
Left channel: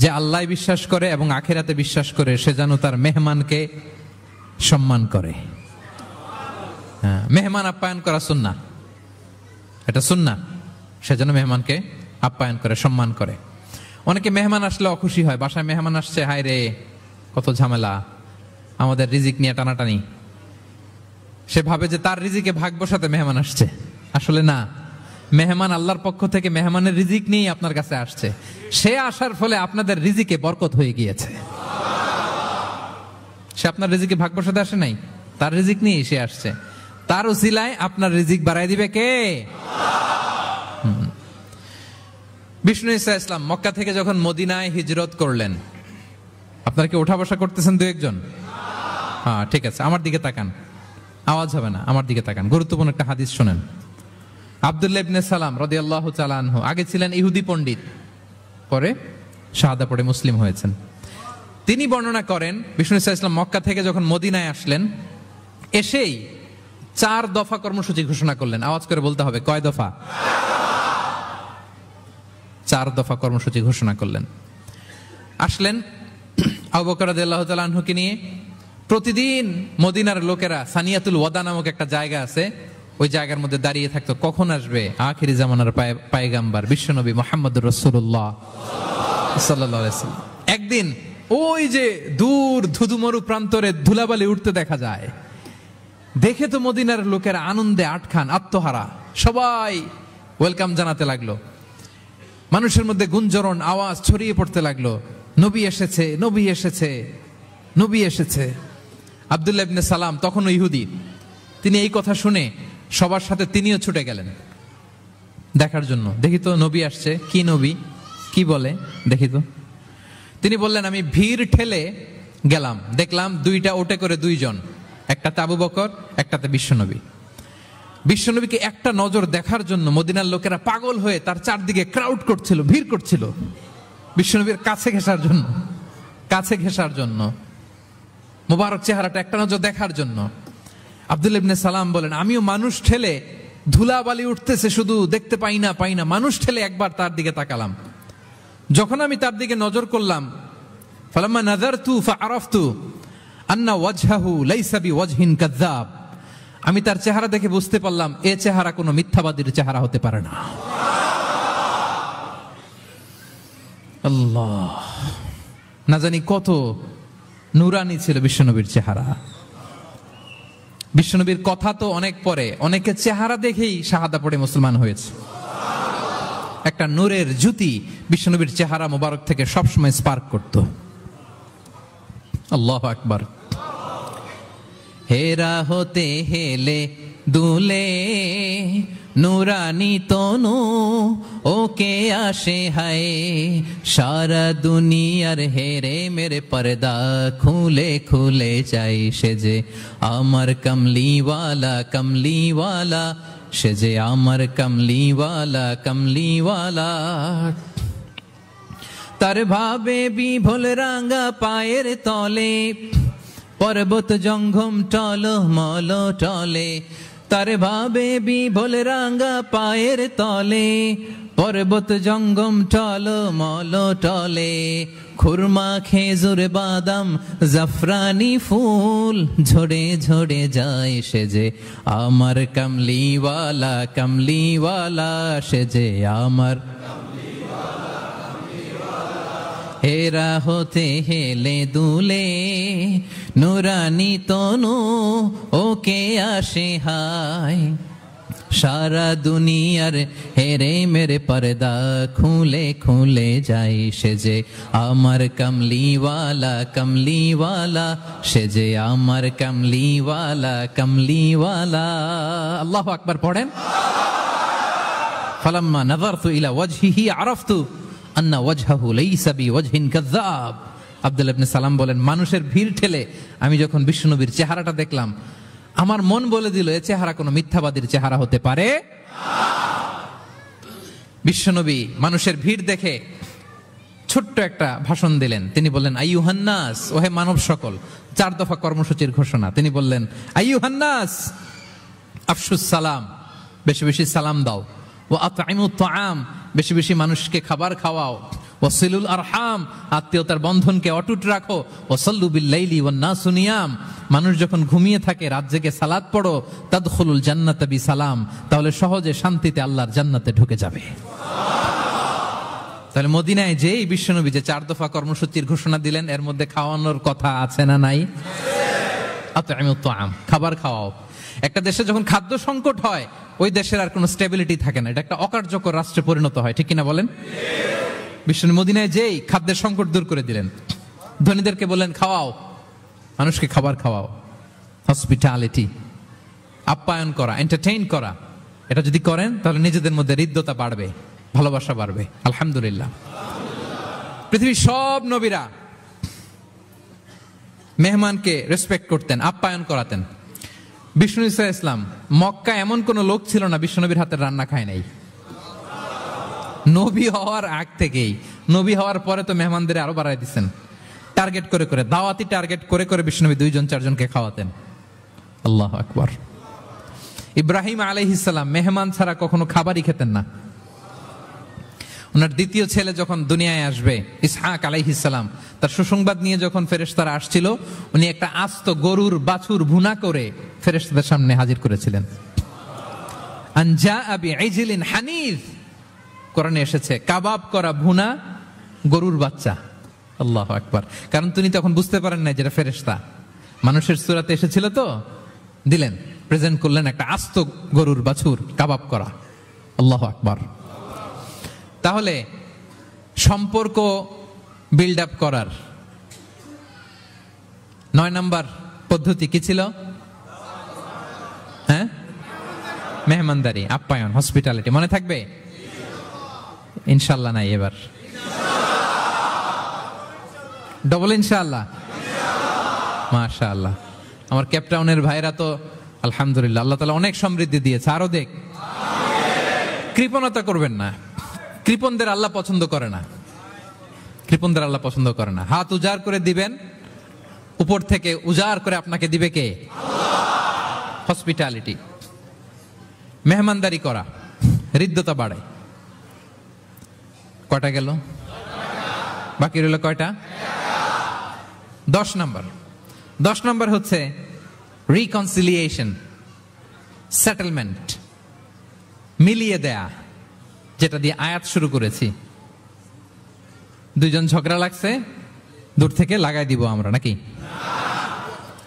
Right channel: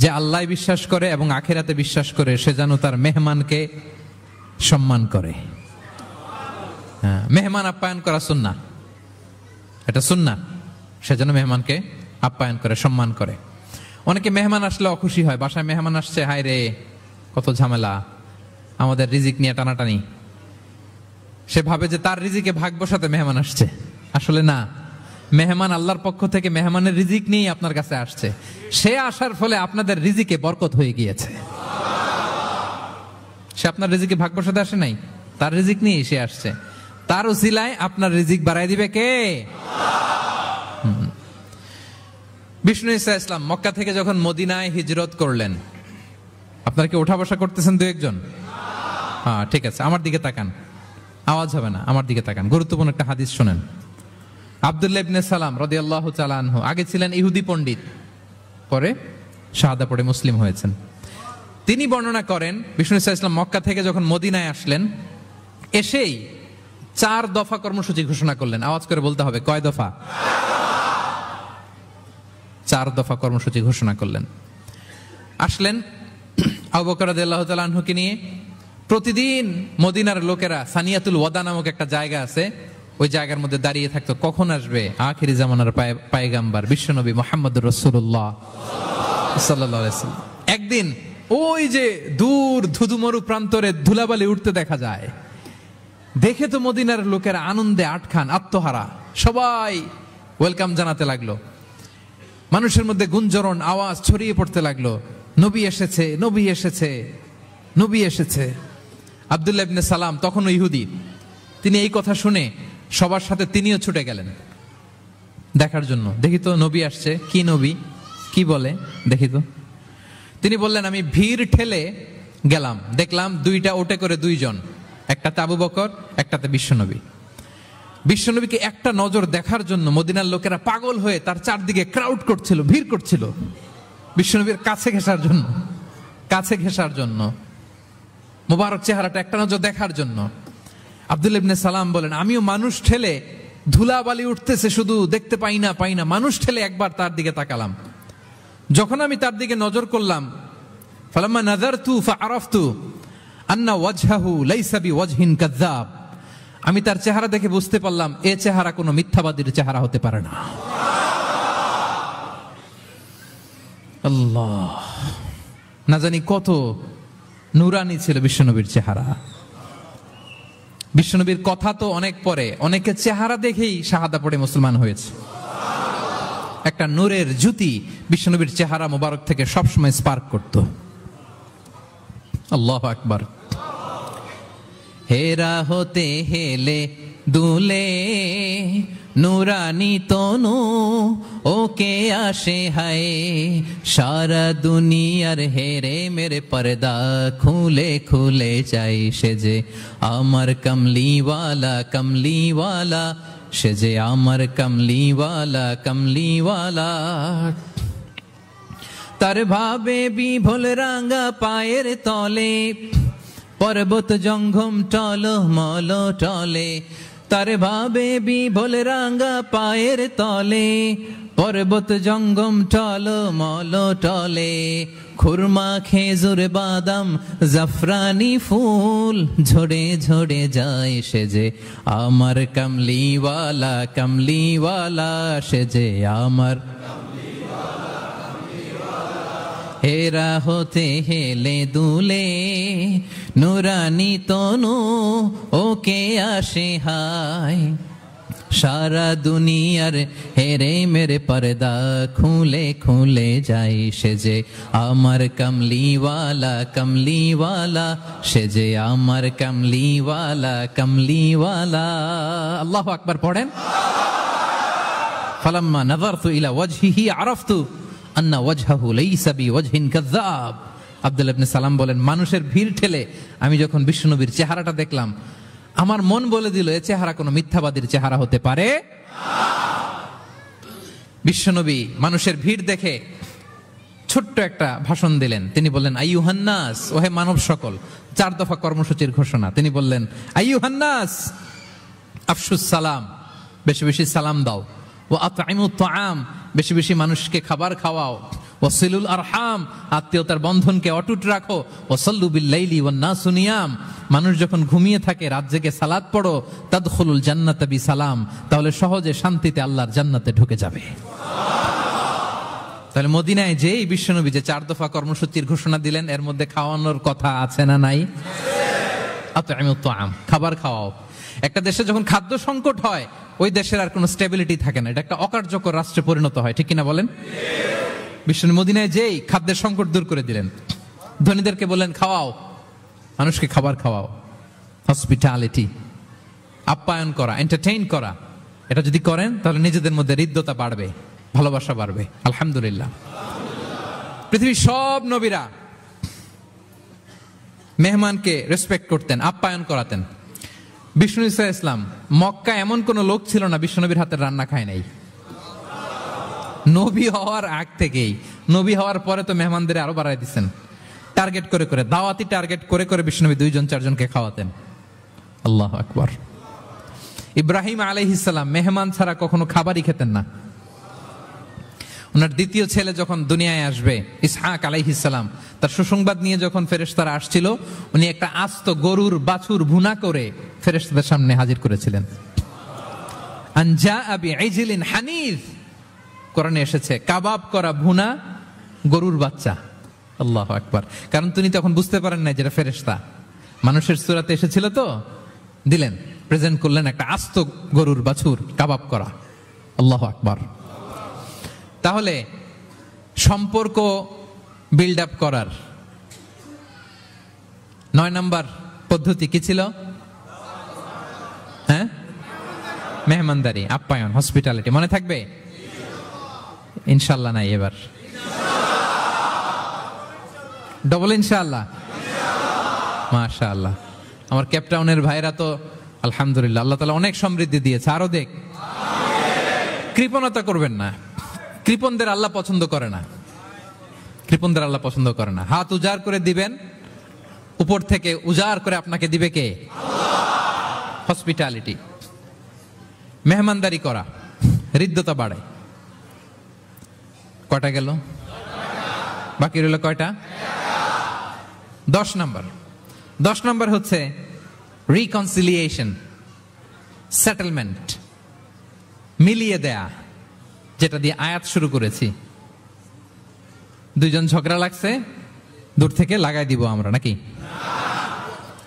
যে আল্লাহ বিশ্বাস করে এবং আখিরাতে বিশ্বাস করে সে যেন তার মেহমানকে সম্মান করে। হ্যাঁ, মেহমান আপ্যায়ন করা সুন্নাহ, এটা সুন্নাহ। সে যেন মেহমানকে আপ্যায়ন করে, সম্মান করে। অনেকে মেহমান আসলে অখুশি হয়, বাসায় মেহমান আসছে, হায় রে কত ঝামেলা, আমাদের রিজিক নিয়ে টানাটানি। সে ভাবে যে তার রিজিকে ভাগ বসাতে মেহমান আসছে। আসলে না, মেহমান আল্লাহর পক্ষ থেকে মেহমানের রিজিক নিয়ে আপনার কাছে আসছে। সে আসার ফলে আপনাদের রিজিকে বরকত হয়ে গিয়েছে। সে আপনার রিজিকে ভাগ বসাতে আসে নাই, তার রিজিক নিয়ে সে আসছে। তার উসিলায় আপনার রিজিক বাড়াই দিবে কে? বিষ্ণু ইসলাম মক্কা থেকে যখন মদিনায় হিজরত করলেন, আপনারা কি ওঠা বসা করতেছেন দু একজন? হ্যাঁ, ঠিক আছে, আমার দিকে তাকান, আওয়াজ হবে না, আমার দিকে তাকান। গুরুত্বপূর্ণ একটা হাদিস শুনেন। আব্দুল্লাহ ইবনে সালাম রাদিয়াল্লাহু তাআলা আনহু আগে ছিলেন ইহুদি পণ্ডিত, পরে শাহাদা পড়ে মুসলিম হয়েছেন। তিনি বর্ণনা করেন, বিষ্ণু ইসলাম মক্কা থেকে যখন মদিনায় আসলেন, এসেই 4 দফা কর্মসূচি ঘোষণা করলেন। আওয়াজ করে বলতে হবে, কয় দফা? 4 দফা কর্মসূচি ঘোষণা করলেন। আসলেন আবু বকর রাদিয়াল্লাহু তাআলা আনহুকে নিয়ে। প্রতিদিন মদিনার লোকেরা সানিয়াতুল ওয়াদা নামক একটা জায়গা আছে, ওই জায়গার মধ্যে দাঁড়িয়ে থাকতো, কখন আসবে আখিরি জামানার পয়গম্বর বিশ্বনবী মুহাম্মদ রাসূলুল্লাহ সাল্লাল্লাহু আলাইহি ওয়াসাল্লাম। একদিন ওই যে দূর থুদুমরু প্রান্তরে ধুলাবালি উঠতে দেখা যায়। দেখে তো মদিনার লোকেরা আনন্দে আটখান, আত্মহারা, সবাই ওয়েলকাম জানাতে লাগলো। মানুষের মধ্যে গুঞ্জরণ, আওয়াজ ছড়িয়ে পড়তে লাগলো, নবী এসেছে, নবী এসেছে, নবী এসেছে। আব্দুল্লাহ ইবনে সালাম তখনও ইহুদি, তিনি এই কথা শুনে সবার সাথে তিনিও ছুটে গেলেন দেখার জন্য। দেখি তো নবী আসছে, কি নবী, কি বলে দেখি তো। তিনি বললেন, আমি ভিড় ঠেলে গেলাম, দেখলাম দুইটা ওটে করে দুইজন, একটাতে আবু বকর, একটাতে বিশ্বনবী। বিশ্বনবীকে একটা নজর দেখার জন্য মদিনার লোকেরা পাগল হয়ে তার চারদিকে ক্রাউড করছিল, ভিড় করছিল বিশ্বনবীর কাছে ঘেঁষার জন্য, কাছে ঘেঁষার জন্য, মোবারক চেহারাটা একটা নজর দেখার জন্য। আব্দুল্লাহ ইবনে সালাম বলেন, আমিও মানুষ ঠেলে, ধুলাবালি উঠতেছে শুধু, দেখতে পাই না, মানুষ ঠেলে একবার তার দিকে তাকালাম। যখন আমি তার দিকে নজর করলাম, ফালাম্মা নাযারতু ফাআরাফতু আন্না ওয়াজহাহু লাইসা বিওয়াজহিন কাযাব, আমি তার চেহারা দেখে বুঝতে পারলাম এই চেহারা কোনো মিথ্যাবাদীর চেহারা হতে পারে না। আল্লাহ, না জানি কত নুরানি ছিল বিশ্বনবীর চেহারা। বিশ্বনবীর কথা তো অনেক পরে, অনেকে চেহারা দেখেই শাহাদা পড়ে মুসলমান হয়েছে। একটা নূরের জ্যোতি বিশ্বনবীর চেহারা মোবারক থেকে সবসময় স্পার্ক করত। আল্লাহু আকবার। হেরা হতে হেলে দুলে নুরানি তনু ওকে আসে হায়, সারা দুনিয়ার হেরে মেরে পর্দা খুলে খুলে যায়, সে যে আমার কমলিওয়ালা কমলিওয়ালা, সে যে আমার কমলিওয়ালা কমলিওয়ালা। তার ভাবে বিভোল রাঙা পায়ের তলে, পর্বত জঙ্গম টল মল টলে, তার ভাবে বিভোল রাঙা পায়ের তলে, পর্বত জঙ্গম টল মল টলে, খুরমা খেজুর বাদাম জাফরানি ফুল ঝরে ঝরে যায়, সে যে আমার কমলিওয়ালা কমলিওয়ালা, সে যে আমার। হেরা হতে হেলে দুলে নুরানি তনু ওকে আসে হায়, সারা দুনিয়ার হেরে মেরে পর্দা খুলে খুলে যায়, সে যে আমার কমলিওয়ালা কমলিওয়ালা, সে যে আমার কমলিওয়ালা কমলিওয়ালা। আল্লাহু আকবার পড়েন। ফালাম্মা নাযারতু ইলা ওয়াজহিহি আরাফতু আন্না ওয়াজহাহু লাইসা বিওয়াজহিন কাযাব। আব্দুল্লাহ ইবনে সালাম বলেন, মানুষের ভিড় ঠেলে আমি যখন বিশ্বনবীর চেহারাটা দেখলাম, আমার মন বলে দিল এই চেহারা কোনো মিথ্যাবাদীর চেহারা হতে পারে। বিশ্বনবী মানুষের ভিড় দেখে ছোট্ট একটা ভাষণ দিলেন। তিনি বললেন, আইয়ুহান নাস, ওহে মানব সকল। 4 দফা কর্মসূচির ঘোষণা। তিনি বললেন, আইয়ুহান নাস আফশুস সালাম, বেশি বেশি সালাম দাও। ওয়া আতঈমুত তাআম, বেশি বেশি মানুষকে খাবার খাওয়াও। ওয়াসিলুল আরহাম, আত্মীয়তার বন্ধনকে অটুট রাখো। ওয়াসাল্লু বিল লাইলি ওয়ান নাসু নিয়াম, মানুষ যখন ঘুমিয়ে থাকে রাত জেগে সালাত পড়ো। তাদখুলুল জান্নাতা বিসালাম, তাহলে সহজে শান্তিতে আল্লাহর জান্নাতে ঢুকে যাবে। তাহলে মদিনায় যে বিশ্বনবী যে 4 দফা কর্মসূচির ঘোষণা দিলেন, এর মধ্যে খাওয়ানোর কথা আছে না নাই? আতঈমুত তাআম, খাবার খাওয়াও। একটা দেশে যখন খাদ্য সংকট হয়, ওই দেশের আর কোনো স্টেবিলিটি থাকে না, এটা একটা অকার্যকর রাষ্ট্রে পরিণত হয়, ঠিক কিনা বলেন? বিশ্বনবী মদিনায় যেই খাদ্যের সংকট দূর করে দিলেন। ধনীদেরকে বলেন খাওয়াও, মানুষকে খাবার খাওয়াও। হসপিটালিটি, আপ্যায়ন করা, এন্টারটেইন করা, এটা যদি করেন তাহলে নিজেদের মধ্যে হৃদ্যতা বাড়বে, ভালোবাসা বাড়বে। আলহামদুলিল্লাহ, পৃথিবীর সব নবীরা মেহমানকে রেসপেক্ট করতেন, আপ্যায়ন করাতেন। বিষ্ণু ঈসা ইসলাম মক্কা এমন কোন লোক ছিল না বিশ্বনবীর হাতের রান্না খায় নাই। নবী হওয়ার আগ থেকেই, নবী হওয়ার পরে তো মেহমানদের আরো বাড়াই দিচ্ছেন। টার্গেট করে করে, দাওয়াতি টার্গেট করে করে বিষ্ণনবী 2-4 জনকে খাওয়াতেন। আল্লাহু আকবার। ইব্রাহিম আলাইহিস সালাম মেহমান ছাড়া কখনো খাবারই খেতেন না। ওনার দ্বিতীয় ছেলে যখন দুনিয়ায় আসবে, ইসহাক আলাইহিস সালাম, তার সুসংবাদ নিয়ে যখন ফেরেশতারা আসছিল, উনি একটা আস্ত গরুর বাছুর ভুনা করে ফেরেশতাদের সামনে হাজির করেছিলেন। আনজা বিইজলিন হানিফ, কোরআনে এসেছে কাবাব করা ভুনা গরুর বাচ্চা। আল্লাহু আকবার। কারণ তিনি তখন বুঝতে পারেন না যে ফেরেশতা, মানুষের সূরাতে এসেছিল তো, দিলেন, প্রেজেন্ট করলেন একটা আস্ত গরুর বাছুর কাবাব করা। আল্লাহু আকবার। তাহলে সম্পর্ক বিল্ড আপ করার 9 নম্বর পদ্ধতি কি ছিল? হ্যাঁ, মেহমানদারি, আপ্যায়ন, হসপিটালিটি। মনে থাকবে? ইনশাল্লাহ নাই, এবার ডবল ইনশাআল্লাহ। মাশাআল্লাহ, আমার ক্যাপটাউনের ভাইরা তো আলহামদুলিল্লাহ, আল্লাহ তাআলা অনেক সমৃদ্ধি দিয়েছে, আরো দেখ। কৃপণতা করবেন না, কৃপণদের আল্লাহ পছন্দ করে না, কৃপণদের আল্লাহ পছন্দ করে না। হাত উজাড় করে দিবেন, উপর থেকে উজাড় করে আপনাকে দিবে কে? হসপিটালিটি, মেহমানদারি করা, হৃদ্যতা বাড়ায়। কয়টা গেল? বাকি রইল কয়টা? 10 নম্বর। 10 নম্বর হচ্ছে রিকনসিলিয়েশন, সেটেলমেন্ট, মিলিয়ে দেয়া, যেটা দিয়ে আয়াত শুরু করেছি। দুইজন ঝগড়া লাগছে, দূর থেকে লাগাই দিব আমরা, নাকি?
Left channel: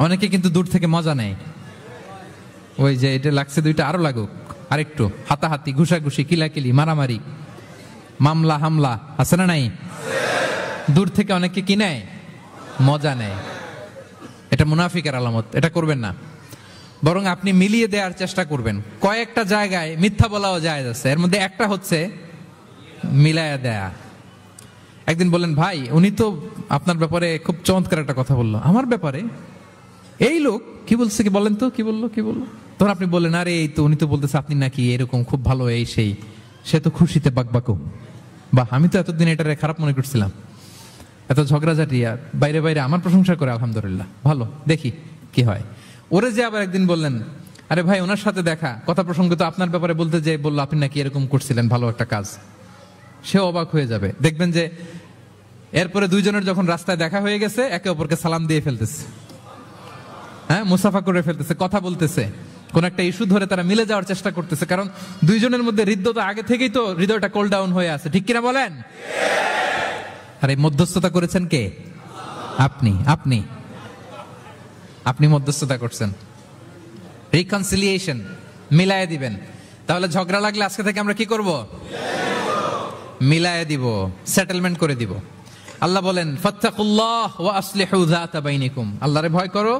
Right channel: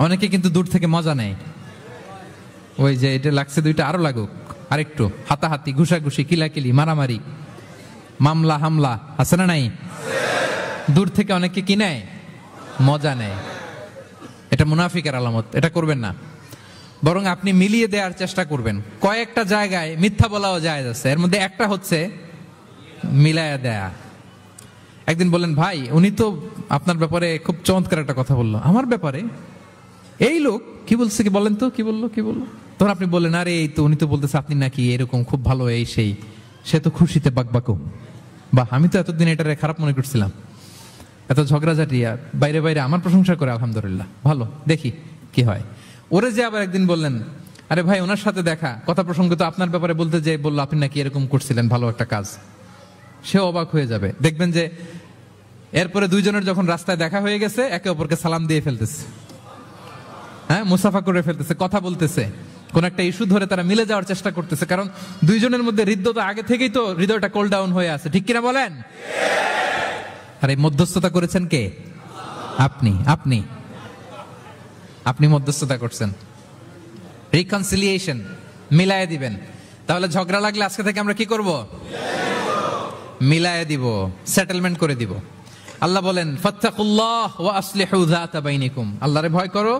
অনেকে কিন্তু দূর থেকে মজা নেয়, ওই যে এটা লাগছে দুইটা আরো লাগুক, আরেকটু হাতাহাতি, ঘুষাঘুষি, কিলাকিলি, মারামারি, মামলা হামলা, আছে না নাই? দূর থেকে অনেকে কি নেয়? মজা নেয়। এটা মুনাফিকের আলামত, এটা করবেন না। বরং আপনি মিলিয়ে দেওয়ার চেষ্টা করবেন। কয়েকটা জায়গায় মিথ্যা বলাও যায় যাচ্ছে, এর মধ্যে একটা হচ্ছে মিলায়া দেয়া। একদিন বললেন, ভাই উনি তো আপনার ব্যাপারে খুব চমৎকার একটা কথা বললো। আমার ব্যাপারে? এই লোক কি বলছে, কি বলেন তো, কি বললো? তোর আপনি বললেন, আরে এই তো উনি তো বলতেছে আপনি নাকি এরকম খুব ভালো, এই সেই। সে তো খুশিতে বাকবাকু। বাহ, আমি তো এতদিন এটা খারাপ মনে করছিলাম। এত ঝগড়াঝাটি, বাইরে বাইরে আমার প্রশংসা করে, আলহামদুলিল্লাহ, ভালো, দেখি কি হয়। ওরে যে আবার একদিন বললেন, আরে ভাই ওনার সাথে দেখা, কথা প্রসঙ্গে তো আপনার ব্যাপারে বলতে যে বললো আপনি নাকি এরকম করছিলেন, ভালো একটা কাজ। সে অবাক হয়ে যাবে, দেখবেন যে এরপরে দুইজনের যখন রাস্তায় দেখা হয়ে গেছে, একে অপরকে সালাম দিয়ে ফেলতেছে, হ্যাঁ, মুসাফা করে ফেলতেছে, কথা বলতেছে, কোন একটা ইস্যু ধরে তারা মিলে যাওয়ার চেষ্টা করতেছে। কারণ দুইজনের মধ্যে হৃদয়তা আগে থেকেই তো, হৃদয়টা কোল ডাউন হয়ে আছে, ঠিক কিনা বলেন? আর এই মধ্যস্থতা করেছেন কে? আপনি আপনি আপনি মধ্যস্থতা করছেন। রিকনসিলিয়েশন, মিলায়ে দিবেন। তাহলে ঝগড়া লাগলে আজকে থেকে আমরা কি করব? মিলায়ে দিব, সেটেলমেন্ট করে দিব। আল্লাহ বলেন, ফাত্তাকুল্লাহ ওয়া আসলিহু যাতা বাইনিকুম। আল্লাহরে ভয় করো,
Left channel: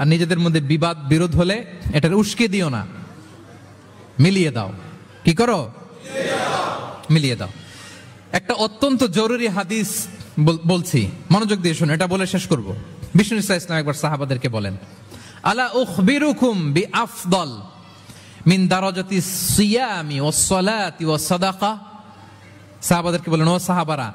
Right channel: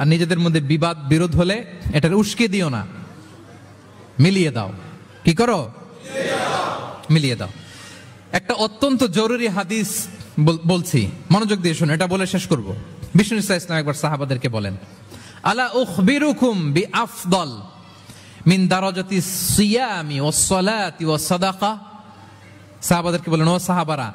আর নিজেদের মধ্যে বিবাদ বিরোধ হলে এটার উস্কে দিও না, মিলিয়ে দাও। কি করো? মিলিয়ে দাও। একটা অত্যন্ত জরুরি হাদিস বলছি, মনোযোগ দিয়ে শোনো, এটা বলে শেষ করব। বিষ্ণু ইসলাম একবার সাহাবাদেরকে বলেন, আলা উখবিরুকুম বিআফদাল মিন দারাজাতিস সিয়ামি ওয়াস সালাতি ওয়াস সাদাকা। সাহাবাদেরকে বলেন, ও সাহাবারা,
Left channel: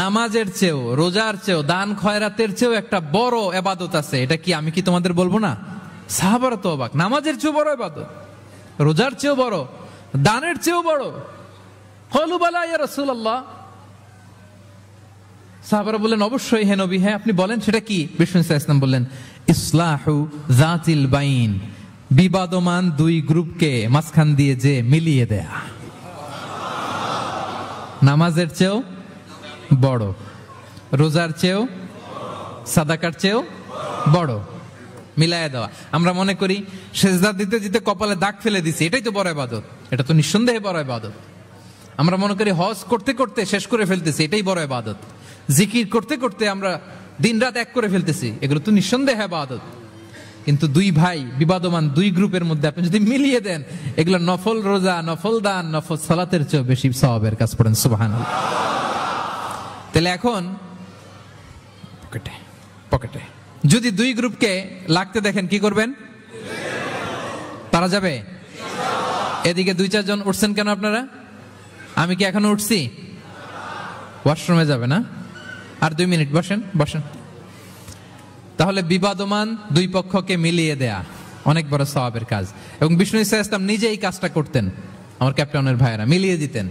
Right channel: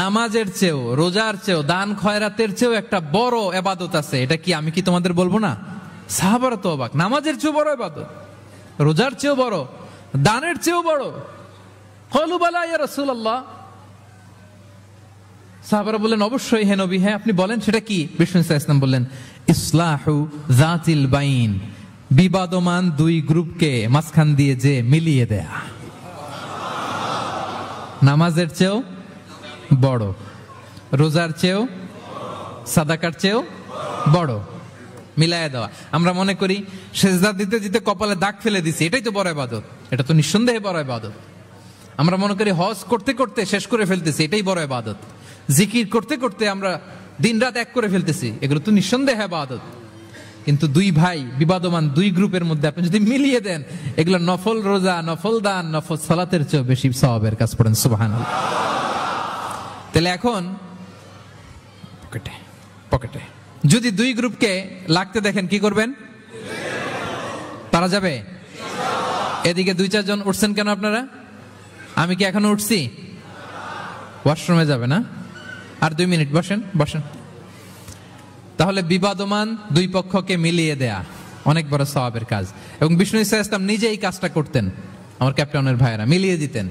নামাজের চেয়েও, রোজার চেয়েও, দান খয়রাতের চেয়েও একটা বড় ইবাদত আছে, এটা কি আমি কি তোমাদের বলবো না? সাহাবারা তো অবাক, নামাজের চেয়েও বড় ইবাদত, রোজার চেয়েও বড়, দানের চেয়েও বড়। ক্বালু বালা ইয়া রাসূলুল্লাহ। সাহাবারা বললেন, অবশ্যই হে নবী, হ্যাঁ আপনি বলেন সেটা কি? বিষ্ণু ইসলাম বললেন, ইসলাহু যাতিল বাইন, বিবাদমান দুই গ্রুপকে মাঝখান দিয়ে যে মিলিয়ে দেয়া। নামাজের চেয়েও বড়, রোজার চেয়েও, সাদাকার চেয়েও বড়, মিলায়া দেওয়া। আমরা মনে করি সেজদা দিতে দিতে কপালে দাগ ফেলে দিছি, এটাই তো বড় ইবাদত। এটা তো নিঃসন্দেহে বড় ইবাদত। আমরা মনে করি হজ করতে করতে শেষ করে ফেলতেছি, এটাই বড় ইবাদত। জিকির করতে করতে আমরা দিন রাত এক করে ফেলতেছি, এগুলো তো নিঃসন্দেহে ইবাদত। কিন্তু দুই ভাই বিবাদমান দুই গ্রুপের মধ্যে আপনি যদি মিলিয়ে দেন, এগুলো নফল রোজা, নফল দান, নফল সালাতের চেয়ে বেশি সওয়াবের কাজ করেন। সুবহানাল্লাহ। তাহলে এখন পকেটে যদি দুই গ্রুপকে লাগতে দেখেন, কি করবেন? পারা যাবে? এদিকে 2-4 জন উঠছেন কেন আপনারা? আমি কি এখনো উঠছি? ওয়াশরুমে যাবে না? আর 2 মিনিট বসেন। তাহলে বিবাদমান দুই পক্ষকে মিলিয়ে দেয়া অনেক বড় সওয়াবের কাজ। এবং বিষ্ণু ইসলাম নিজে এই কাজটা করতেন। আমার ক্যাপ্টেনের ভাইয়েরা মিলিয়ে দিতেন।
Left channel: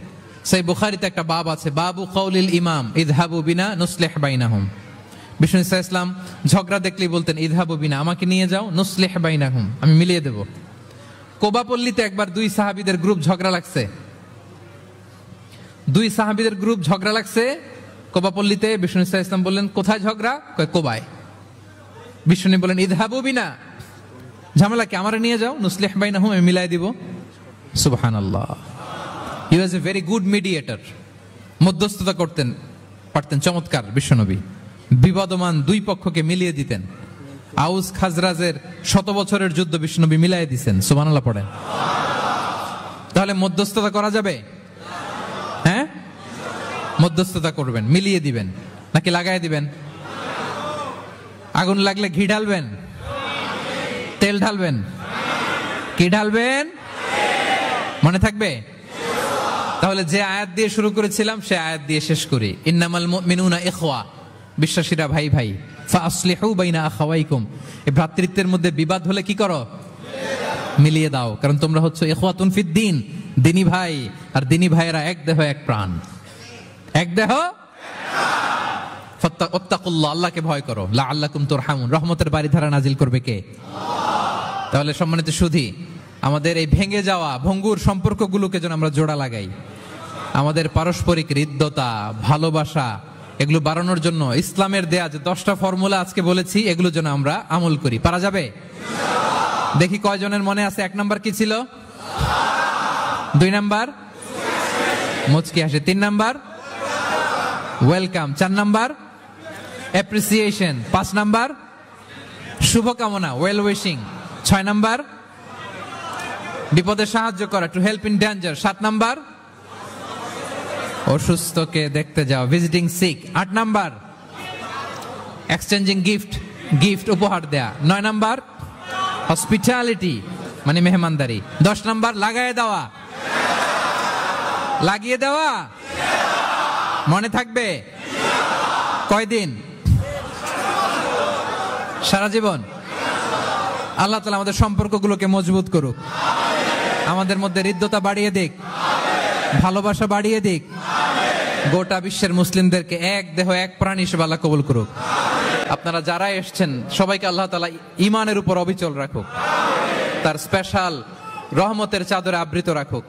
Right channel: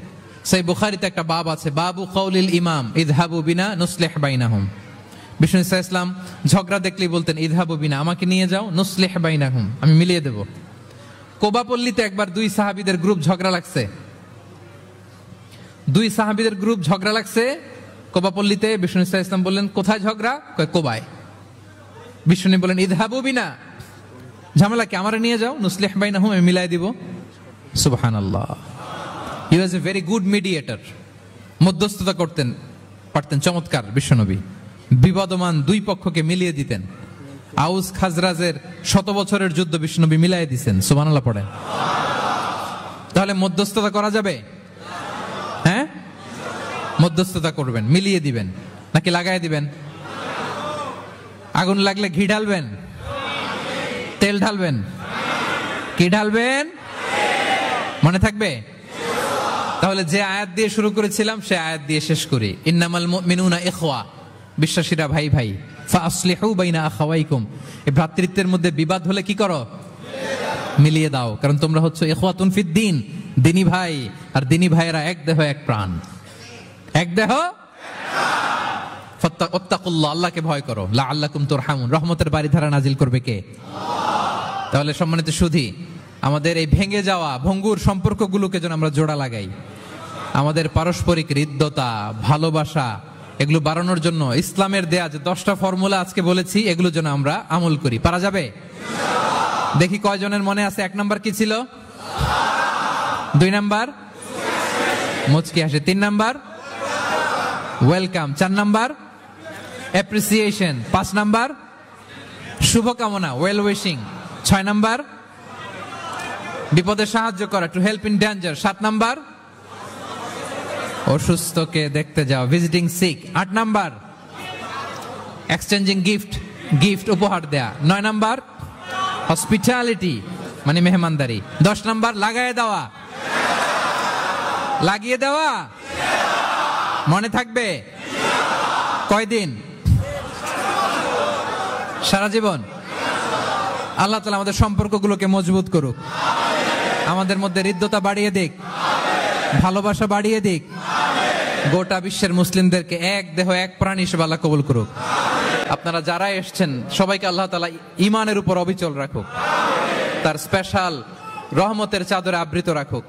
সেই বুখারীতে একটা বাব আছে, বাবু কাউলিল ইমাম ইযহাবু বিনা নুসলিহ বাইনাহুম। বিষ্ণু ইসলাম ঝগড়া দেখলেই বলতেন, ইযহাবু বিনা, আমাকে নিয়ে যাও, নুসলিহ বাইনাহুম, আমি মিলিয়ে দেব। কোবাপল্লীতে একবার দুই সাহাবীদের গ্রুপ ঝগড়া লাগছে। কোবাপল্লীতে বিষ্ণু ইসলাম বললেন, কোথায় ঝগড়া? কোবায়। বিষ্ণু বলেন, ইযহাবু বিনা, ঝামেলাকে আমারে নিয়ে যাও, নুসলিহ বাইনাহুম, আমি মিলাই দিব। সুবহানাল্লাহ। হি ওয়াজ এ ভেরি গুড মিডিয়েটর। মধ্যস্থতা করতেন পারতেন চমৎকার বিশ্বনবী। বিবাদমান দুই পক্ষকে মিলিয়ে দিতেন। আউস খাজরাজের 100 বছরের যুদ্ধ বিশ্বনবী মিলাই দিতেন। সুবহানাল্লাহ পড়েন। তাহলে মধ্যস্থতা করা যাবে? হ্যাঁ, মধ্যস্থতা করবেন, মিলিয়ে দিবেন নাকি লাগাই দিবেন? আগুন লাগলে ঘি ঢালবেন, তেল ঢালবেন, কি ঢালবেন? মনে থাকবে? তাহলে যে আয়াত দিয়ে শুরু করেছিলাম সে আয়াত দিয়ে শেষ করি। ইন্নামাল মুমিনুনা ইখওয়া, বিশ্বাসীরা ভাই ভাই। ফাসলিহু বাইনা আখাওয়াইকুম, ভ্রাতৃত্বের মধ্যে বিবাদ হলে কি করো? মিলিয়ে দাও, কারণ তোমরা হচ্ছে ইখওয়াতুন ফিদ্দিন, দিনী ভাই। আর দিনী ভাইয়েরা এক দেহ এক প্রাণ, এক দেহ। ফাত্তাকুল্লাহ, আল্লাহকে ভয় করো। লাআল্লাকুম তুরহামুন, রহমতের বারিধারা নাজিল করবে কে? তাহলে সম্মানিত সুধী, আমাদের এই ভেঙে যাওয়া ভঙ্গুর সম্পর্কগুলোকে যেন আমরা জোড়া লাগাই। আমাদের পারস্পরিক হৃদ্যতা, ভালোবাসা, এগুলো বাড়ানোর জন্য ইসলামের দেয়া যে 10টা ফর্মুলা আজকে বলেছি, এগুলো যেন আমরা আমল করি। পারা যাবে? দেখি কয়জনের মনে আছে। 1 নাম্বার কি ছিল? 2 নাম্বার মুচকি হাসি, 3 number welcome, 4 number appreciation, 5 number শুভকামনা, ওয়েল উইশিং, 6 নাম্বার বিপদে সাহায্য করা, to help in danger, 7 number অসুস্থকে দেখতে যাও, visiting sick, 8 number exchanging gift উপহার দেয়া, 9 নাম্বার হসপিটালিটি মানে মেহমানদারি, 10 নাম্বার লাগিয়ে দেওয়া। মনে থাকবে? কয়দিন? সারা জীবন। আল্লাহ তাআলা আমাদের সম্পর্কগুলোকে মজবুত করুক, আমাদের মধ্যে হৃদ্যতা বাড়িয়ে দিক, ভালোবাসা বাড়িয়ে দিক, গোটা বিশ্বের মুসলিমদেরকে এক দেহ এক প্রাণ হিসেবে আল্লাহ কবুল করুক। আপনারা যারা এসেছেন সবাইকে আল্লাহ তাআলা ঈমানের উপর অবিচল রাখুক, তার স্পেশাল রহমতের চাদরে আবৃত রাখুক।